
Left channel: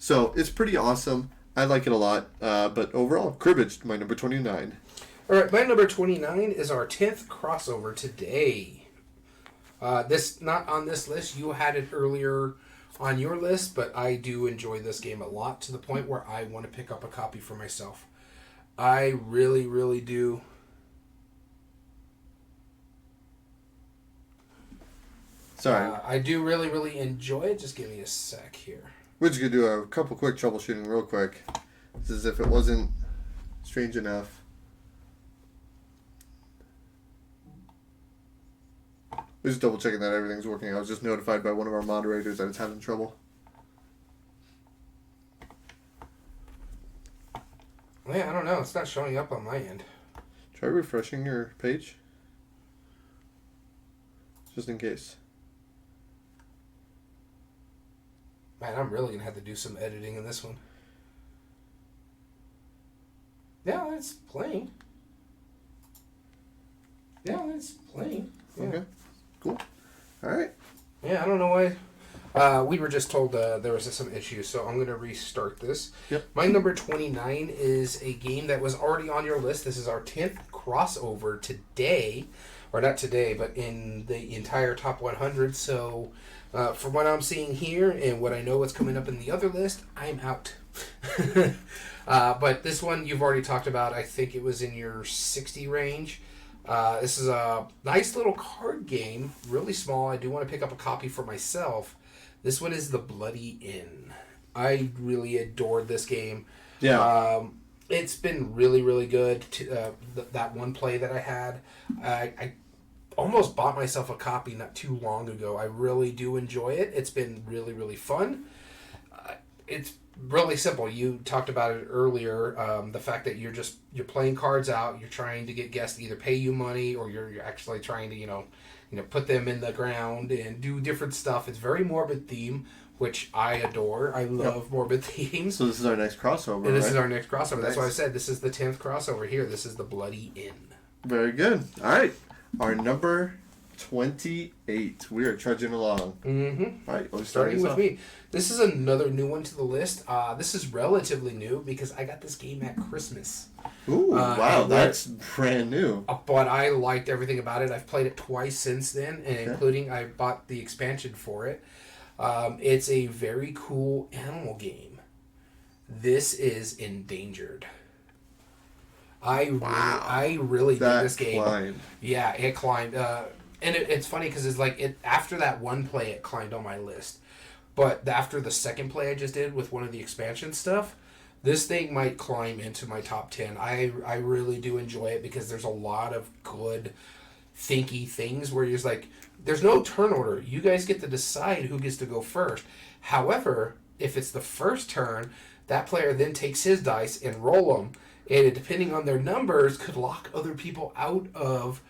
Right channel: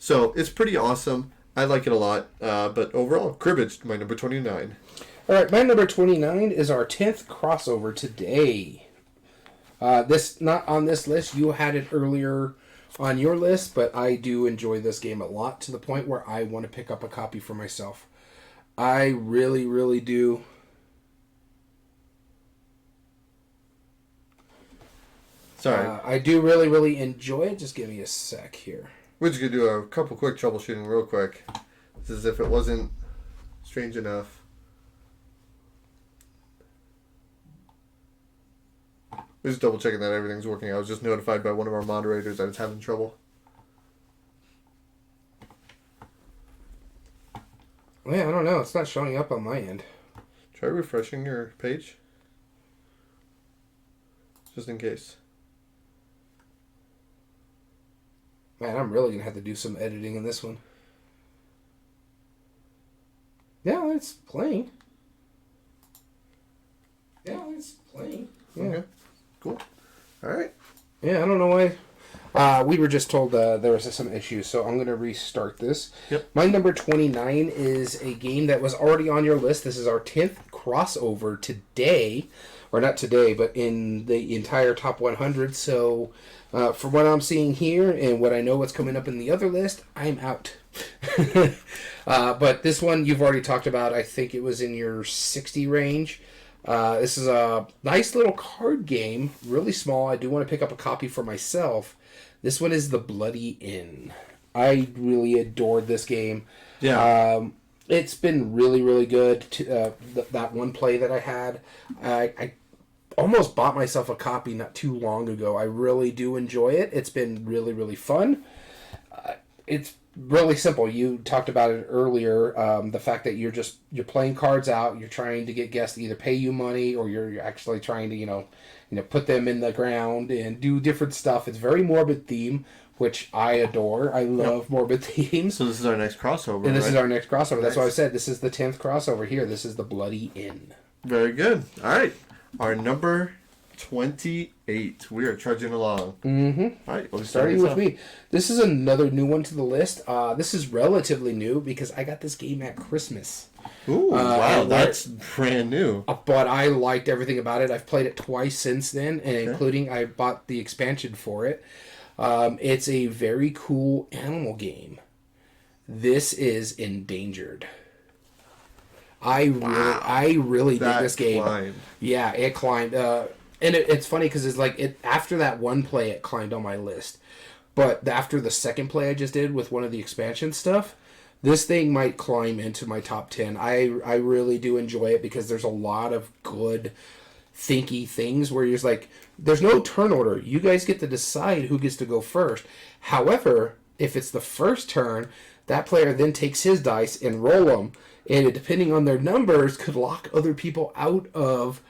So it's pretty awesome. I like it a lot. But overall, cribbage, my number 29. All right, my number 29 is our 10th crossover today. This not on this list. You had it earlier on your list, but I do enjoy this game a lot to the point where I want to pick up a copy for myself. I really, really do. Sorry. I do really, really enjoy it. Just give me a sec here. We're just going to do a couple quick troubleshooting real quick. This is if it wasn't strange enough. We're just double checking that everything's working. I was just notified by one of our moderators that it's having trouble. Yeah, I don't know. It's not showing up on my end. Try refreshing your page. Just in case. Man, I'm really going to have to do some editing in this one. Yeah, it's playing. Yeah, it's playing. Yeah. Okay. Cool. All right. Yeah, I don't know why. We were just told there was some issues, so I'm going to restart this. Yep. My number 29 is a game that was already on your list. This is our 10th crossover today. Or not today, but in the entire top 100. So, from what I'm seeing here and what I know what's coming up in the other list, I'm out. But this one you've already talked about. I think it was in your 60 range. This is a nice little card game, really small. I do want to pick up a copy for myself. This one is The Bloody Inn. I really adored this game. Yeah. It's been really, really good. That one play that I had, I almost bought myself a copy not too long ago. I really do enjoy it. It's been really, really fun. It's really simple. You talked about it earlier. The fact that you're playing cards out. You're trying to get guests to either pay you money or you're actually trying to put them in the ground and do different stuff. It's very morbid theme, which I adore. I love morbid themes. So this is our next crossover, And this right? is our next crossover. Nice. That's why I said this is the 10th crossover here. This is The Bloody Inn. Very good. All right. Our number 28. We are trudging along. Mm-hmm. All right. We'll Starting with me. This is another new one to the list. This is relatively new because I got this game at Christmas. Ooh, wow. and That's brand new. But I liked everything about it. I've played it twice since then, and including I bought the expansion for it. It's a very cool animal game. This is Endangered. I really dig this game. Climbed. Yeah, it climbed. And it's funny because it's like after that one play, it climbed on my list. But after the second play I just did with one of the expansion stuff, this thing might climb into my top 10. I really do enjoy it because there's a lot of good thinky things where you're just like, there's no turn order. You guys get to decide who gets to go first. However, if it's the first turn, that player then takes his dice and roll them. And depending on their numbers, could lock other people out of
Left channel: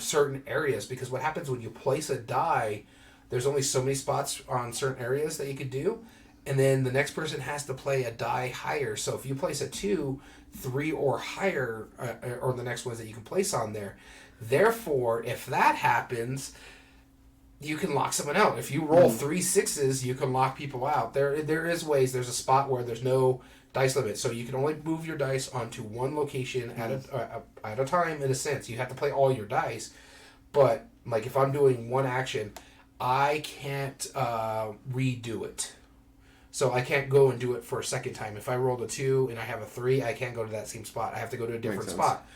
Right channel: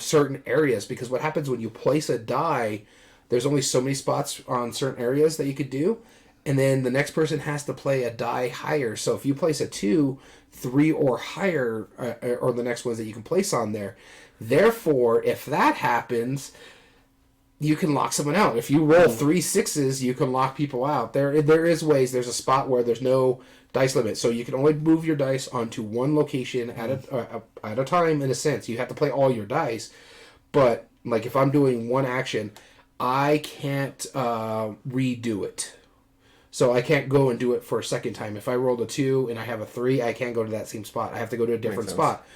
certain areas. Because what happens when you place a die, there's only so many spots on certain areas that you could do. And then the next person has to play a die higher. So if you place a 2, 3, or higher are the next ones that you can place on there. Therefore, if that happens, you can lock someone out. If you roll 3 6s, you can lock people out. There is ways. There's a spot where there's no dice limit, so you can only move your dice onto one location at a time. In a sense, you have to play all your dice. But like if I'm doing one action, I can't redo it. So I can't go and do it for a second time. If I rolled a 2 and I have a 3, I can't go to that same spot. I have to go to a different spot.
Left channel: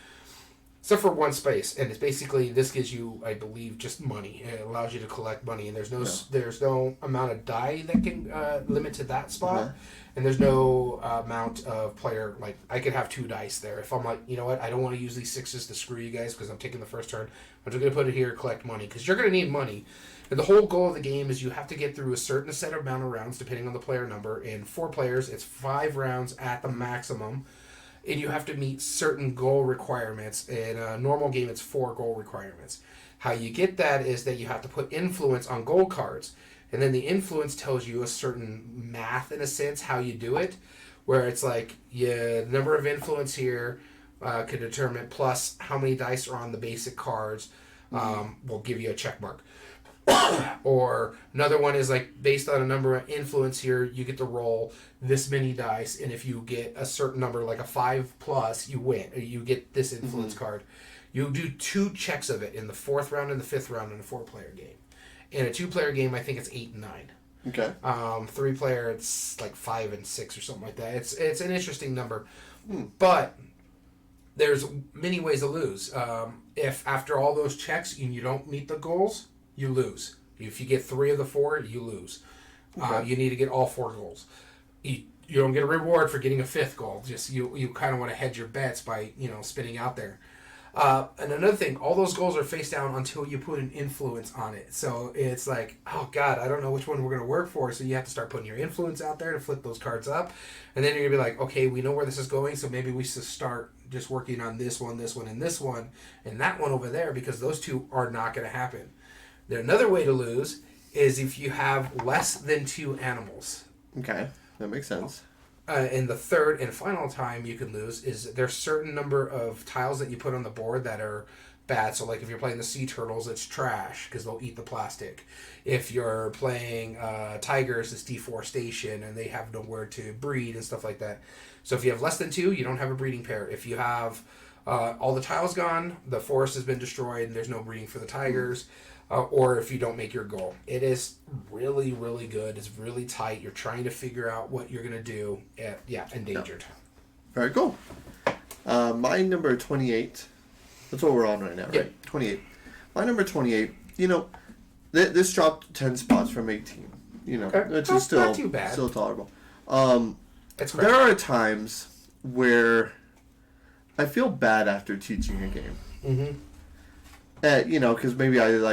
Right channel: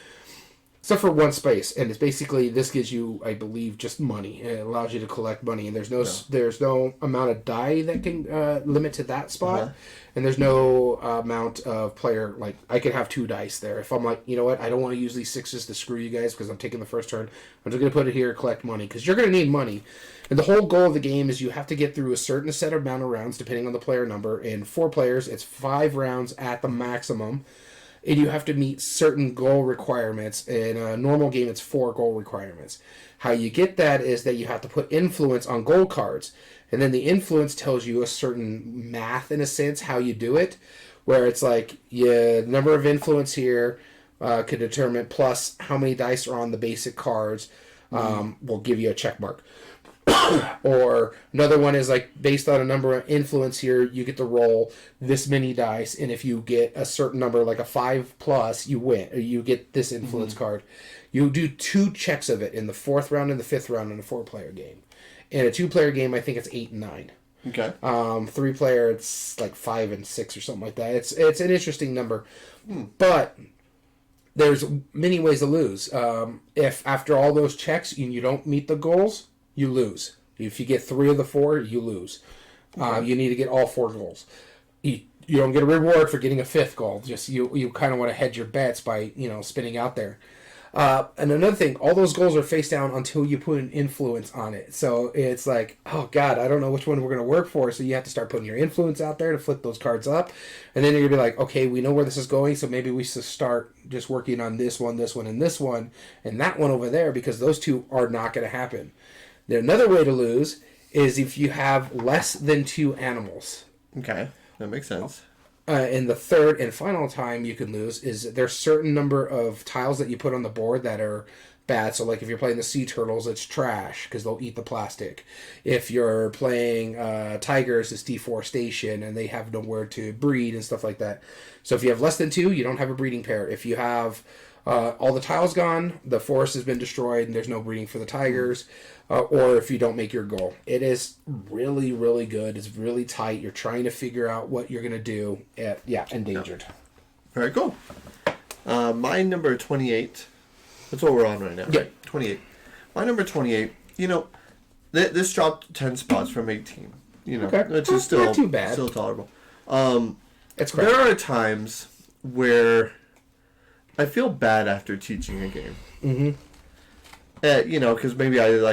So for one space, and it's basically this gives you, I believe, just money. It allows you to collect money, and there's no amount of die that can limit to that spot, and there's no amount of player, like I could have 2 dice there. If I'm like, you know what, I don't want to use these 6s to screw you guys because I'm taking the first turn. I'm just gonna put it here, collect money because you're gonna need money. And the whole goal of the game is you have to get through a certain set amount of rounds depending on the player number. And 4 players, it's 5 rounds at the maximum. And you have to meet certain goal requirements. In a normal game, it's 4 goal requirements. How you get that is that you have to put influence on goal cards. And then the influence tells you a certain math, in a sense, how you do it. Where it's like, number of influence here could determine plus how many dice are on the basic cards will give you a check mark. Or another one is like based on a number of influence here, you get to roll this many dice, and if you get a certain number, like a 5 plus, you win, or you get this influence card. You do 2 checks of it in the 4th round and the 5th round in a 4-player game. In a 2-player game, I think it's 8 and 9. Okay. 3-player, it's like 5 and 6 or something like that. It's an interesting number, but there's many ways to lose. If after all those checks you don't meet the goals, you lose. If you get 3 of the 4, you lose. Okay. You need to get all 4 goals. You don't get a reward for getting a 5th goal. Just you kind of want to hedge your bets by spinning out there. And another thing, all those goals are face down until you put an influence on it. So it's like, oh God, I don't know which one we're going to work for. So you have to start putting your influence out there to flip those cards up. And then you're going to be like, okay, we know where this is going. So maybe we should start just working on this one, and this one, and that one over there, because those 2 are not going to happen. Another way to lose is if you have less than 2 animals. Okay, that makes sense. And the third and final time you can lose is there's certain number of tiles that you put on the board that are bad. So like if you're playing the sea turtles, it's trash because they'll eat the plastic. If you're playing tigers, it's deforestation and they have nowhere to breed and stuff like that. So if you have less than 2, you don't have a breeding pair. If you have all the tiles gone, the forest has been destroyed and there's no breeding for the tigers. Or if you don't make your goal. It is really, really good. It's really tight. You're trying to figure out what you're going to do. Endangered. Very cool. My number 28. That's what we're on right now, right? 28. My number 28, this dropped 10 spots from 18. Okay. Which is still not too bad. Still tolerable. It's there are times where I feel bad after teaching a game. Mm-hmm. Because maybe I do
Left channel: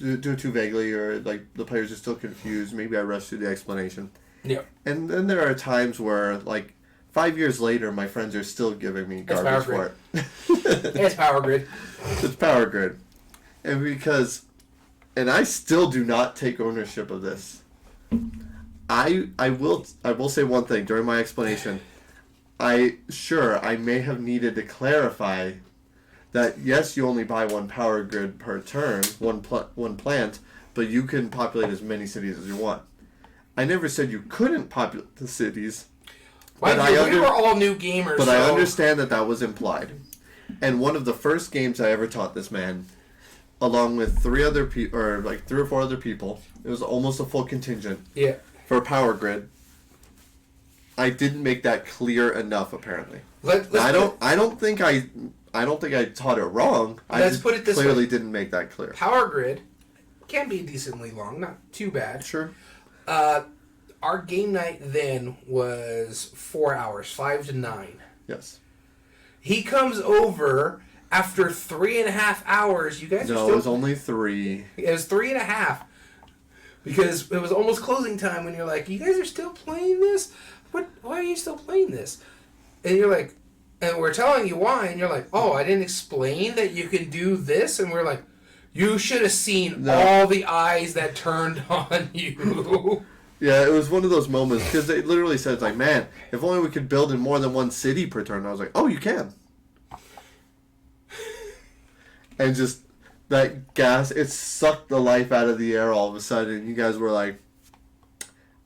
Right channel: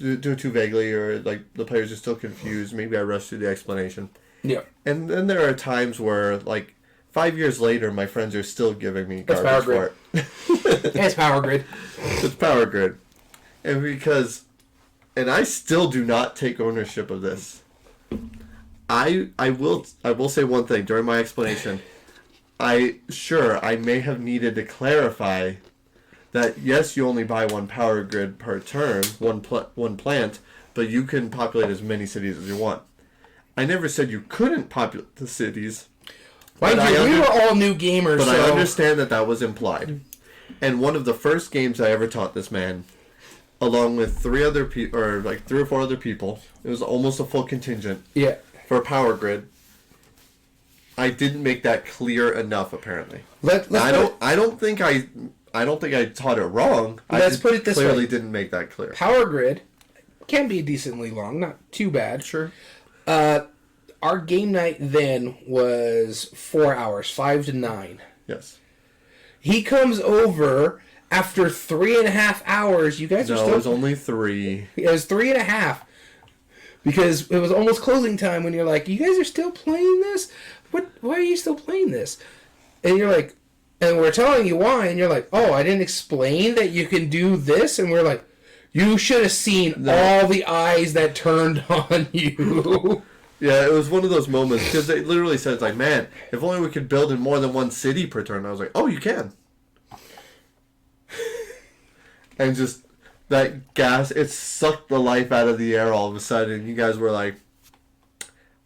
it too vaguely, or like the players are still confused. Maybe I rush through the explanation. Yeah. And then there are times where, like, 5 years later, my friends are still giving me garbage for it. It's Power Grid. It's Power Grid, and I still do not take ownership of this. I will say one thing during my explanation. I may have needed to clarify that yes, you only buy 1 Power Grid per turn, one plant, but you can populate as many cities as you want. I never said you couldn't populate the cities. We were all new gamers. But I understand that was implied. And one of the first games I ever taught this man, along with 3 other people, or like 3 or 4 other people, it was almost a full contingent. Yeah. For Power Grid. I didn't make that clear enough, apparently. I don't think I taught it wrong. Let's put it this way. Clearly didn't make that clear. Power Grid can be decently long, not too bad. Sure. Our game night then was 4 hours, 5 to 9. Yes. He comes over after 3.5 hours. You guys are still... No, it was only 3. It was 3.5. Because it was almost closing time when you're like, you guys are still playing this? Why are you still playing this? And you're like... And we're telling you why, and you're like, oh, I didn't explain that you can do this? And we're like, you should have seen all the eyes that turned on you. Yeah, it was one of those moments, because it literally says, like, man, if only we could build in more than 1 city per turn. I was like, oh, you can. And just that gas, it sucked the life out of the air all of a sudden. You guys were like,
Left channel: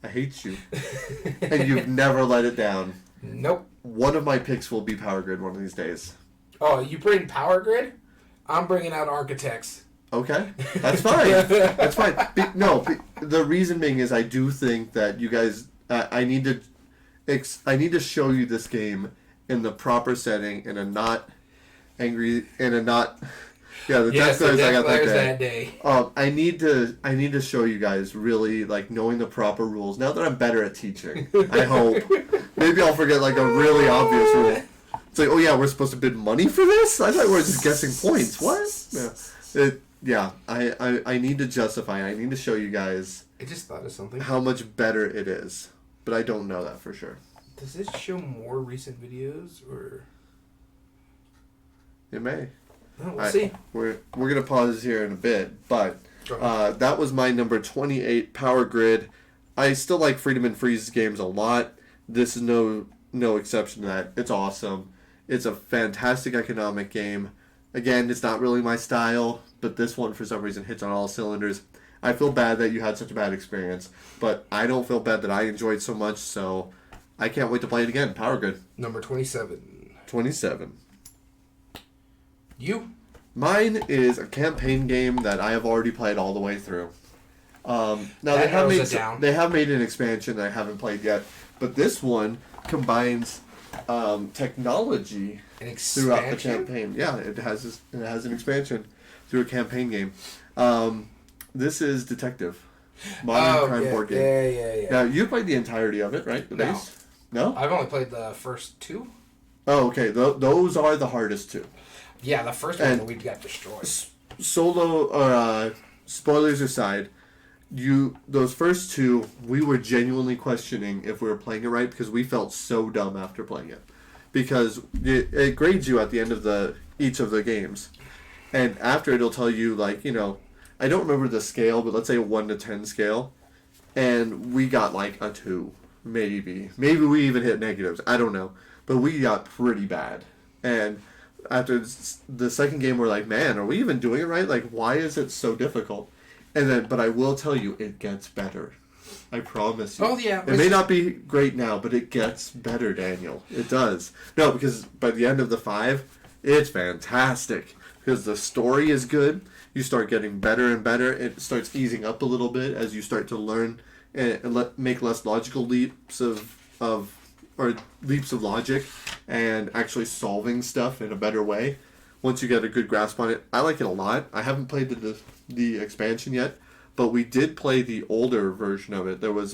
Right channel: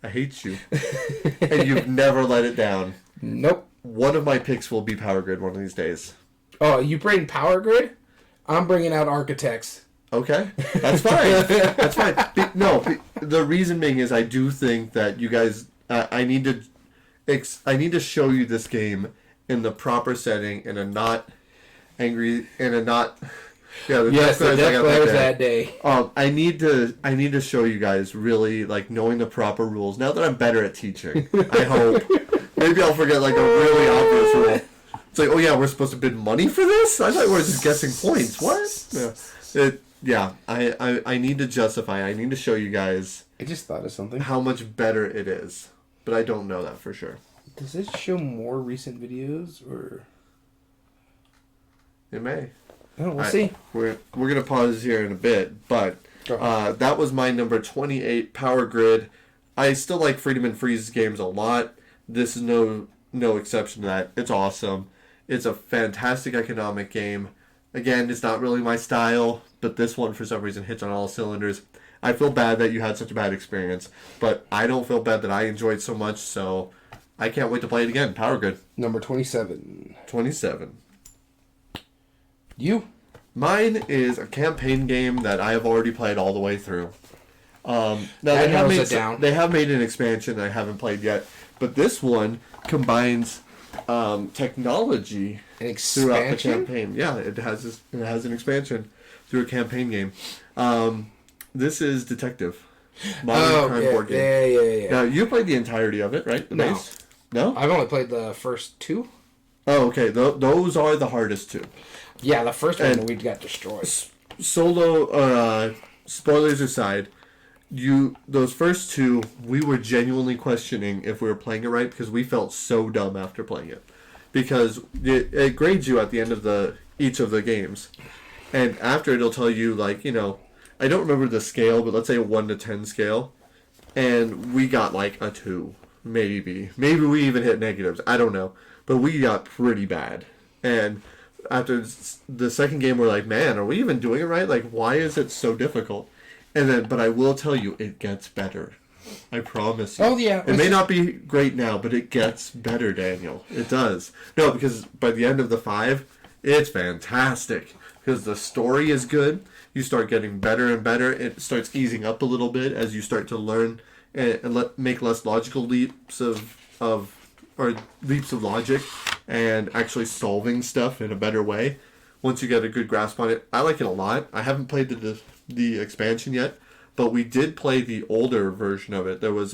I hate you. And you've never let it down. Nope. One of my picks will be Power Grid one of these days. Oh, you bring Power Grid? I'm bringing out Architects. Okay, that's fine. That's fine. The reason being is I do think that you guys, I need to show you this game in the proper setting, in a not angry and a not. Yeah, the Yes, death the glares I death got glares that day. I need to show you guys really like knowing the proper rules. Now that I'm better at teaching, I hope. Maybe I'll forget like a really obvious rule. It's like, oh yeah, we're supposed to bid money for this? I thought we were just guessing points. What? I need to justify. I need to show you guys. I just thought of something. How much better it is, but I don't know that for sure. Does this show more recent videos or? It may. Oh, we'll see. We're gonna pause here in a bit, but that was my number 28, Power Grid. I still like Freedom and Freeze games a lot. This is no exception to that. It's awesome. It's a fantastic economic game. Again, it's not really my style, but this one for some reason hits on all cylinders. I feel bad that you had such a bad experience, but I don't feel bad that I enjoyed so much, so I can't wait to play it again. Power Grid. Number 27. 27. You? Mine is a campaign game that I have already played all the way through. Now they have made an expansion that I haven't played yet, but this one combines technology throughout the campaign. Yeah, it has an expansion through a campaign game. This is Detective, modern crime board game. Yeah. Now you played the entirety of it, right? The base? No, I've only played the first two. Oh, okay. Those are the hardest two. Yeah, the first one we got destroyed. Solo, spoilers aside, those first two, we were genuinely questioning if we were playing it right because we felt so dumb after playing it. Because it grades you at the end of each of the games. And after it'll tell you, like, I don't remember the scale, but let's say a 1 to 10 scale. And we got like a 2, maybe. Maybe we even hit negatives. I don't know. But we got pretty bad. And after the second game, we're like, man, are we even doing it right? Like, why is it so difficult? But I will tell you, it gets better. I promise you. Oh, yeah. It may not be great now, but it gets better, Daniel. It does. No, because by the end of the 5, it's fantastic. Because the story is good. You start getting better and better. It starts easing up a little bit as you start to learn and make less logical leaps of logic and actually solving stuff in a better way once you get a good grasp on it. I like it a lot. I haven't played the expansion yet, but we did play the older version of it. There was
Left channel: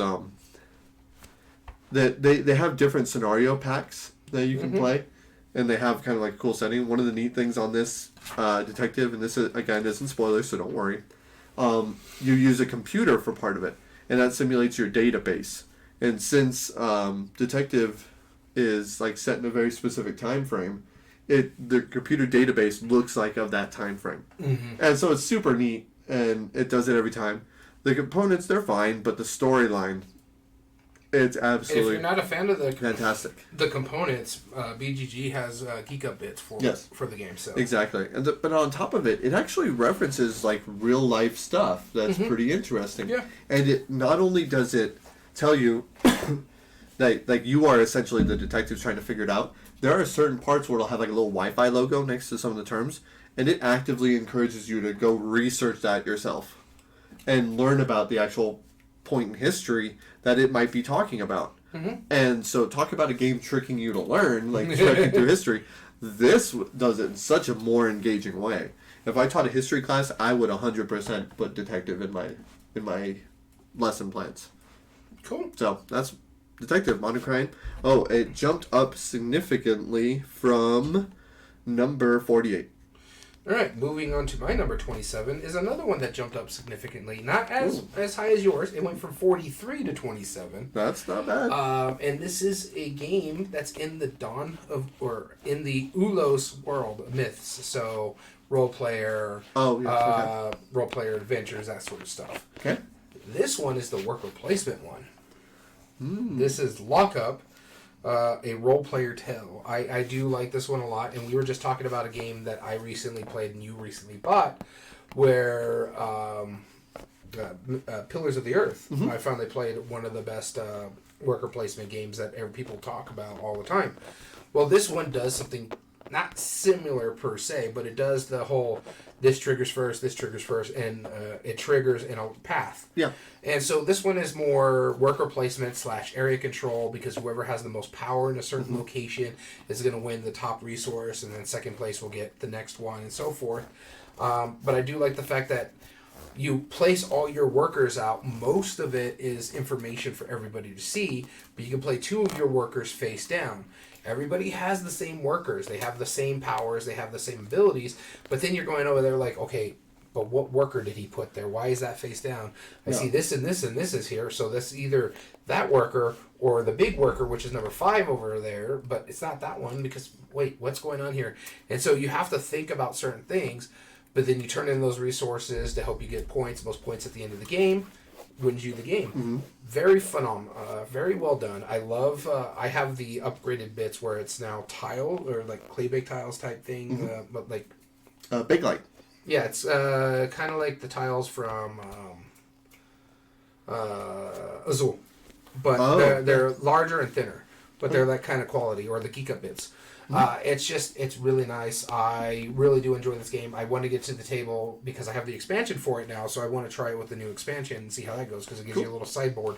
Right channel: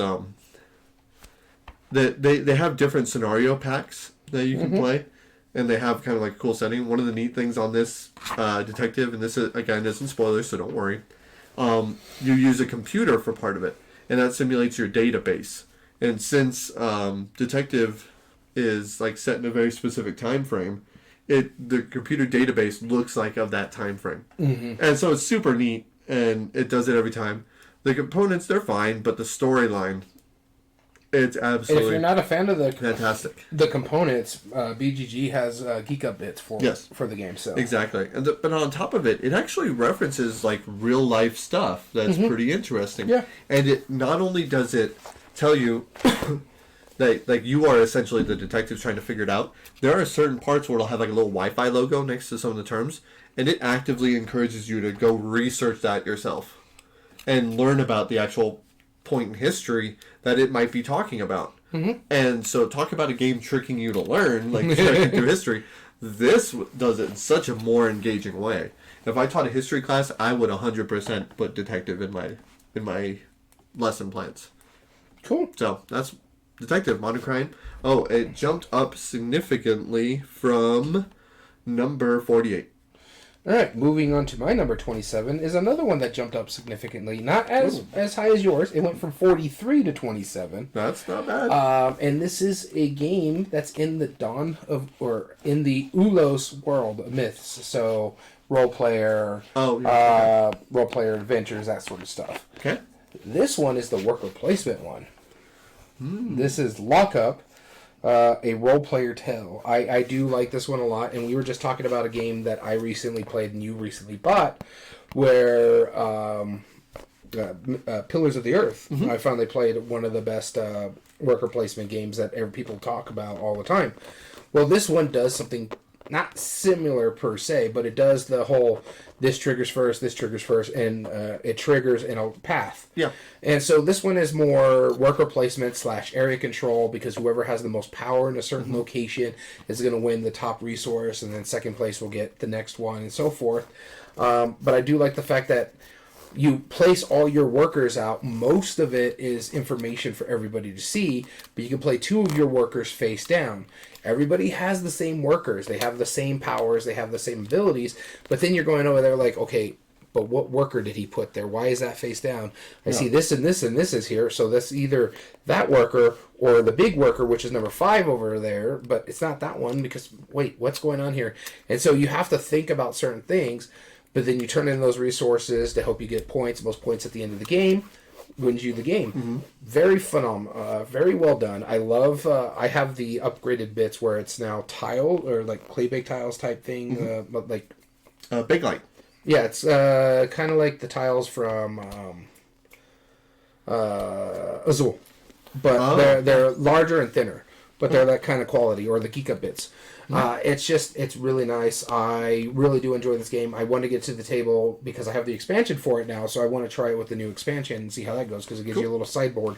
they have different scenario packs that you can play, and they have kind of like a cool setting. One of the neat things on this Detective, and this is, again, isn't spoilers, so don't worry, you use a computer for part of it, and that simulates your database. And since Detective is like set in a very specific time frame, the computer database looks like of that time frame. And so it's super neat, and it does it every time. The components, they're fine, but the storyline, it's absolutely, if you're not a fan of fantastic. The components, BGG has Geek Up bits for the game. So exactly, but on top of it, it actually references like real life stuff that's pretty interesting. Yeah, and it not only does it tell you that like you are essentially the detective trying to figure it out. There are certain parts where it'll have like a little Wi-Fi logo next to some of the terms, and it actively encourages you to go research that yourself and learn about the actual point in history that it might be talking about. And so talk about a game tricking you to learn, like tricking through history. This does it in such a more engaging way. If I taught a history class, I would 100% put detective in my lesson plans. Cool. So that's Detective, Modern Crime. Oh, it jumped up significantly from number 48. All right, moving on to my number 27 is another one that jumped up significantly. Not as high as yours. It went from 43 to 27. That's not bad. And this is a game that's in the in the Ulos world of myths. So role player, role player adventures, that sort of stuff. Okay. This one is the worker placement one. This is Lockup, a role player tale. I do like this one a lot, and we were just talking about a game that I recently played and you recently bought, where Pillars of the Earth. I finally played one of the best worker placement games that people talk about all the time. Well, this one does something not similar per se, but it does the whole this triggers first, and it triggers in a path. Yeah. And so this one is more worker placement / area control, because whoever has the most power in a certain location is going to win the top resource, and then second place will get the next one, and so forth. But I do like the fact that you place all your workers out. Most of it is information for everybody to see, but you can play 2 of your workers face down. Everybody has the same workers. They have the same powers. They have the same abilities. But then you're going over there like, okay, but what worker did he put there? Why is that face down? I see this and this and this is here. So that's either that worker or the big worker, which is number 5 over there. But it's not that one because, wait, what's going on here? And so you have to think about certain things. But then you turn in those resources to help you get points. Most points at the end of the game wins you the game. Very phenomenal. Very well done. I love... I have the upgraded bits where it's now tile or like clay baked tiles type thing. But like... Big Light. Yeah, it's kind of like the tiles from Azul. But they're larger and thinner. But they're that kind of quality. Or the Geeka bits. It's really nice. I really do enjoy this game. I want to get to the table because I have the expansion for it now, so I want to try it with the new expansion and see how that goes because it gives you a little sideboard.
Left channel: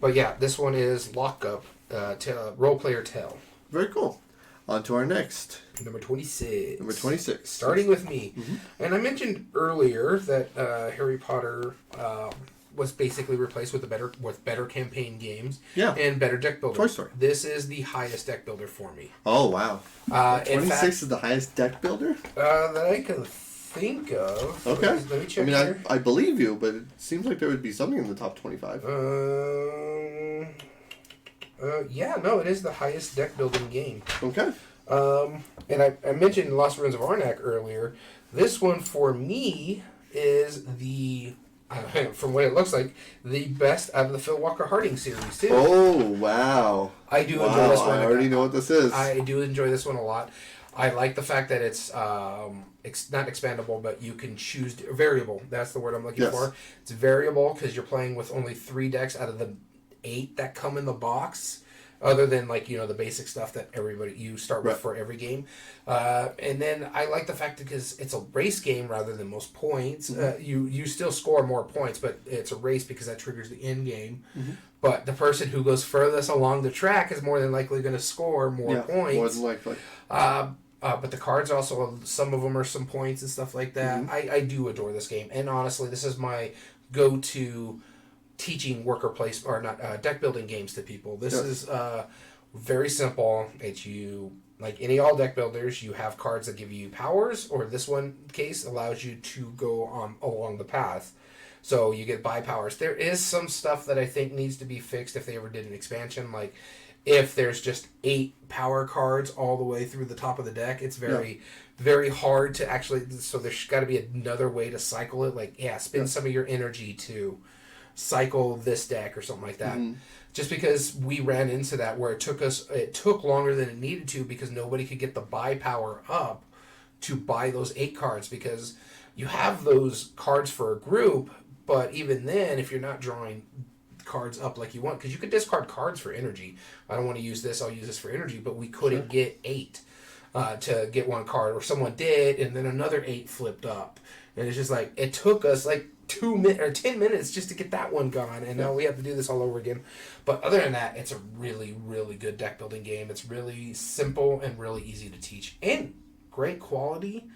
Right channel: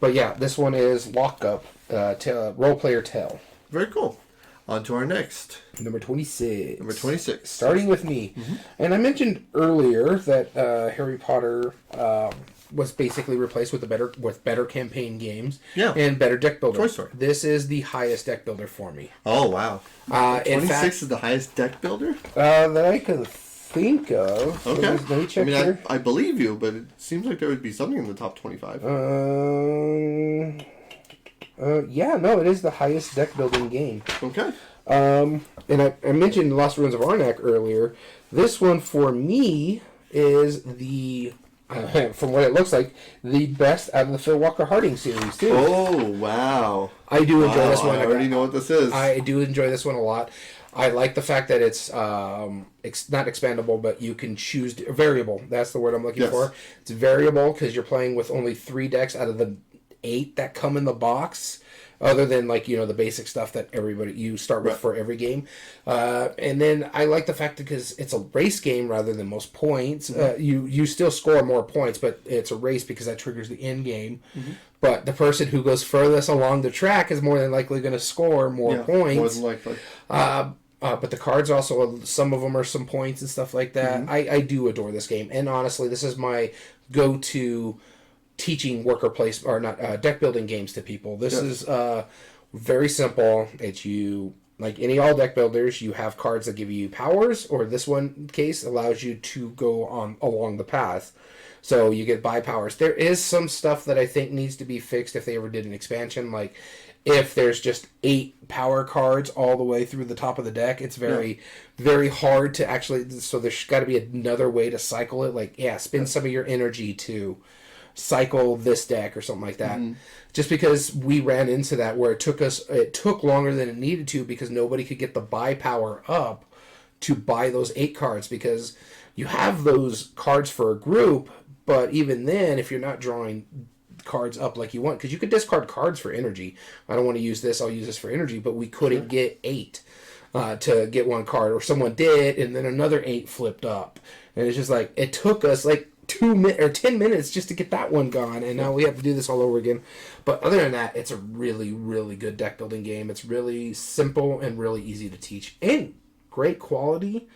But yeah, this one is Lockup, Role Player Tell. Very cool. On to our next. Number 26. Number 26. Starting with me. And I mentioned earlier that Harry Potter... was basically replaced with better campaign games and better deck builder. Toy Story. This is the highest deck builder for me. Oh, wow. 26 fact, is the highest deck builder? That I can think of. Okay. Let me check I mean, here. I believe you, but it seems like there would be something in the top 25. Yeah, no, it is the highest deck building game. Okay. And I mentioned Lost Ruins of Arnak earlier. This one for me is the... from what it looks like, the best out of the Phil Walker Harding series, too. Oh, wow. I do enjoy this one. I already know what this is. I do enjoy this one a lot. I like the fact that it's not expandable, but you can choose... variable, that's the word I'm looking for. It's variable because you're playing with only 3 decks out of the 8 that come in the box. Other than, like, you know, the basic stuff that you start with for every game. And then I like the fact that because it's a race game rather than most points, you still score more points, but it's a race because that triggers the end game. But the person who goes furthest along the track is more than likely going to score more points. More than likely. But the cards also, some of them are some points and stuff like that. I do adore this game. And honestly, this is my go-to... teaching worker place or not deck building games to people. This is very simple. It's like any all deck builders, you have cards that give you powers, or this one case allows you to go on along the path. So you get buy powers. There is some stuff that I think needs to be fixed if they ever did an expansion, like if there's just 8 power cards all the way through the top of the deck, it's very hard to actually, so there's got to be another way to cycle it, like spend some of your energy to cycle this deck or something like that. Just because we ran into that where it took longer than it needed to because nobody could get the buy power up to buy those 8 cards, because you have those cards for a group, but even then, if you're not drawing cards up like you want, because you could discard cards for energy. I don't want to use this, I'll use this for energy, but we couldn't get 8 to get 1 card, or someone did and then another 8 flipped up, and it's just like it took us like 10 minutes just to get that one gone, and now we have to do this all over again. But other than that, it's a really, really good deck building game. It's really simple and really easy to teach, and great quality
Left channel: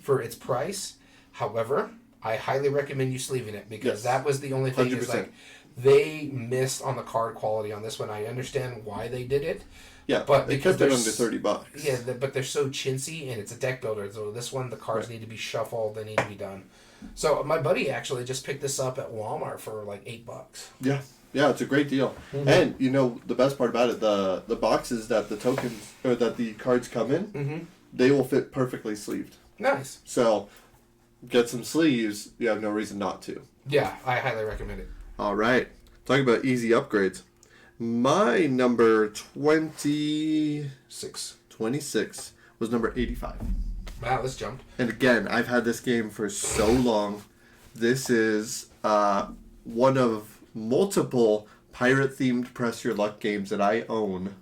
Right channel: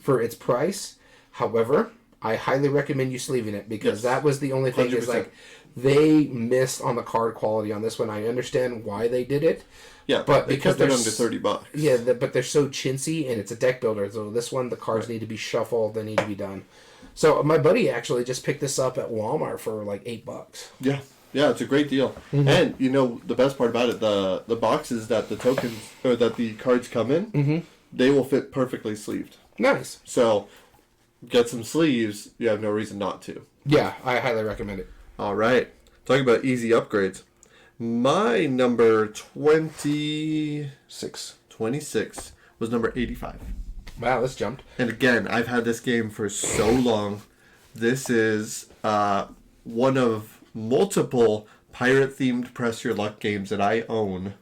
for its price. However, I highly recommend you sleeving it, because that was the only thing 100%. Is like they missed on the card quality on this one. I understand why they did it. Yeah, but they kept it under $30. Yeah, but they're so chintzy, and it's a deck builder. So this one, the cards need to be shuffled. They need to be done. So my buddy actually just picked this up at Walmart for like $8. Yeah, it's a great deal. And you know the best part about it, the boxes that the tokens or that the cards come in, they will fit perfectly sleeved. Nice. So get some sleeves. You have no reason not to. Yeah, I highly recommend it. All right, talking about easy upgrades. My number 26 was number 85. Wow, this jumped. And again, I've had this game for so long. This is one of multiple pirate-themed Press Your Luck games that I own.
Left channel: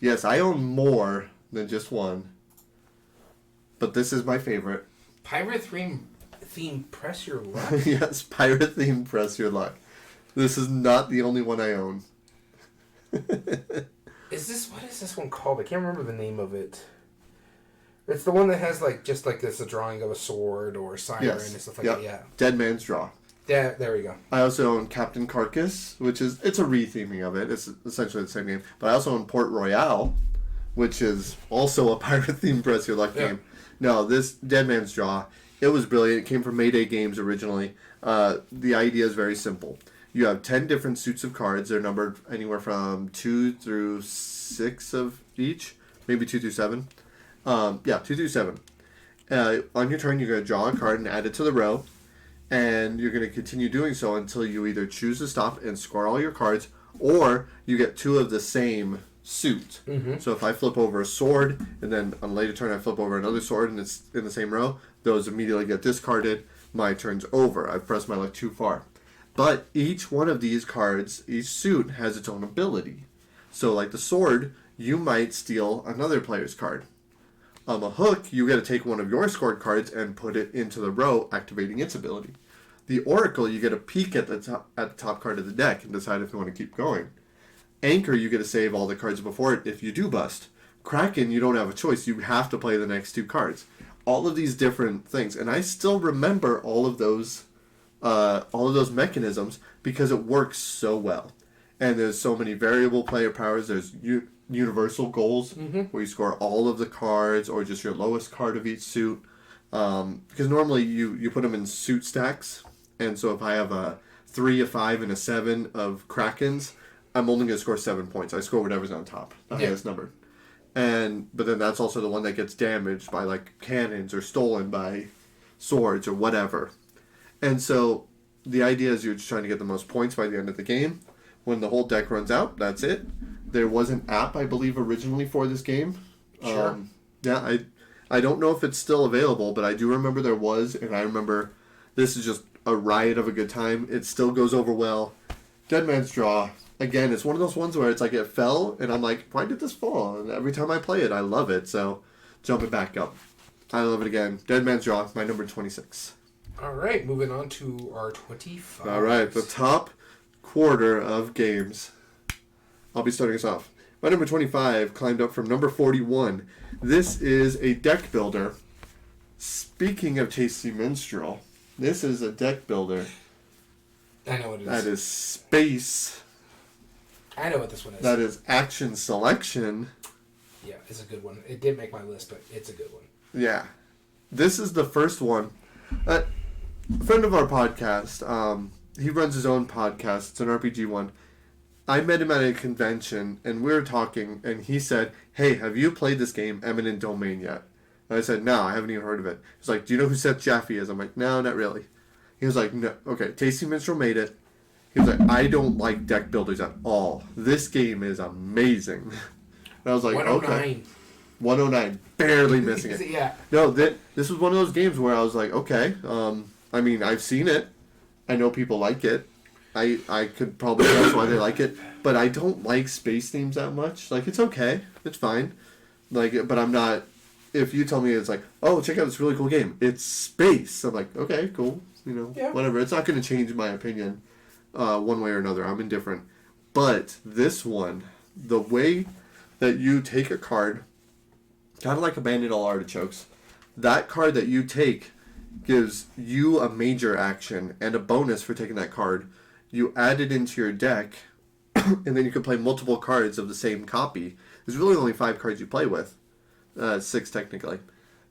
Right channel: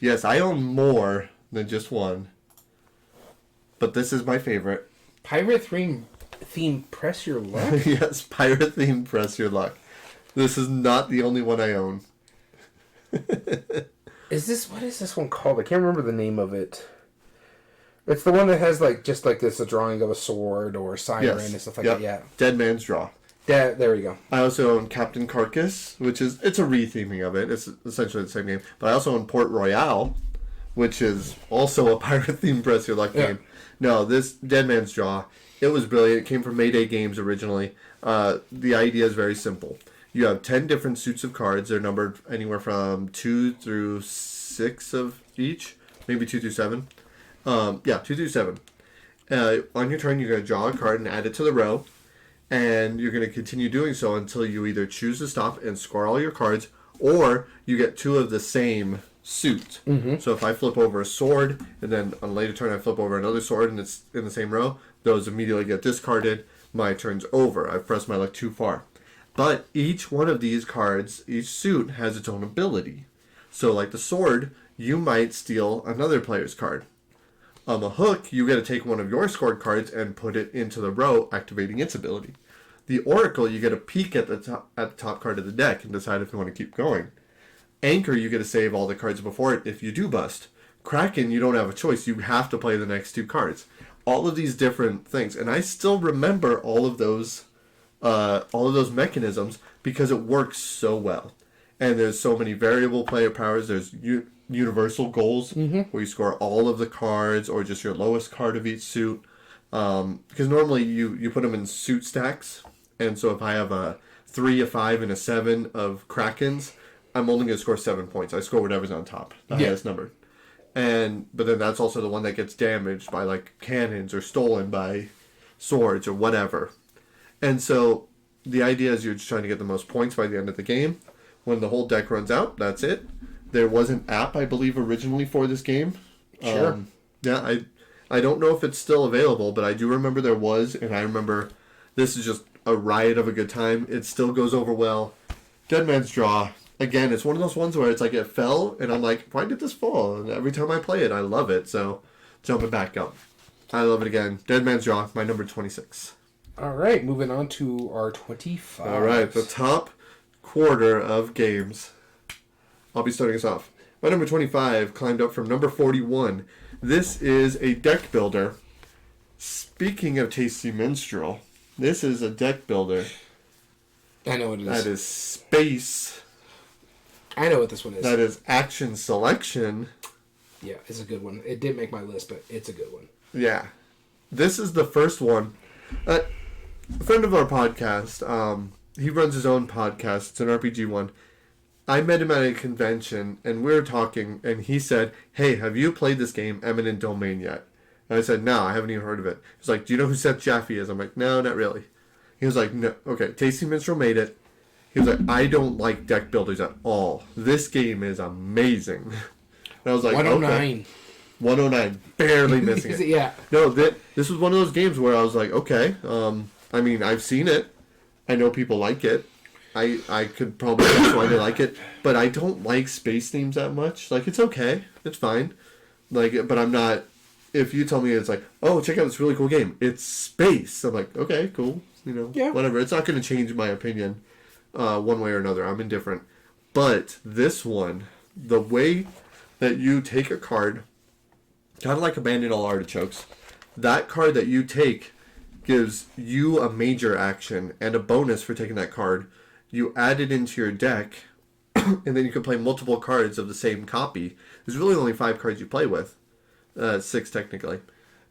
Yes, I own more than just one. but this is my favorite. Pirate theme Press Your Luck? Yes, pirate theme Press Your Luck. This is not the only one I own. What is this one called? I can't remember the name of it. It's the one that has just like this, a drawing of a sword or a siren and stuff like that. Yeah. Dead Man's Draw. There we go. I also own Captain Carcass, it's a re-theming of it. It's essentially the same game. But I also own Port Royale, which is also a pirate-themed Press Your Luck game. No, this Dead Man's Draw, it was brilliant. It came from Mayday Games originally. The idea is very simple. You have 10 different suits of cards. They're numbered anywhere from 2 through 6 of each. Maybe 2 through 7. 2 through 7. On your turn, you're going to draw a card and add it to the row. And you're going to continue doing so until you either choose to stop and score all your cards, or you get 2 of the same suit. Mm-hmm. So if I flip over a sword, and then on a later turn I flip over another sword, and it's in the same row, those immediately get discarded. My turn's over. I've pressed my luck too far. But each one of these cards, each suit, has its own ability. So like the sword, you might steal another player's card. On the hook, you get to take one of your scored cards and put it into the row, activating its ability. The Oracle, you get a peek at the top card of the deck and decide if you want to keep going. Anchor, you get to save all the cards before it if you do bust. Kraken, you don't have a choice. You have to play the next 2 cards. All of these different things. And I still remember all of those mechanisms because it works so well. And there's so many variable player powers. There's universal goals, where you score all of the cards or just your lowest card of each suit. Because normally you put them in suit stacks. And so if I have a 3, a 5, and a 7 of Krakens, I'm only going to score 7 points. I score whatever's on top, the highest number. But then that's also the one that gets damaged by like cannons or stolen by swords or whatever. And so the idea is you're just trying to get the most points by the end of the game. When the whole deck runs out, that's it. There was an app, I believe, originally for this game. Sure. I don't know if it's still available, but I do remember there was, and I remember this is just a riot of a good time. It still goes over well. Dead Man's Draw. Again, it's one of those ones where it's like it fell, and I'm like, why did this fall? And every time I play it, I love it. So, jumping back up. I love it again. Dead Man's Draw, my number 26. All right, moving on to our 25. All right, the top quarter of games. I'll be starting us off. My number 25 climbed up from number 41. This is a deck builder. Speaking of Tasty Minstrel, this is a deck builder. I know what it is. That is space. I know what this one is. That is action selection. Yeah, it's a good one. It did make my list, but it's a good one. Yeah. This is the first one. A friend of our podcast, he runs his own podcast. It's an RPG one. I met him at a convention, and we were talking, and he said, hey, have you played this game, Eminent Domain, yet? And I said, no, I haven't even heard of it. He's like, do you know who Seth Jaffe is? I'm like, no, not really. He was like, no, okay, Tasty Minstrel made it. He was like, I don't like deck builders at all. This game is amazing. And I was like, 109. Okay. 109, barely missing it. Yeah. No, this was one of those games where I was like, okay, I mean, I've seen it. I know people like it. I could probably guess why they like it, but I don't like space themes that much. Like, it's okay. It's fine. Like, but I'm not, if you tell me it's like, oh, check out this really cool game. It's space. I'm like, okay, cool. You know, whatever. It's not going to change my opinion one way or another. I'm indifferent. But this one, the way that you take a card, kind of like Abandoned All Artichokes, that card that you take gives you a major action and a bonus for taking that card. You add it into your deck, and then you can play multiple cards of the same copy. There's really only 5 cards you play with. 6 technically.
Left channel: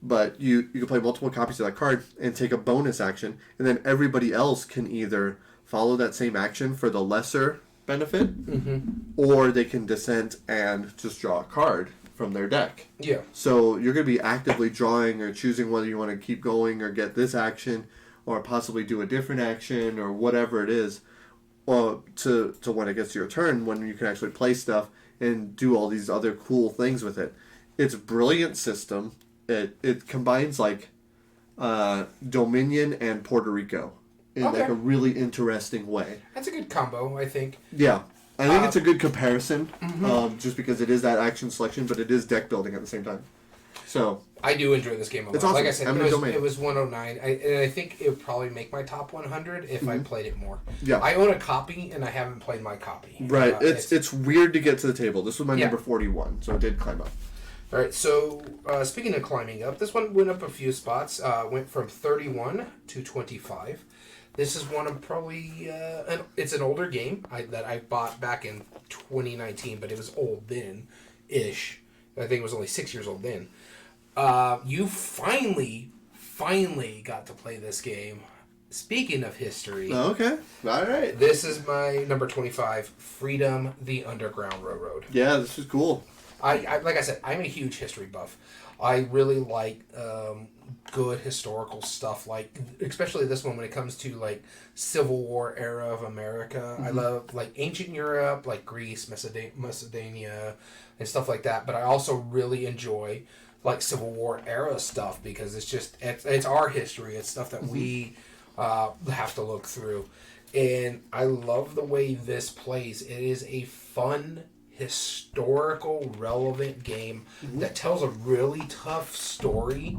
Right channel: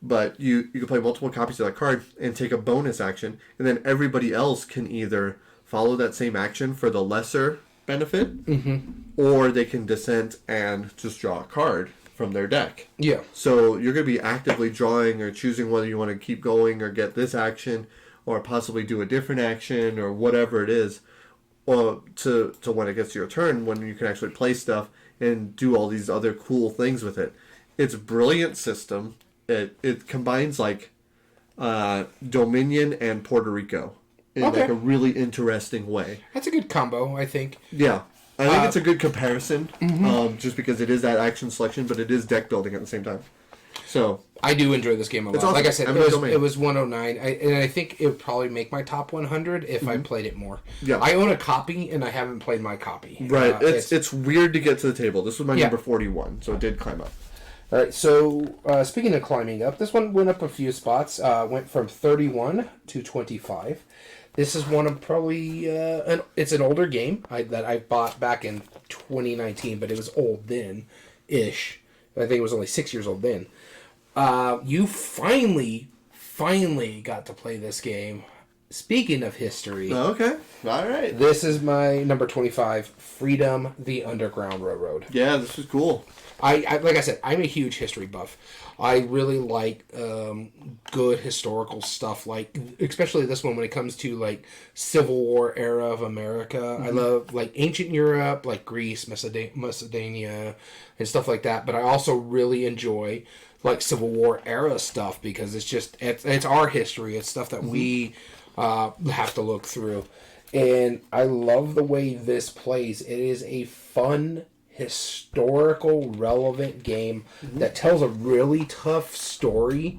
But you can play multiple copies of that card and take a bonus action, and then everybody else can either follow that same action for the lesser benefit, or they can dissent and just draw a card from their deck. Yeah. So you're going to be actively drawing or choosing whether you want to keep going or get this action or possibly do a different action or whatever it is, or to when it gets to your turn, when you can actually play stuff and do all these other cool things with it. It's a brilliant system. It combines like Dominion and Puerto Rico in like a really interesting way. That's a good combo, I think. Yeah. I think it's a good comparison, just because it is that action selection, but it is deck building at the same time. So I do enjoy this game a lot. It's awesome. Like I said, Eminent Domain. it was 109, and I think it would probably make my top 100 if I played it more. Yeah. I own a copy, and I haven't played my copy. right, it's weird to get to the table. This was my Yeah. number 41, so it did climb up. All right, so speaking of climbing up, this one went up a few spots. Went from 31 to 25. This is one of probably it's an older game that I bought back in 2019, but it was old then, ish. I think it was only 6 years old then. You finally got to play this game. Speaking of history, Okay, all right. this is my number 25, Freedom: The Underground Railroad. Yeah, this is cool. I like I said, I'm a huge history buff. I really like good historical stuff, like especially this one when it comes to like Civil War era of America. I love like ancient Europe, like Greece, Macedonia, and stuff like that. But I also really enjoy like Civil War era stuff because it's our history. It's stuff that we have to look through, and I love the way this plays. It is a fun, historical, relevant game that tells a really tough story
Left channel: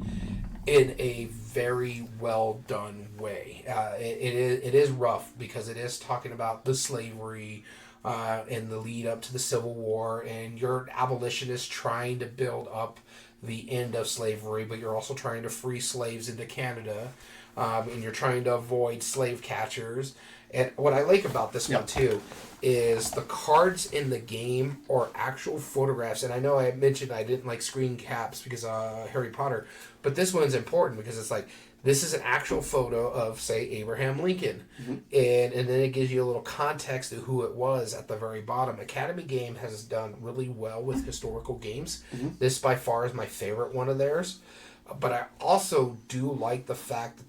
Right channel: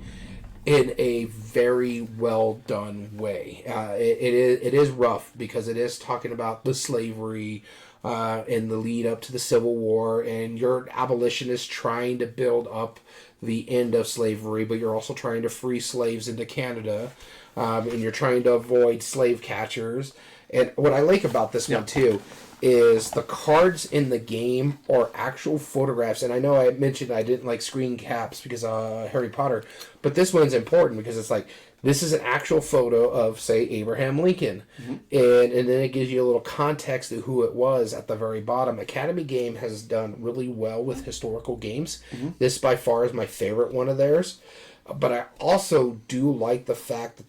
in a very well done way. It is rough because it is talking about the slavery and the lead up to the Civil War, and your abolitionist trying to build up the end of slavery, but you're also trying to free slaves into Canada, and you're trying to avoid slave catchers. And what I like about this one too is the cards in the game are actual photographs. And I know I mentioned I didn't like screen caps because Harry Potter, but this one's important because it's like this is an actual photo of, say, Abraham Lincoln, and then it gives you a little context of who it was at the very bottom. Academy Game has done really well with historical games. This by far is my favorite one of theirs. But I also do like the fact that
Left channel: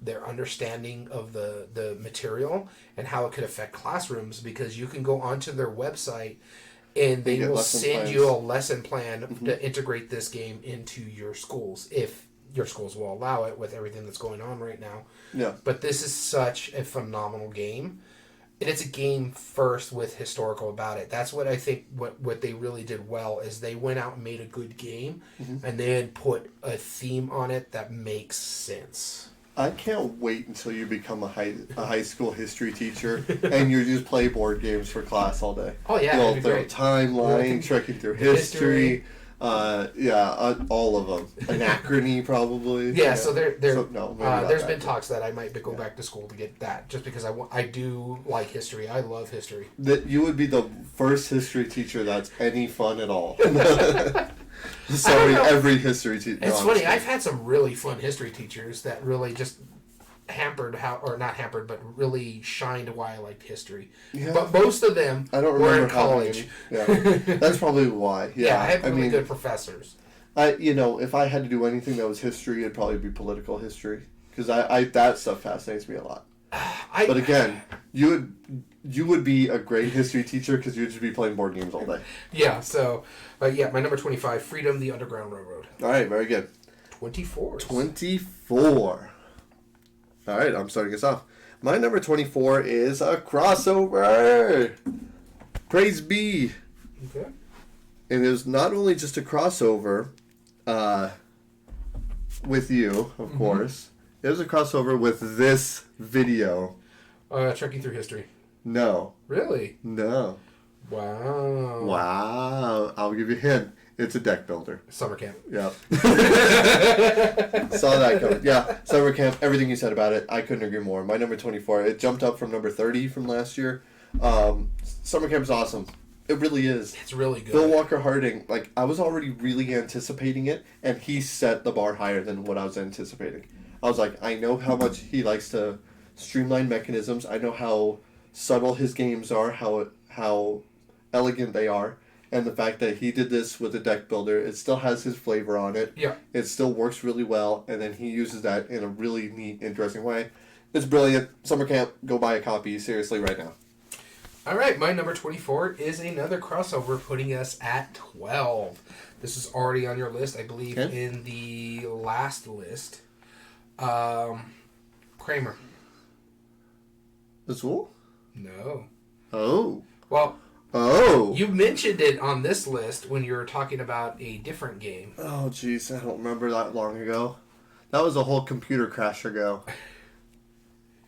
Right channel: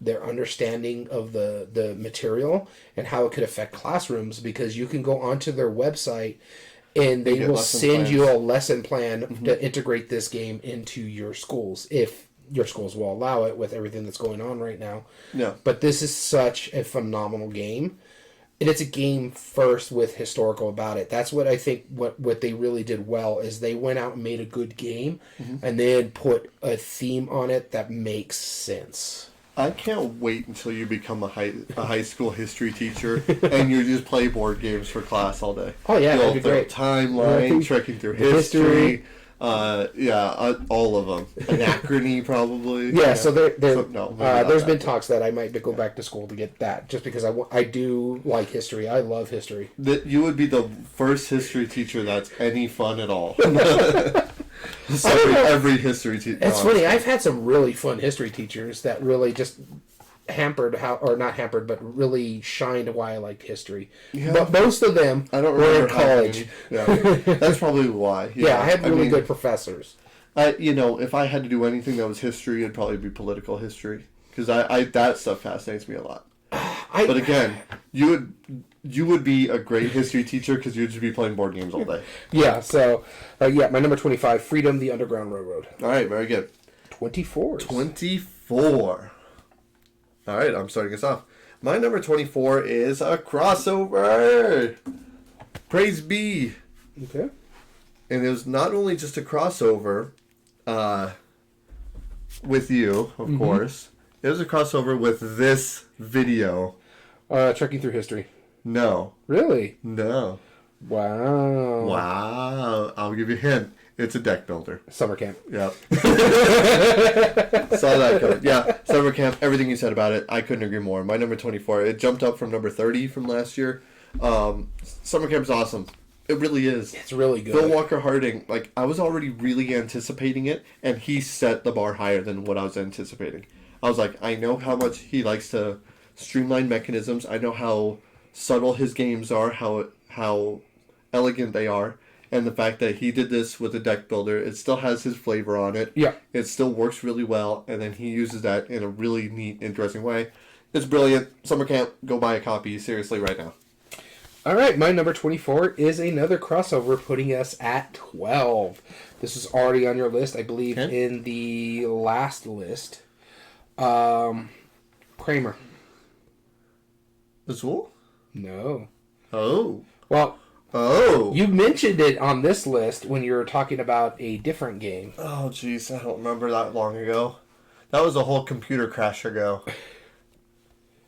their understanding of the material and how it could affect classrooms, because you can go onto their website and they will send you a lesson plan to integrate this game into your schools, if your schools will allow it with everything that's going on right now. Yeah. But this is such a phenomenal game. And it's a game first with historical about it. That's what I think what they really did well is they went out and made a good game and then put a theme on it that makes sense. I can't wait until you become a high school history teacher and you just play board games for class all day. Oh yeah, Go that'd be through a great. timeline, trekking through history. All of them. Anachrony, probably. Yeah, so there's not been that. talks that I might go back to school to get that, just because I do like history. I love history. That you would be the first history teacher that's any fun at all. Every history teacher. It's funny. I've had some really fun history teachers that really just not hampered, but really shined why I liked history. Yeah. But most of them I don't were remember in college. Yeah, that's probably why. Yeah, I had really good professors. If I had to do anything that was history, it'd probably be political history, because I that stuff fascinates me a lot. But again, you would be a great history teacher because you'd just be playing board games all day. Yeah. So, my number 25, Freedom: The Underground Railroad. All right, very good. 24. 24. All right, I'm starting us off. My number 24 is a crossover. Praise be. Okay. And it was not only just a crossover with you, of course. It was a crossover with this video. Trekking Through History. No. Really? No. Wow. Wow. I'll give you a hint. It's a deck builder. Summer camp. Yep. Saw that coming. Yeah, summer camp, everything you said about it, I couldn't agree more. My number 24, it jumped up from number 30 from last year. Summer camp is awesome. It really is. It's really good. Phil Walker Harding, I was already really anticipating it, and he set the bar higher than what I was anticipating. I was like, I know how much he likes to streamline mechanisms. I know how subtle his games are, how elegant they are. And the fact that he did this with a deck builder, it still has his flavor on it. Yeah. It still works really well, and then he uses that in a really neat, interesting way. It's brilliant. Summer camp, go buy a copy, seriously, right now. All right, my number 24 is another crossover, putting us at 12. This is already on your list, I believe, in the last list. Kramer. The Zool? No. Oh. Well, Oh. You mentioned it on this list when you were talking about a different game. Oh, jeez. I don't remember that long ago. That was a whole computer crash ago.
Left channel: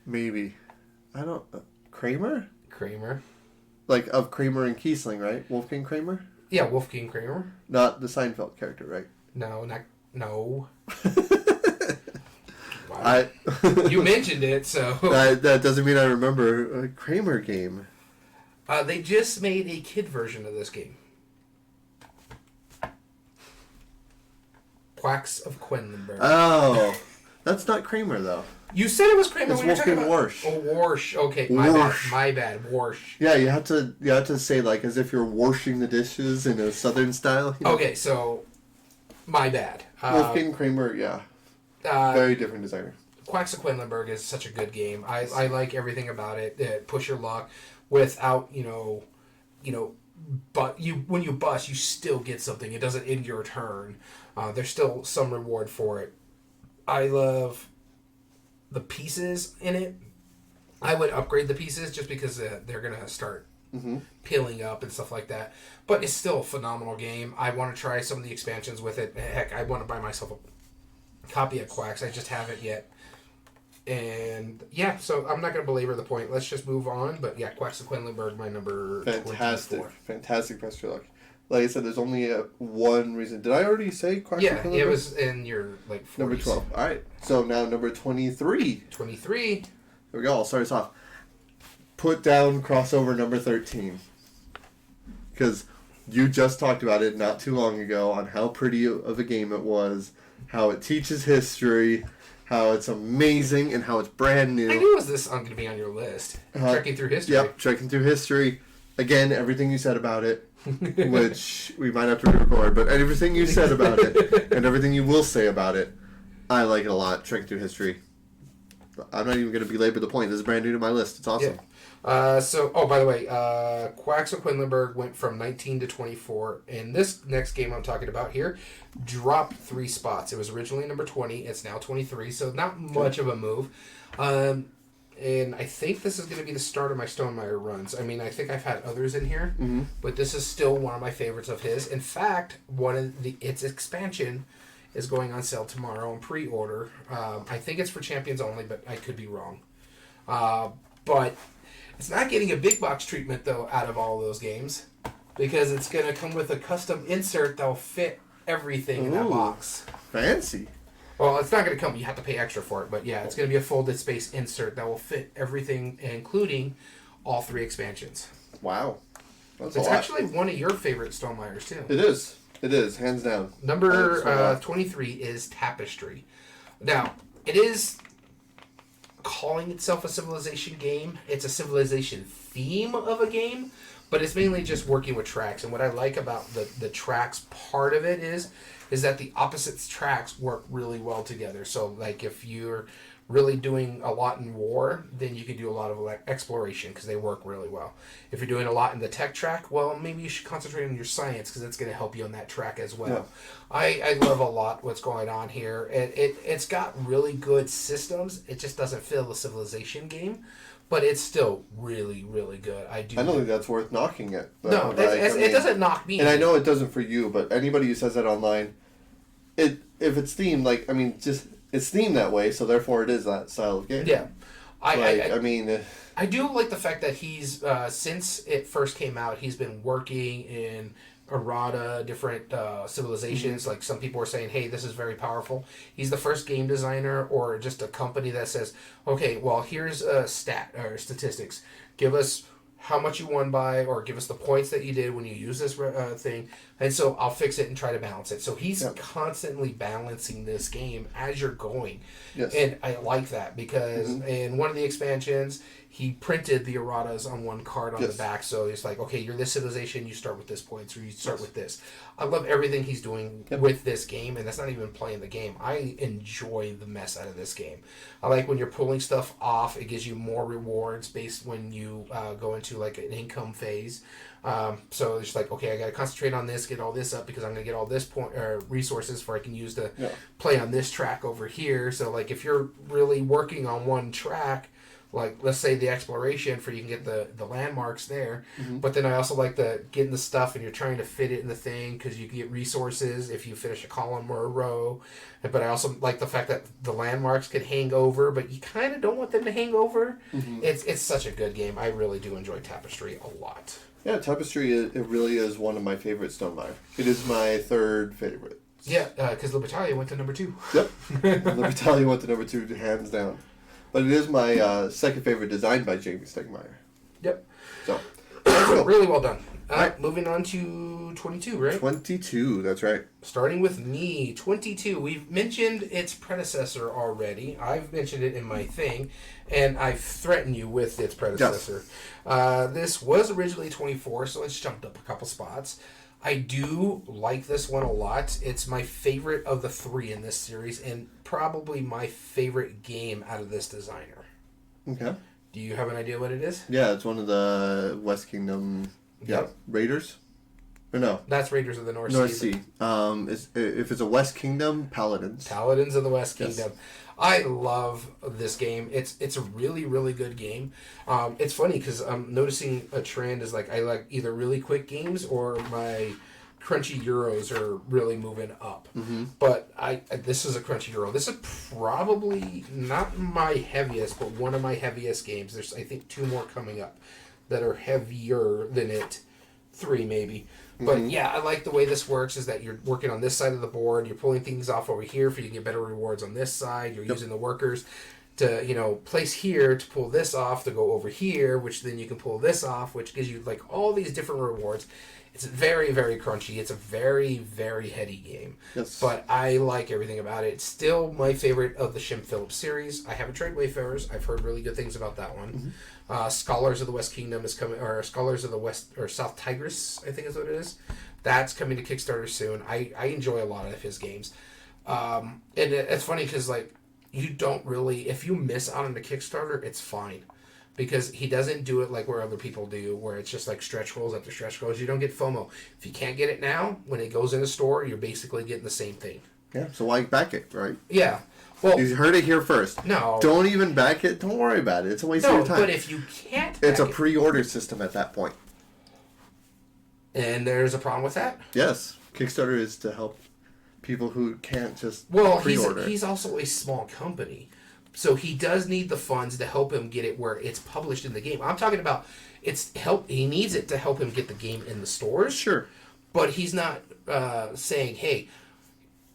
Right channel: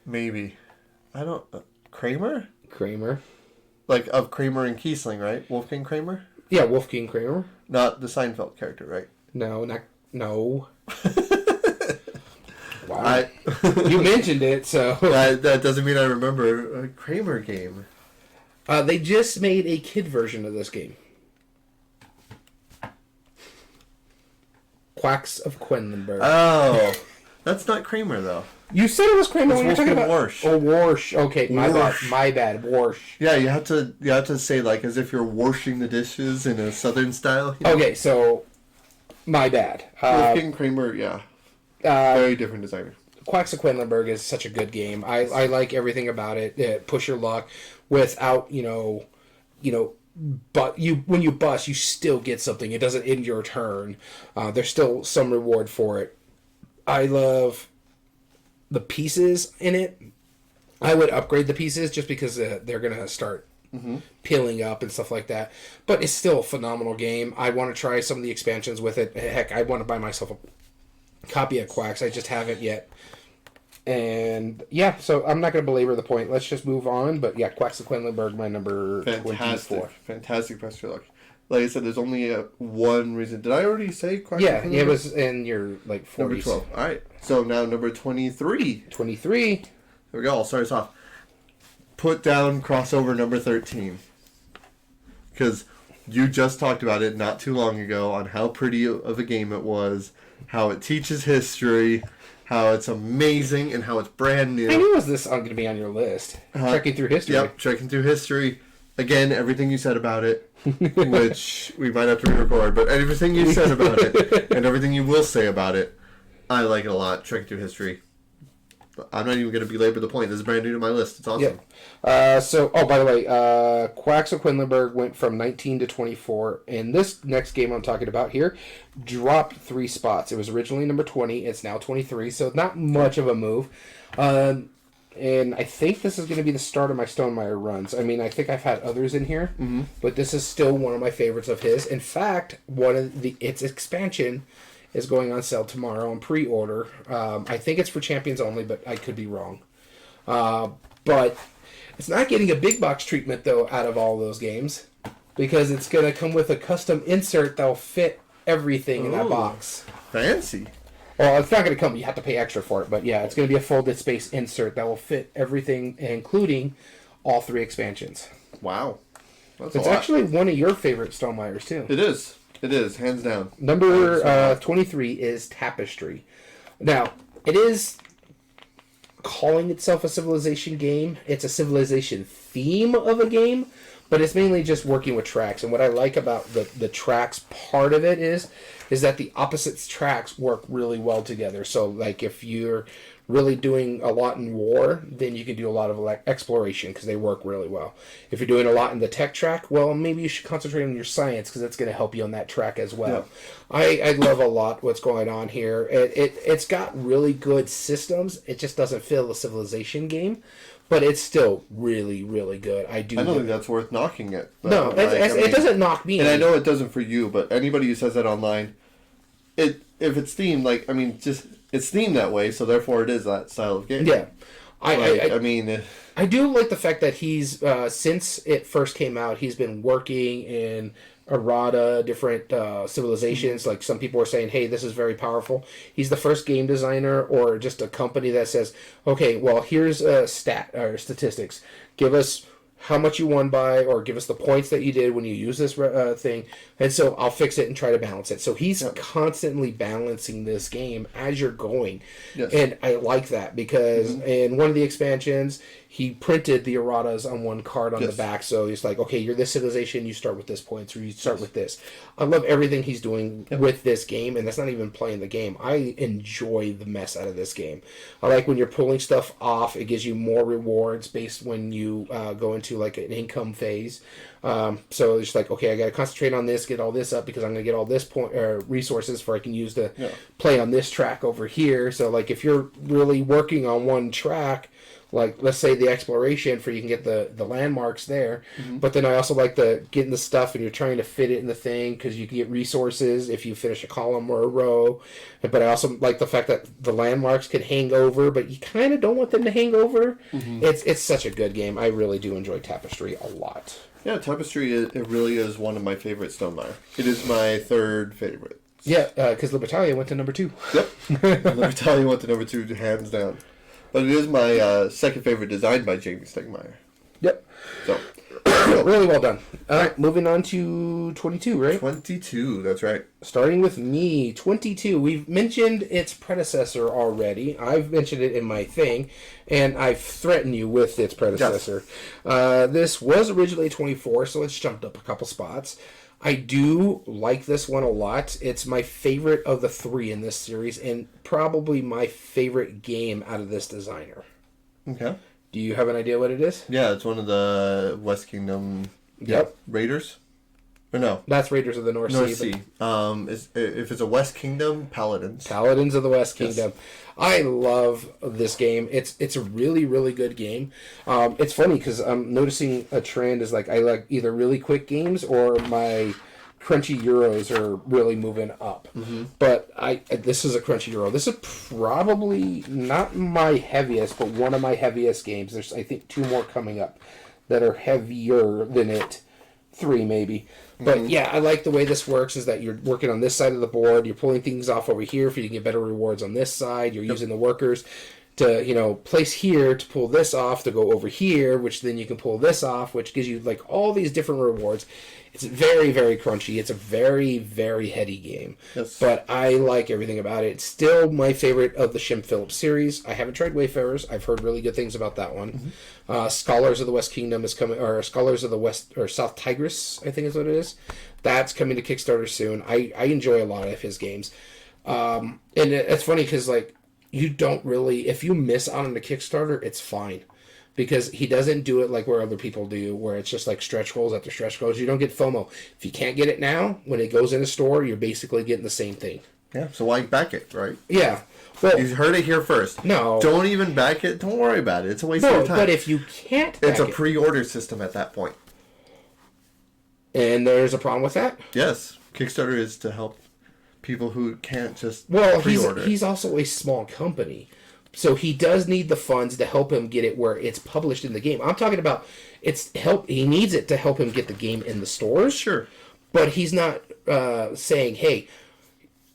Maybe. I don't... Kramer? Kramer. Like, of Kramer and Kiesling, right? Wolfgang Kramer? Yeah, Wolfgang Kramer. Not the Seinfeld character, right? No. Wow. I You mentioned it, so... that doesn't mean I remember a Kramer game. They just made a kid version of this game. Quacks of Quedlinburg. Oh. That's not Kramer, though. You said it was Kramer It's when you were talking about... Warsh. Oh, Warsh. Okay, my bad. Warsh. Yeah, you have to say, like, as if you're washing the dishes in a southern style. You know? Okay, so... My bad. Wolfgang Kramer, yeah. Very different designer. Quacks of Quedlinburg is such a good game. I like everything about it. Push your luck without, but when you bust, you still get something. It doesn't end your turn. There's still some reward for it. I love the pieces in it. I would upgrade the pieces just because they're going to start peeling up and stuff like that. But it's still a phenomenal game. I want to try some of the expansions with it. Heck, I want to buy myself a copy of Quacks. I just haven't yet. And yeah, so I'm not going to belabor the point. Let's just move on. But yeah, Quacks of Quedlinburg, my number 24. Fantastic best of luck. Like I said, there's only one reason. Did I already say Quacks of Quedlinburg? Yeah, it was in your 40s. Number 12. All right. So now number 23. 23. There we go. I'll start us off. Put down crossover number 13. Because you just talked about it not too long ago on how pretty of a game it was, how it teaches history, how it's amazing, and how it's brand new. I knew this going to be on your list. Trekking through history. Yep, trekking through history. Again, everything you said about it, which we might have to re-record, but everything you said about it, and everything you will say about it, I like it a lot, trekking through history. I'm not even going to belabor the point. This is brand new to my list. It's awesome. By the way, Quacks of Quedlinburg went from 19 to 24. And this next game I'm talking about here dropped 3 spots. It was originally number 20. It's now 23, so not much of a move. And I think this is going to be the start of my Stonemaier runs. I mean, I think I've had others in here, but this is still one of my favorites of his. In fact, its expansion is going on sale tomorrow on pre-order. I think it's for Champions only, but I could be wrong. But it's not getting a big box treatment, though, out of all those games, because it's going to come with a custom insert that will fit everything in that box. Fancy. Well, it's not going to come. You have to pay extra for it. But yeah, it's going to be a folded space insert that will fit everything, including all 3 expansions. Wow. It's actually one of your favorite Stonemaiers, too. It is. It is, hands down. Number 23 is Tapestry. Now, it is calling itself a Civilization game. It's a Civilization theme of a game, but it's mainly just working with tracks. And what I like about the tracks part of it is that the opposite tracks work really well together. So, like, if you're really doing a lot in war, then you can do a lot of exploration because they work really well. If you're doing a lot in the tech track, well, maybe you should concentrate on your science because it's going to help you on that track as well. Yeah. I love a lot what's going on here. It's got really good systems. It just doesn't feel a Civilization game, but it's still really, really good. I don't think that's worth knocking it. No, it doesn't knock me. And I know it doesn't for you, but anybody who says that online, if it's themed, it's themed that way, so therefore it is that style of game. Yeah. I do like the fact that he's, since it first came out, he's been working in errata, different civilizations. Like, some people are saying, hey, this is very powerful. He's the first game designer or just a company that says, okay, well, here's a statistics. Give us how much you won by, or give us the points that you did when you use this thing, and so I'll fix it and try to balance it. So he's constantly balancing this game as you're going. Yes. And I like that because in one of the expansions, he printed the erratas on one card on the back. So it's like, okay, you're this civilization, you start with this points, or you start with this. I love everything he's doing with this game, and that's not even playing the game. I enjoy the mess out of this game. I like when you're pulling stuff off, it gives you more rewards based when you go into like an income phase. So it's like, okay, I got to concentrate on this, get all this up because I'm going to get all this resources for I can use to play on this track over here. So like if you're really working on one track, like, let's say the exploration for you can get the landmarks there, Mm-hmm. but then I also like the getting the stuff and you're trying to fit it in the thing because you can get resources if you finish a column or a row. But I also like the fact that the landmarks could hang over, but you kind of don't want them to hang over. Mm-hmm. It's such a good game. I really do enjoy Tapestry a lot. Yeah, Tapestry, it really is one of my favorite Stonemaier. It is my third favorite. Yeah, because Libertalia went to number 2. Yep. Libertalia went to number 2, hands down. But it is my second favorite, designed by Jamie Stegmaier. Yep. So, really well done. All right, moving on to 22, right? 22, that's right. Starting with me, 22. We've mentioned its predecessor already. I've mentioned it in my thing, and I've threatened you with its predecessor. Yes. This was originally 24, so it's jumped up a couple spots. I do like this one a lot. It's my favorite of the 3 in this series, and probably my favorite game out of this designer. Okay. Do you have an idea what it is? Yeah, it's one of the West Kingdom Raiders. Or no? That's Raiders of the North Sea. If it's a West Kingdom, Paladins. Paladins of the West Kingdom. Yes. I love this game. It's a really, really good game. It's funny because I'm noticing a trend is like I like either really quick games or my crunchy Euros are really moving up. Mm-hmm. But this is a crunchy Euro. This is probably not my heaviest, but one of my heaviest games. There's I think 2 more coming up that are heavier than it. 3 maybe. But yeah, I like the way this works is that you're working on this side of the board, you're pulling things off over here for you to get better rewards on this side, you're using the workers to, place here to pull this off to go over here, which then you can pull this off, which gives you like all these different rewards. It's very, very crunchy. It's a very, very heady game. Yes. But I like everything about it. It's still my favorite of the Shim Phillips series. I haven't tried Wayfarers. I've heard really good things about that one. Scholars of the West Kingdom is coming, or Scholars of the West, or South Tigris, I think is what it is. That's coming to Kickstarter soon. I enjoy a lot of his games. And it's funny because, like, you don't really, if you miss out on the Kickstarter, it's fine. Because he doesn't do it like where other people do, where it's just like stretch goals after stretch goals. You don't get FOMO. If you can't get it now, when it goes in the store, you're basically getting the same thing. Yeah, so why back it, right? Yeah. Well, you heard it here first. No. Don't even back it. Don't worry about it. It's a waste of your time. But if you can't it's a pre-order system at that point. And there's a problem with that? Yes. Kickstarter is to help people who can't just pre-order. He's also a small company. So he does need the funds to help him get it where it's published in the game. I'm talking about he needs it to help him get the game in the stores. Sure. But he's not saying, hey,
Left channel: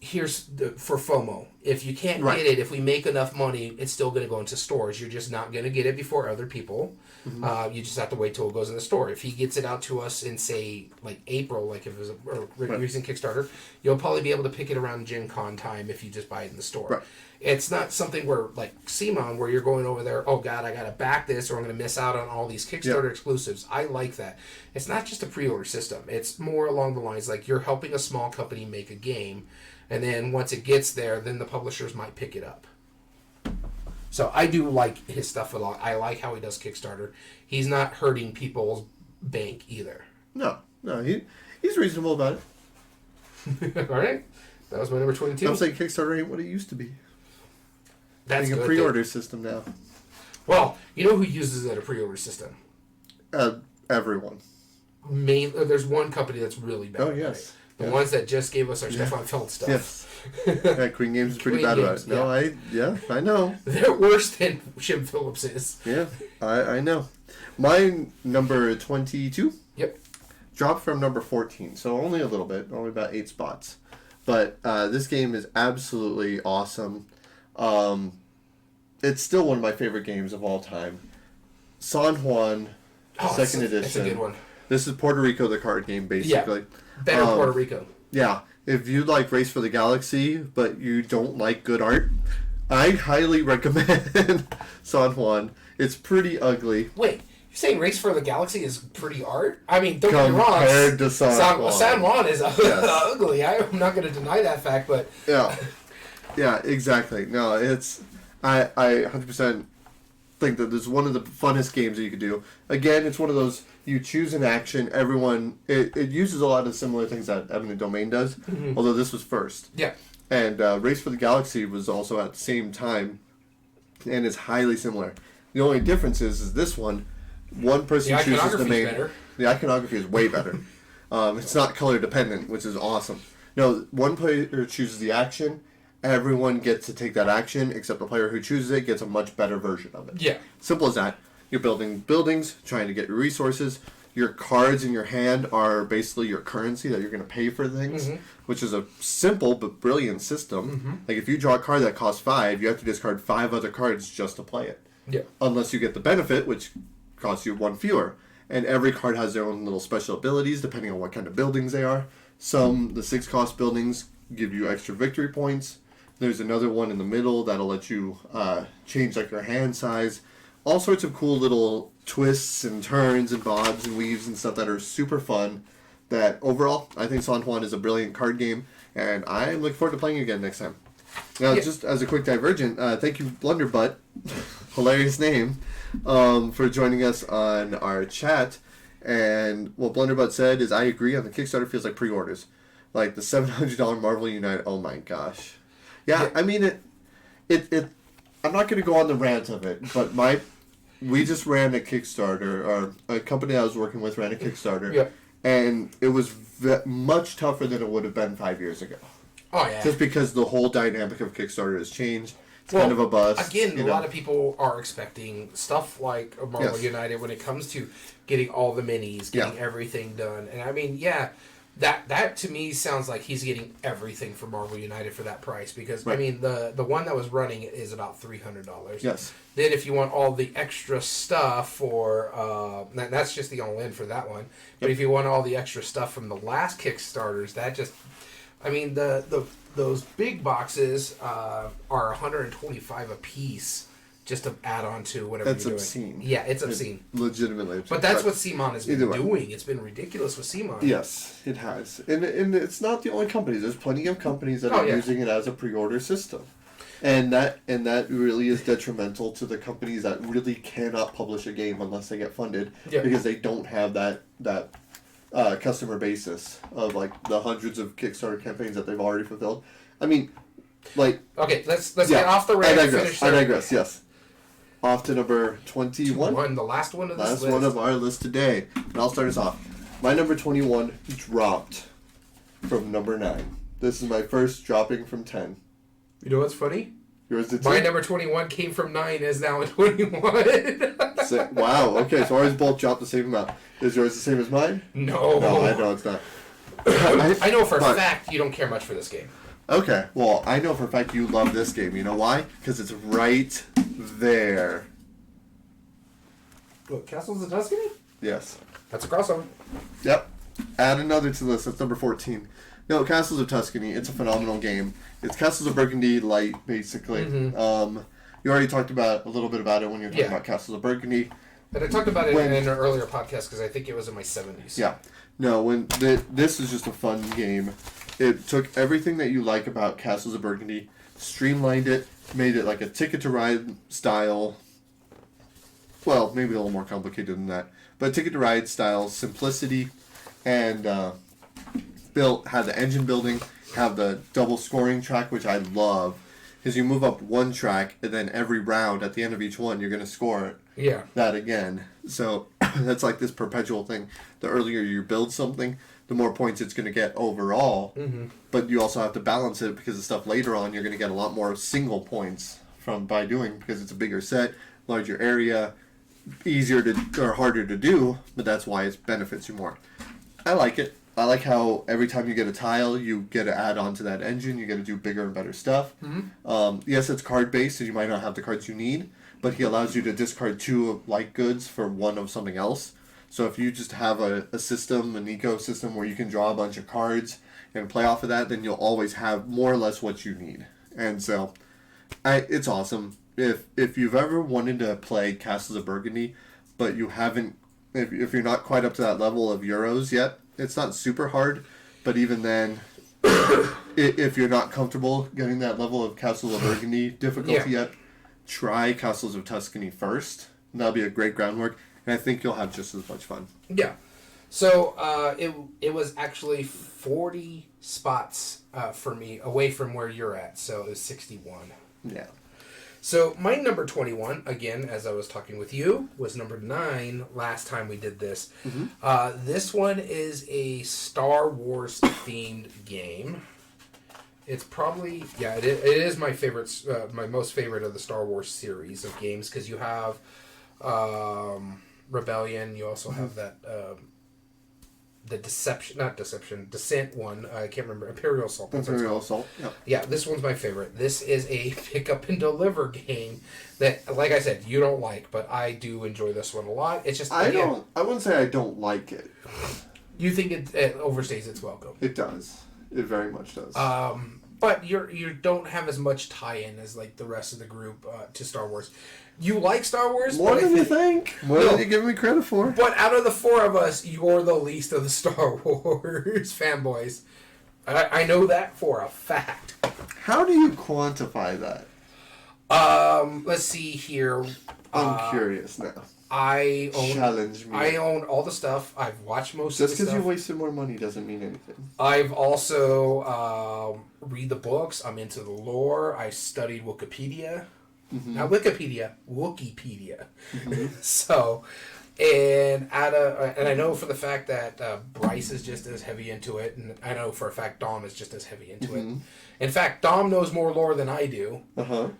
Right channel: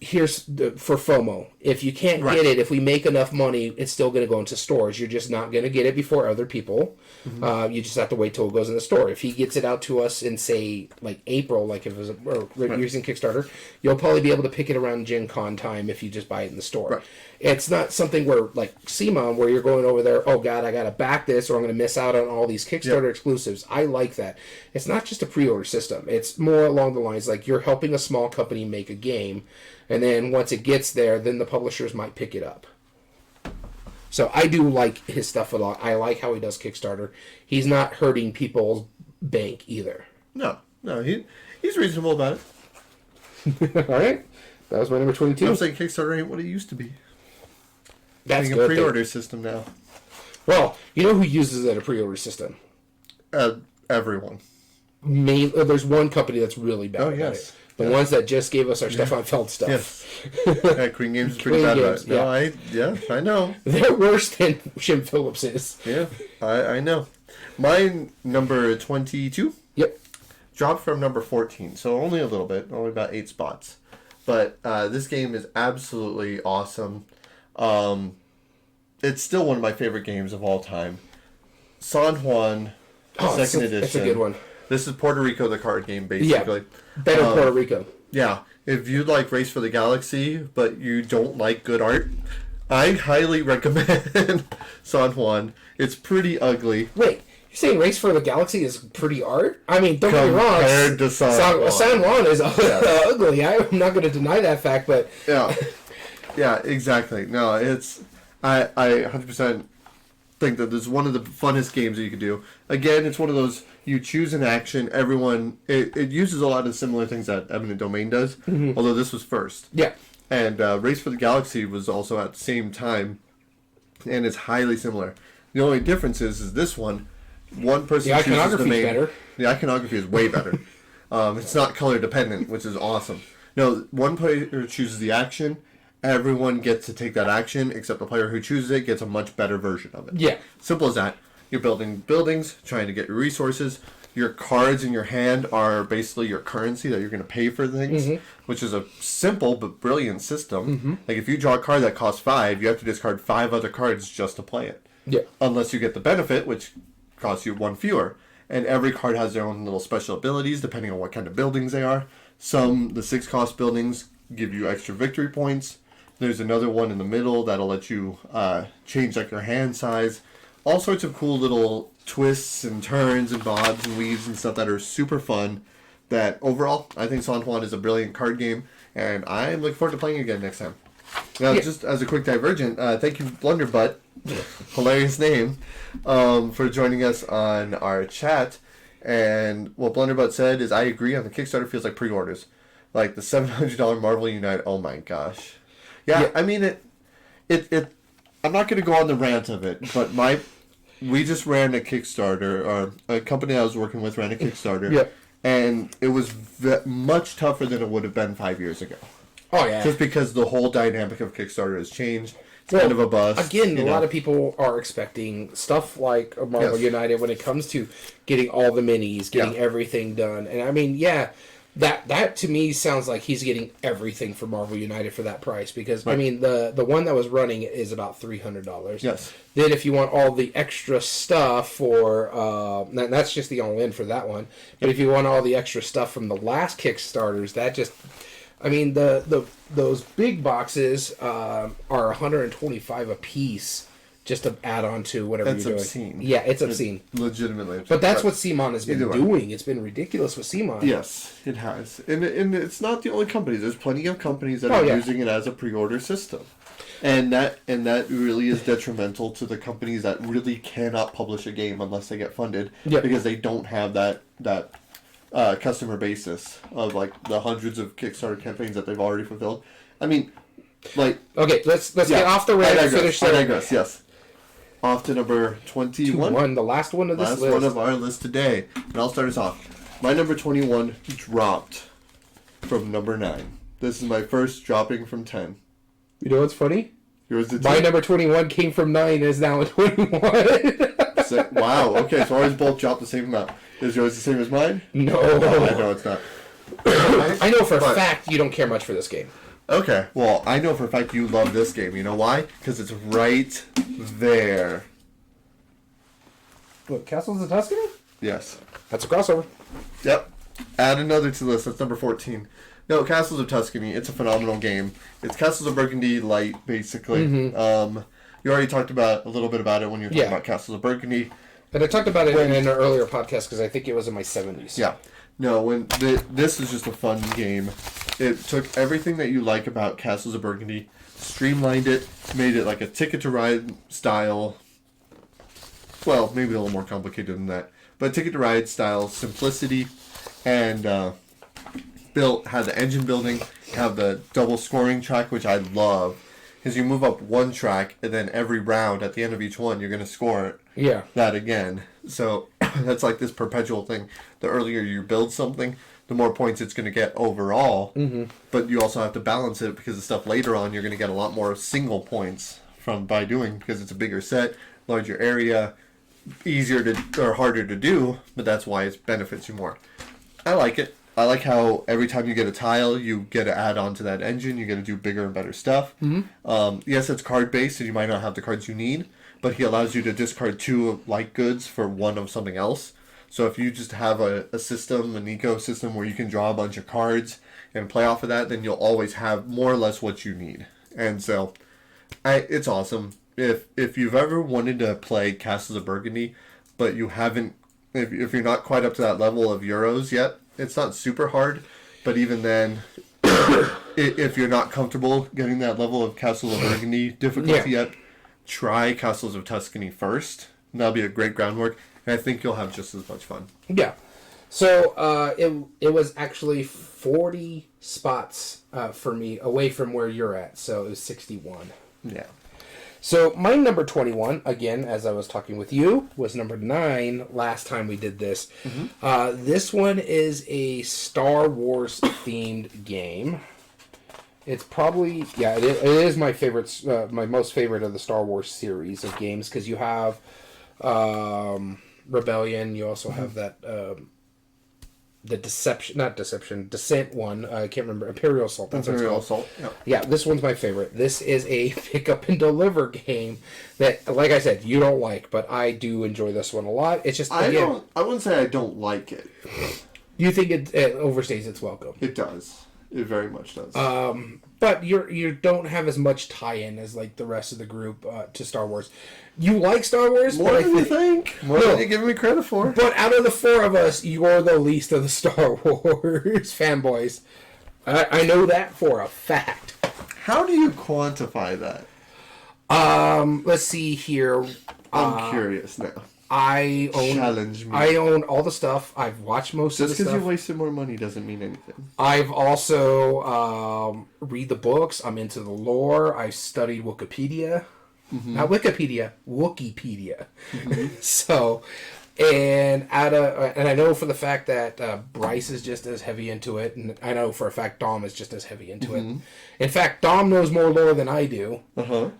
here's for FOMO. If you can't get it, if we make enough money, it's still going to go into stores. You're just not going to get it before other people. You just have to wait till it goes in the store. If he gets it out to us in, say, like April, like if it was using Kickstarter, you'll probably be able to pick it around Gen Con time if you just buy it in the store. Right. It's not something where, like CMON, where you're going over there, oh God, I got to back this or I'm going to miss out on all these Kickstarter exclusives. I like that. It's not just a pre-order system. It's more along the lines like you're helping a small company make a game, and then once it gets there, then the publishers might pick it up. So I do like his stuff a lot. I like how he does Kickstarter. He's not hurting people's bank either. No, he's reasonable about it. All right. That was my number 22. I'm saying Kickstarter ain't what it used to be. That's a pre-order system now. Well, you know who uses it, a pre-order system? Everyone. There's one company that's really bad about yes. it. The ones that just gave us our Stefan Feld stuff. Yes. Yeah, Queen Games is pretty bad about it. No, I know. They're worse than Shim Phillips is. Yeah, I know. My number 22? Yep. Dropped from number 14, so only a little bit, only about 8 spots. But this game is absolutely awesome. It's still one of my favorite games of all time. San Juan, second edition. That's a good one. This is Puerto Rico, the card game, basically. Yeah, better Puerto Rico. Yeah. If you like Race for the Galaxy, but you don't like good art, I highly recommend San Juan. It's pretty ugly. Wait, you're saying Race for the Galaxy is pretty art? I mean, don't get me wrong. Compared to San Juan. San Juan is ugly. I'm not going to deny that fact, but... Yeah. Yeah, exactly. No, it's... I 100% think that this is one of the funnest games that you could do. Again, it's one of those, you choose an action, everyone... It uses a lot of similar things that Eminent Domain does, although this was first. Yeah. And Race for the Galaxy was also at the same time, and it's highly similar. The only difference is this one person The chooses the iconography's main. better. The iconography is way better. It's not color dependent, which is awesome. No, one player chooses the action. Everyone gets to take that action, except the player who chooses it gets a much better version of it. Yeah. Simple as that. You're building buildings, trying to get your resources. Your cards in your hand are basically your currency that you're going to pay for things, which is a simple but brilliant system. Like if you draw a card that costs 5, you have to discard 5 other cards just to play it. Yeah. Unless you get the benefit, which costs you 1 fewer. And every card has their own little special abilities depending on what kind of buildings they are. The 6 cost buildings give you extra victory points. There's another one in the middle that'll let you change like your hand size. All sorts of cool little twists and turns and bobs and weaves and stuff that are super fun. That overall, I think San Juan is a brilliant card game, and I'm looking forward to playing again next time. Now, just as a quick divergent, thank you, Blunderbutt, hilarious name, for joining us on our chat. And what Blunderbutt said is, I agree on the Kickstarter feels like pre-orders. Like the $700 Marvel Unite, oh my gosh. Yeah, I mean, it I'm not going to go on the rant of it, but we just ran a Kickstarter, or a company I was working with ran a Kickstarter, and it was much tougher than it would have been 5 years ago. Oh, yeah. Just because the whole dynamic of Kickstarter has changed. It's kind of a bust. Again, a lot of people are expecting stuff like Marvel United when it comes to getting all the minis, getting everything done. And I mean, that to me sounds like he's getting everything for Marvel United for that price. Because, I mean, the one that was running is about $300. Yes. Then if you want all the extra stuff for... that's just the all-in for that one. But if you want all the extra stuff from the last Kickstarters, that just... I mean, those big boxes are $125 a piece just to add on to whatever That's you're obscene. doing. Yeah, it's obscene. Legitimately obscene. But that's what CMON has been doing. It's been ridiculous with CMON. Yes, it has. And it's not the only companies. There's plenty of companies that are using it as a pre-order system. And that really is detrimental to the companies that really cannot publish a game unless they get funded. Because they don't have that customer basis of like the hundreds of Kickstarter campaigns that they've already fulfilled. I mean, like... Okay, let's get off the rant. I digress, yes. Off to number 21. The last one of this list. Last one of our list today. And I'll start us off. My number 21 dropped from number 9. This is my first dropping from 10. You know what's funny? Yours did My number 21 came from 9 and is now a 21. Wow, okay, so ours both dropped the same amount. Is yours the same as mine? No, I know it's not. I know for a fact you don't care much for this game. Okay, well, I know for a fact you love this game. You know why? Because it's right there. What, Castles of Tuscany? Yes. That's a crossover. Yep. Add another to the list. That's number 14. No, Castles of Tuscany. It's a phenomenal game. It's Castles of Burgundy light, basically. You already talked about a little bit about it when you were talking about Castles of Burgundy. But I talked about it in an earlier podcast because I think it was in my 70s. Yeah. No, this is just a fun game. It took everything that you like about Castles of Burgundy, streamlined it, made it like a Ticket to Ride style. Well, maybe a little more complicated than that. But Ticket to Ride style simplicity, and had the engine building, have the double scoring track, which I love. Because you move up one track, and then every round, at the end of each one, you're going to score that again. So that's like this perpetual thing. The earlier you build something, the more points it's going to get overall. But you also have to balance it, because the stuff later on, you're going to get a lot more single points by doing, because it's a bigger set, larger area, easier to or harder to do, but that's why it benefits you more. I like it. I like how every time you get a tile, you get to add on to that engine. You get to do bigger and better stuff. Yes, it's card-based, so you might not have the cards you need, but he allows you to discard 2 light goods for 1 of something else. So if you just have a system, an ecosystem where you can draw a bunch of cards and play off of that, then you'll always have more or less what you need. And so, it's awesome. If you've ever wanted to play Castles of Burgundy, but you haven't, if you're not quite up to that level of Euros yet, it's not super hard, but even then, if you're not comfortable getting that level of Castles of Burgundy difficulty yet, try Castles of Tuscany first. That'll be a great groundwork, and I think you'll have just as much fun. Yeah. So it was actually 40 spots for me away from where you're at, so it was 61. Yeah. So my number 21, again, as I was talking with you, was number 9 last time we did this. This one is a Star Wars themed game. It's probably, it is my favorite, my most favorite of the Star Wars series of games, because you have Rebellion, you also have that, the Descent one, I can't remember, Imperial Assault. Imperial Assault, Yeah, this one's my favorite. This is a pick up and deliver game that, like I said, you don't like, but I do enjoy this one a lot. It's just, I wouldn't say I don't like it. You think it overstays its welcome. It does. It very much does. But you don't have as much tie-in as like the rest of the group to Star Wars. You like Star Wars more than you think. More than you give me credit for. But out of the 4 of us, you're the least of the Star Wars fanboys. I know that for a fact. How do you quantify that? Let's see here. I'm curious now. Challenge me. I own all the stuff. I've watched most of the stuff. Just because you wasted more money doesn't mean anything. I've also read the books. I'm into the lore. I studied Wikipedia. Not Wikipedia, Wookiepedia. So, and I know for the fact that Bryce is just as heavy into it, and I know for a fact Dom is just as heavy into it. In fact, Dom knows more lore than I do.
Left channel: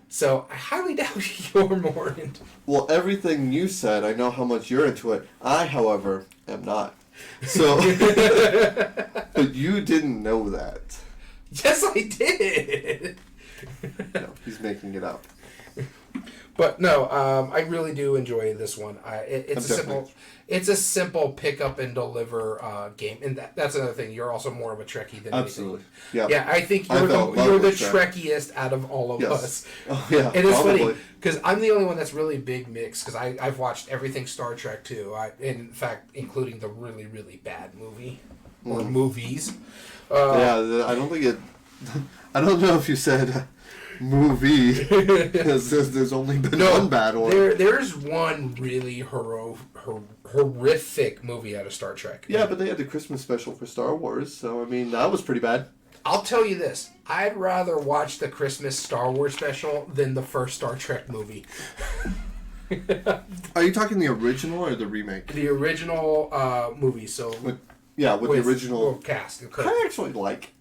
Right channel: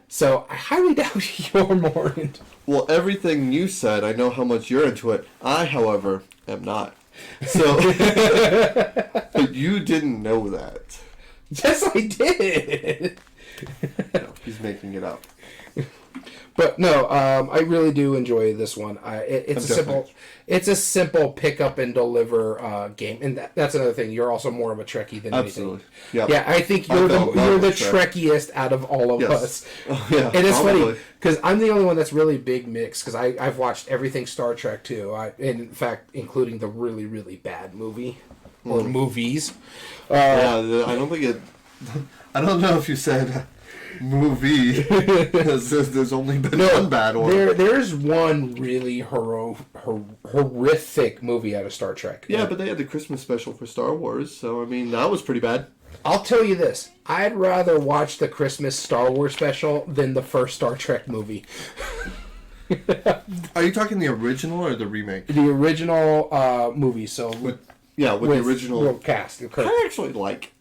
So I highly doubt you're more into. Well, everything you said, I know how much you're into it. I, however, am not. So, but you didn't know that. Yes, I did. No, he's making it up. But no, I really do enjoy this one. It's a simple pick up and deliver game, and that's another thing. You're also more of a Trekkie than Absolutely. anything. Yeah, I think you're the Trekkiest out of all of us. Oh yeah, and it's funny because I'm the only one that's really big mix because I've watched everything Star Trek too. And in fact, including the really really bad movie or movies. I don't think it. I don't know if you said. Movie because there's only been one bad one. There's one really horrific movie out of Star Trek. Yeah, but they had the Christmas special for Star Wars, so I mean that was pretty bad. I'll tell you this: I'd rather watch the Christmas Star Wars special than the first Star Trek movie. Are you talking the original or the remake? The original movie. So with the original cast. I actually like.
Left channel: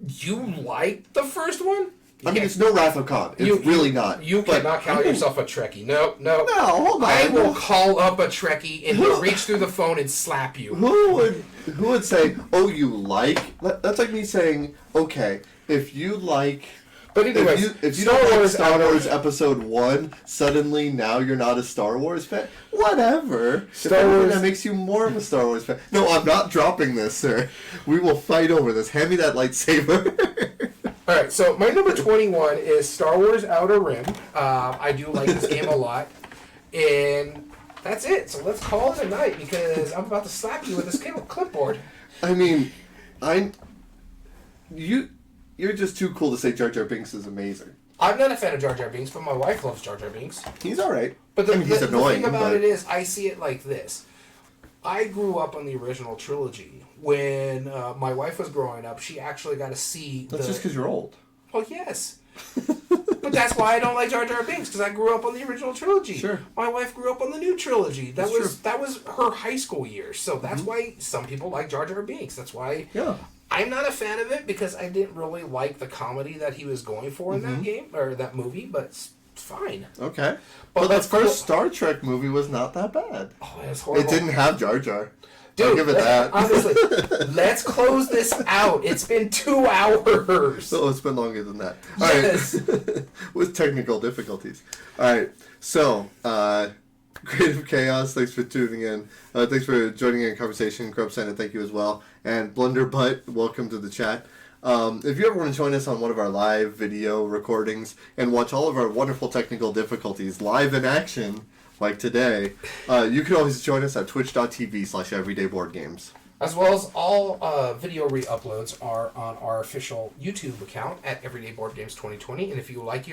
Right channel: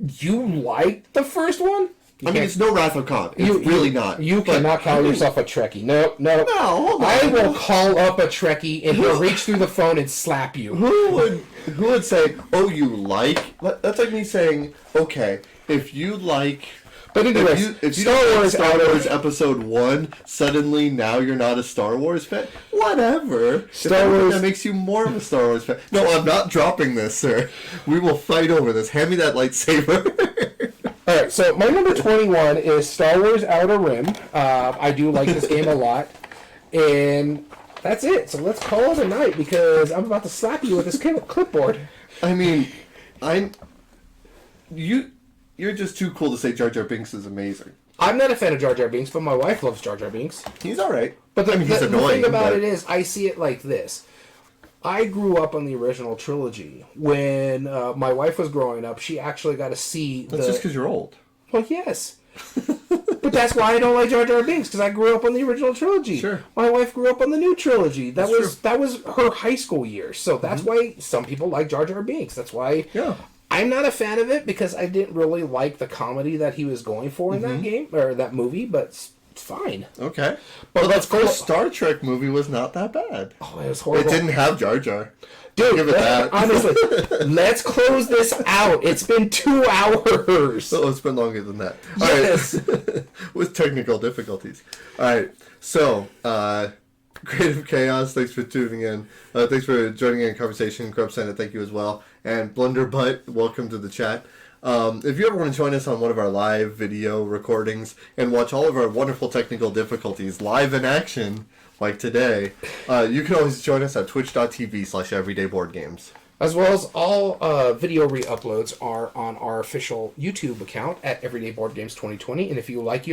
You like the first one? I mean, it's no Wrath of Khan. It's really not. You cannot call yourself a Trekkie. No. No, hold on. I will call up a Trekkie and he'll reach through the phone and slap you. Who would say, "Oh, you like"? That's like me saying, "Okay, if you like." But anyways, if you don't like Star Wars Episode 1, suddenly now you're not a Star Wars fan? Whatever. That makes you more of a Star Wars fan. No, I'm not dropping this, sir. We will fight over this. Hand me that lightsaber. Alright, so my number 21 is Star Wars Outer Rim. I do like this game a lot. And that's it. So let's call it a night because I'm about to slap you with this clipboard. I mean, You're just too cool to say Jar Jar Binks is amazing. I'm not a fan of Jar Jar Binks, but my wife loves Jar Jar Binks. He's alright. But he's annoying. The thing about it is, I see it like this. I grew up on the original trilogy. When my wife was growing up, she actually got to see That's just because you're old. Well, yes. But that's why I don't like Jar Jar Binks, because I grew up on the original trilogy. Sure. My wife grew up on the new trilogy. That That's was her high school years. So that's why some people like Jar Jar Binks. That's why I'm not a fan of it, because I didn't really like the comedy that he was going for in that game, or that movie, but it's fine. Okay. But the first Star Trek movie was not that bad. Oh, it was horrible. It didn't have Jar Jar. Dude, I'll give it that. Honestly, let's close this out. It's been 2 hours. Oh, it's been longer than that. All right. With technical difficulties. All right. So, Creative Chaos, thanks for tuning in. Thanks for joining in conversation. Grub Senate, thank you as well. And Blunderbutt, welcome to the chat. If you ever want to join us on one of our live video recordings and watch all of our wonderful technical difficulties live in action, like today, you can always join us at twitch.tv/everydayboardgames. As well as all video re-uploads are on our official YouTube account at Everyday Board Games 2020. And if you like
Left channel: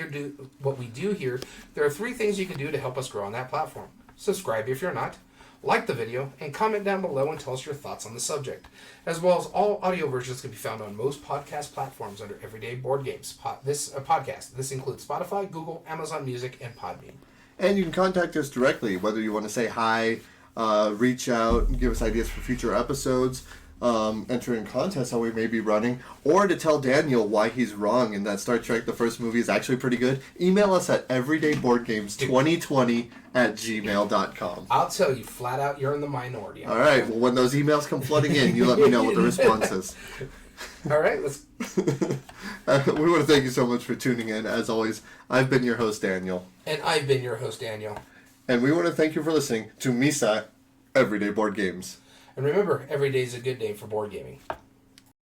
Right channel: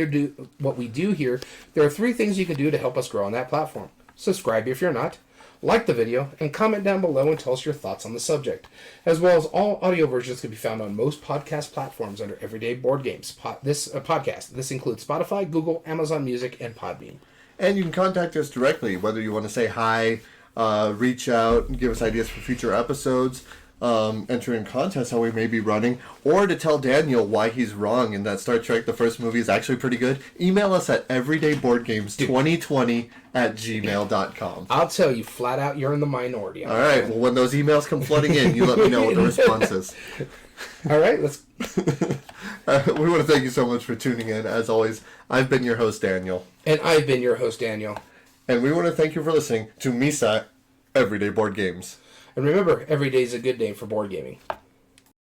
what we do here, there are 3 things you can do to help us grow on that platform. Subscribe if you're not. Like the video, and comment down below and tell us your thoughts on the subject. As well as all audio versions can be found on most podcast platforms under Everyday Board Games. Podcast. This includes Spotify, Google, Amazon Music, and Podbean. And you can contact us directly, whether you want to say hi, reach out, and give us ideas for future episodes, enter in contests how we may be running, or to tell Daniel why he's wrong and that Star Trek, the first movie, is actually pretty good. Email us at everydayboardgames2020@gmail.com. I'll tell you flat out, you're in the minority. All right, well, when those emails come flooding in, you let me know what the response is. All right, let's... We want to thank you so much for tuning in. As always, I've been your host, Daniel. And I've been your host, Daniel. And we want to thank you for listening to Misa Everyday Board Games. And remember, every day is a good day for board gaming.